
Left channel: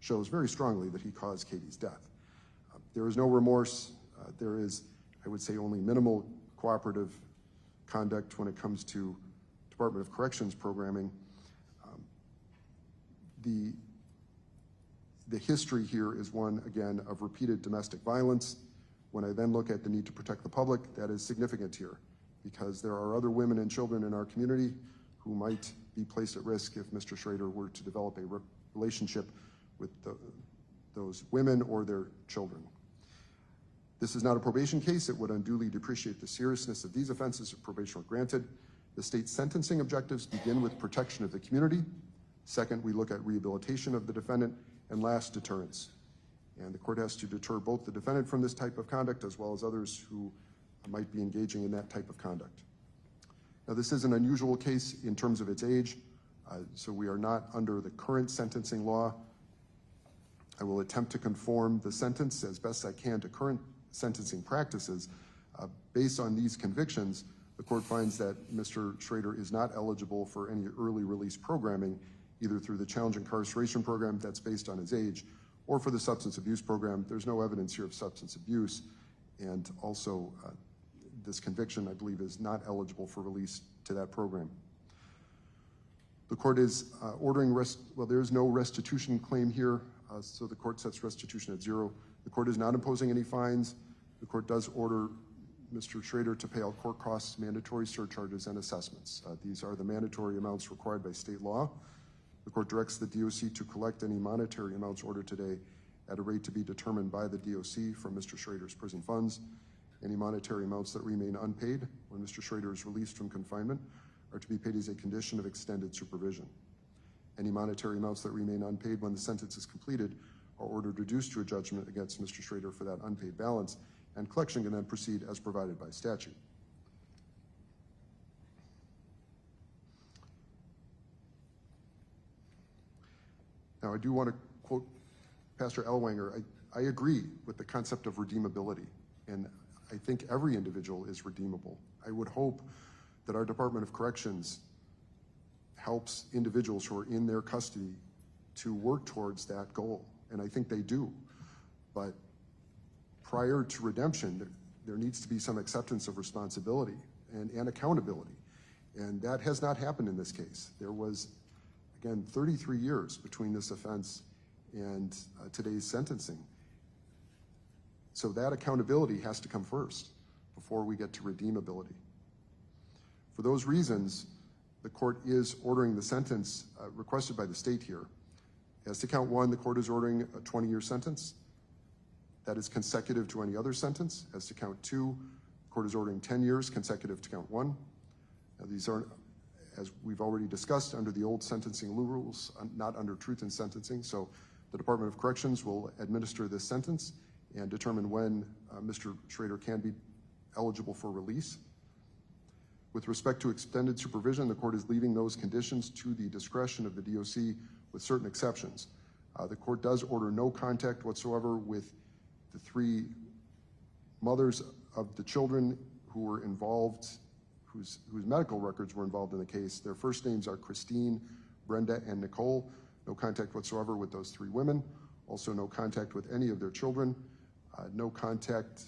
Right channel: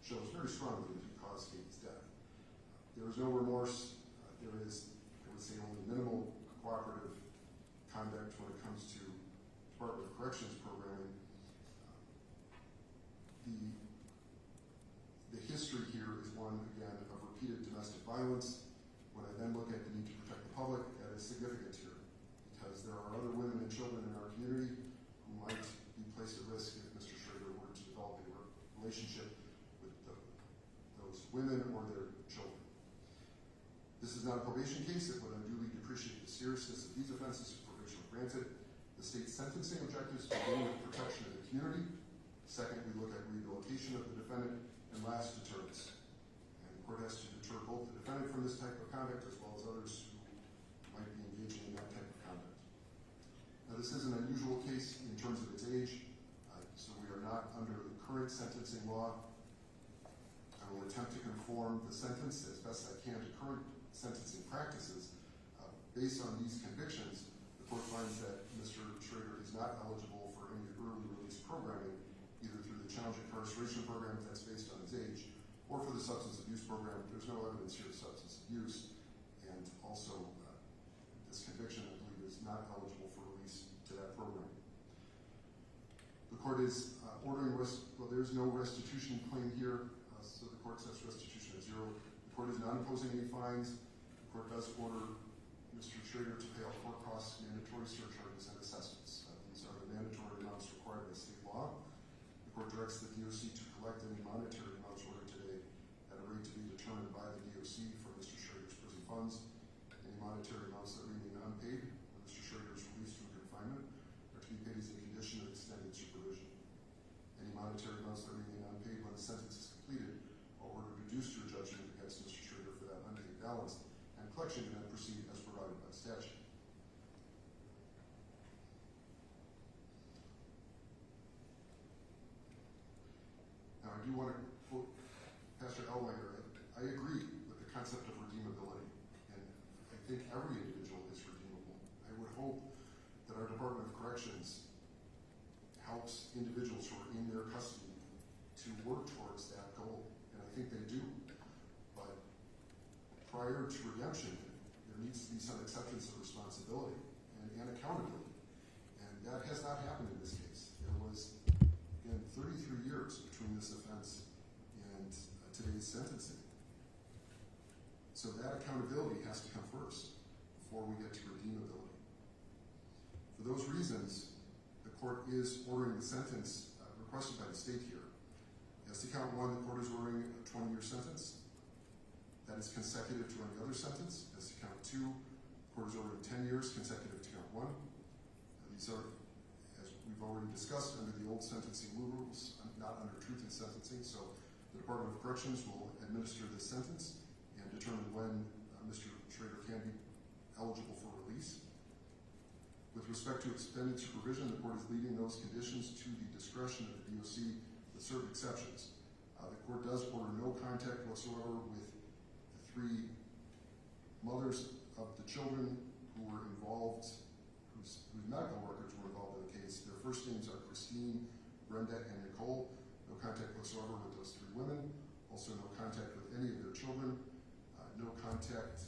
shows very strongly that he caused Katie's death. There is no remorse. There is, I would say, only minimal cooperative conduct when it comes to Department of Corrections programming. The history here is one, again, of repeated domestic violence. When I then look at the need to protect the public, that is significant here because there are other women and children in our community who might be placed at risk if Mr. Schroeder were to develop a relationship with those women or their children. This is not a probation case. It would unduly depreciate the seriousness of these offenses if probation were granted. The state's sentencing objectives begin with protection of the community. Second, we look at rehabilitation of the defendant, and last, deterrence. And the court has to deter both the defendant from this type of conduct as well as others who might be engaging in that type of conduct. Now, this is an unusual case in terms of its age, so we are not under the current sentencing law. I will attempt to conform the sentence as best I can to current sentencing practices. Based on these convictions, the court finds that Mr. Schroeder is not eligible for any early release programming, either through the challenge incarceration program that's based on his age, or for the substance abuse program. There's no evidence here of substance abuse, and also this conviction, I believe, is not eligible for release to that program. The court is ordering there's no restitution claim here, so the court sets restitution at 0. The court is not imposing any fines. The court does order Mr. Schroeder to pay all court costs, mandatory surcharges, and assessments. These are the mandatory amounts required by state law. The court directs the DOC to collect any monetary amounts ordered today at a rate to be determined by the DOC from Mr. Schroeder's prison funds. Any monetary amounts that remain unpaid when Mr. Schroeder is released from confinement are to be paid as a condition of extended supervision. Any monetary amounts that remain unpaid when the sentence is completed are ordered reduced to a judgment against Mr. Schroeder for that unpaid balance, and collection can then proceed as provided by statute. Now, I do want to quote Pastor Ellwanger. I agree with the concept of redeemability, and I think every individual is redeemable. I would hope that our Department of Corrections helps individuals who are in their custody to work towards that goal, and I think they do. But prior to redemption, there needs to be some acceptance of responsibility and accountability, and that has not happened in this case. There was, again, 33 years between this offense and today's sentencing. So that accountability has to come first before we get to redeemability. For those reasons, the court is ordering the sentence requested by the state here. As to count 1, the court is ordering a 20-year sentence. That is consecutive to any other sentence. As to count 2, the court is ordering 10 years consecutive to count 1. Now, these are, as we've already discussed, under the old sentencing rules, not under truth in sentencing. So the Department of Corrections will administer this sentence and determine when Mr. Schroeder can be eligible for release. With respect to extended supervision, the court is leaving those conditions to the discretion of the DOC with certain exceptions. The court does order no contact whatsoever with the 3 mothers of the children who were involved, whose medical records were involved in the case. Their first names are Christine, Brenda, and Nicole. No contact whatsoever with those 3 women. Also no contact with any of their children. No contact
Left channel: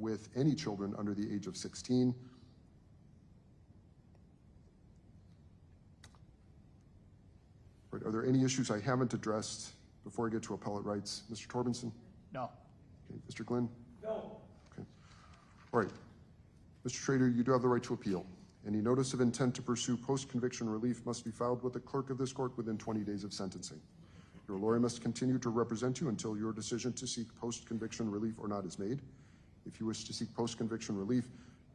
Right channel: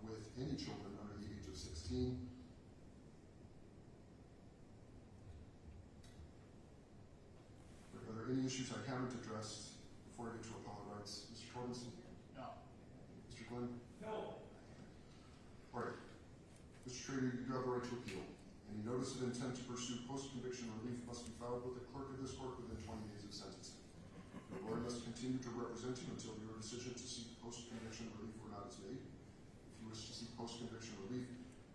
with any children under the age of 16. Are there any issues I haven't addressed before I get to appellate rights? Mr. Torbenson? No. Okay. Mr. Glenn? No. Okay. All right. Mr. Schroeder, you do have the right to appeal. Any notice of intent to pursue post-conviction relief must be filed with the clerk of this court within 20 days of sentencing. Your lawyer must continue to represent you until your decision to seek post-conviction relief or not is made. If you wish to seek post-conviction relief,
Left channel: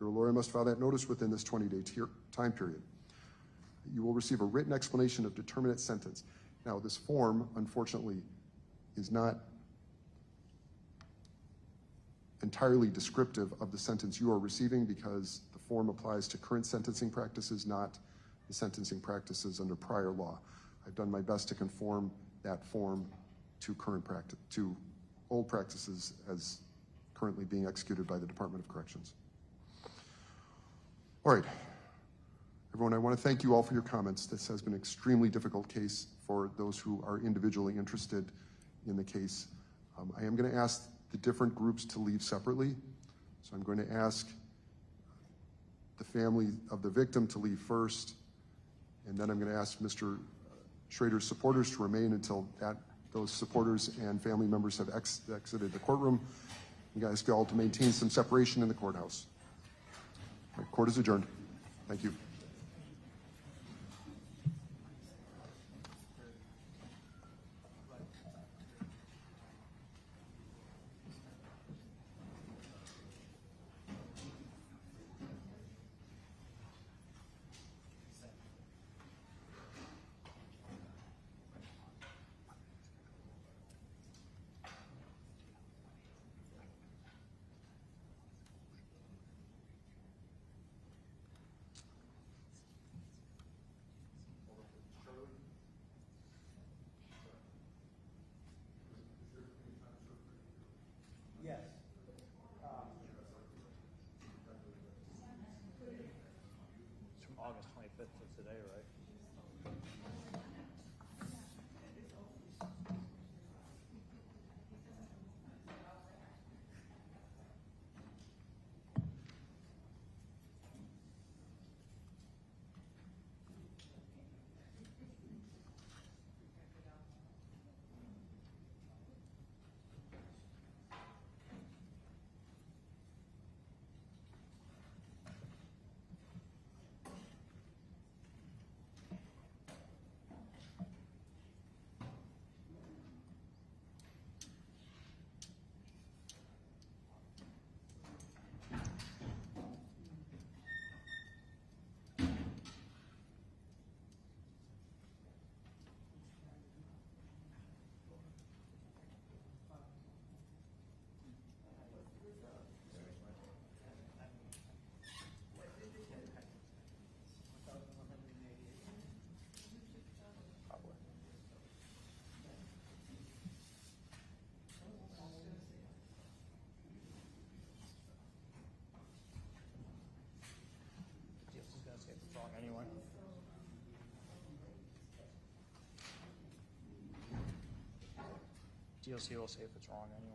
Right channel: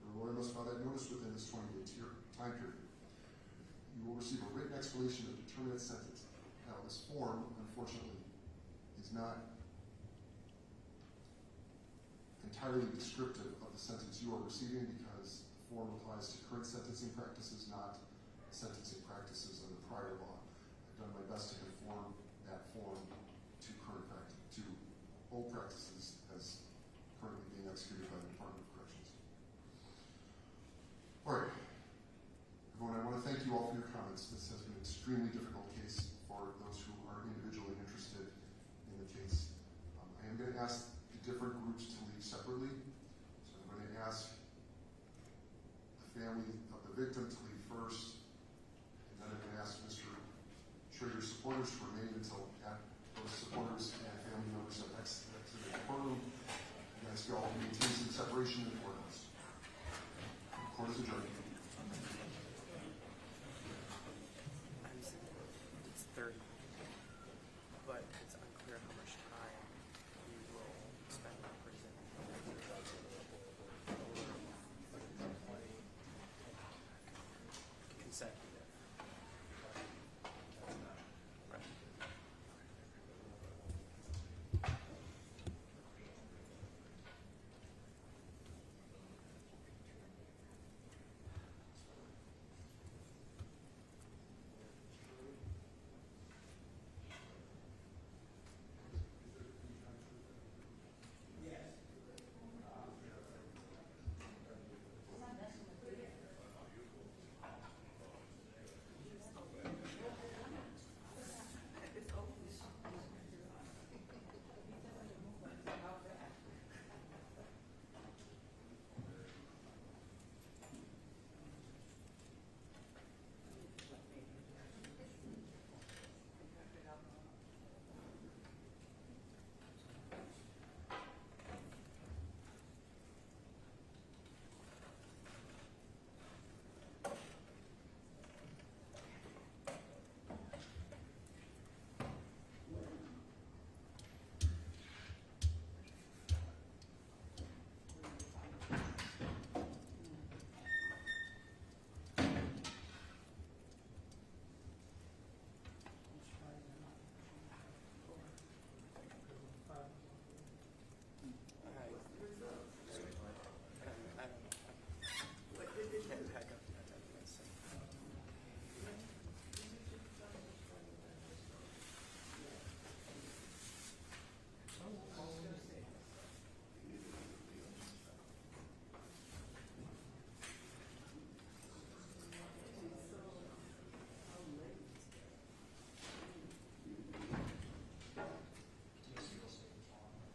your lawyer must file that notice within this 20-day time period. You will receive a written explanation of determinate sentence. Now, this form, unfortunately, is not entirely descriptive of the sentence you are receiving because the form applies to current sentencing practices, not the sentencing practices under prior law. I've done my best to conform that form to current practice, to old practices as currently being executed by the Department of Corrections. All right. Everyone, I want to thank you all for your comments. This has been an extremely difficult case for those who are individually interested in the case. I am going to ask the different groups to leave separately. So I'm going to ask the family of the victim to leave first, and then I'm going to ask Mr. Schroeder's supporters to remain until those supporters and family members have exited the courtroom. I'm going to ask you all to maintain some separation in the courthouse. All right, court is adjourned. Thank you. DOC will see if it's wrong anyway.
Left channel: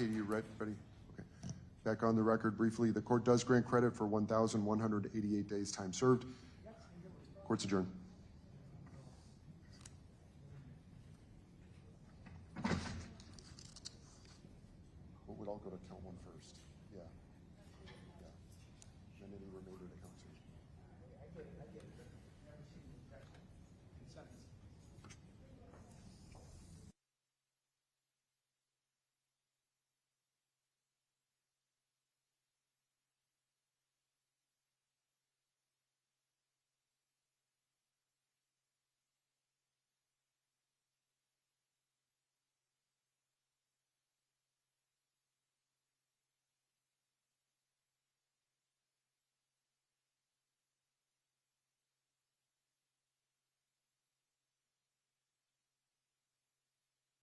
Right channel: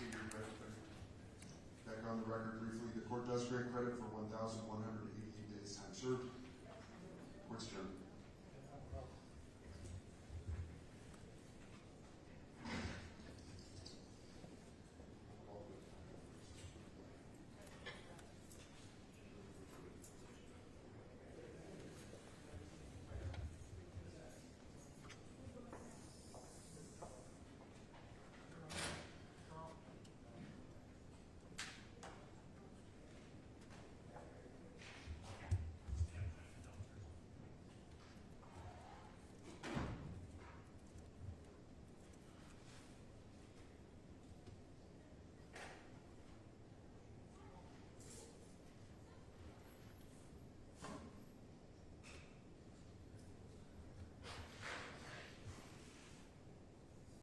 Katie, you ready? Okay. Back on the record briefly, the court does grant credit for 1,188 days time served. Court's adjourned.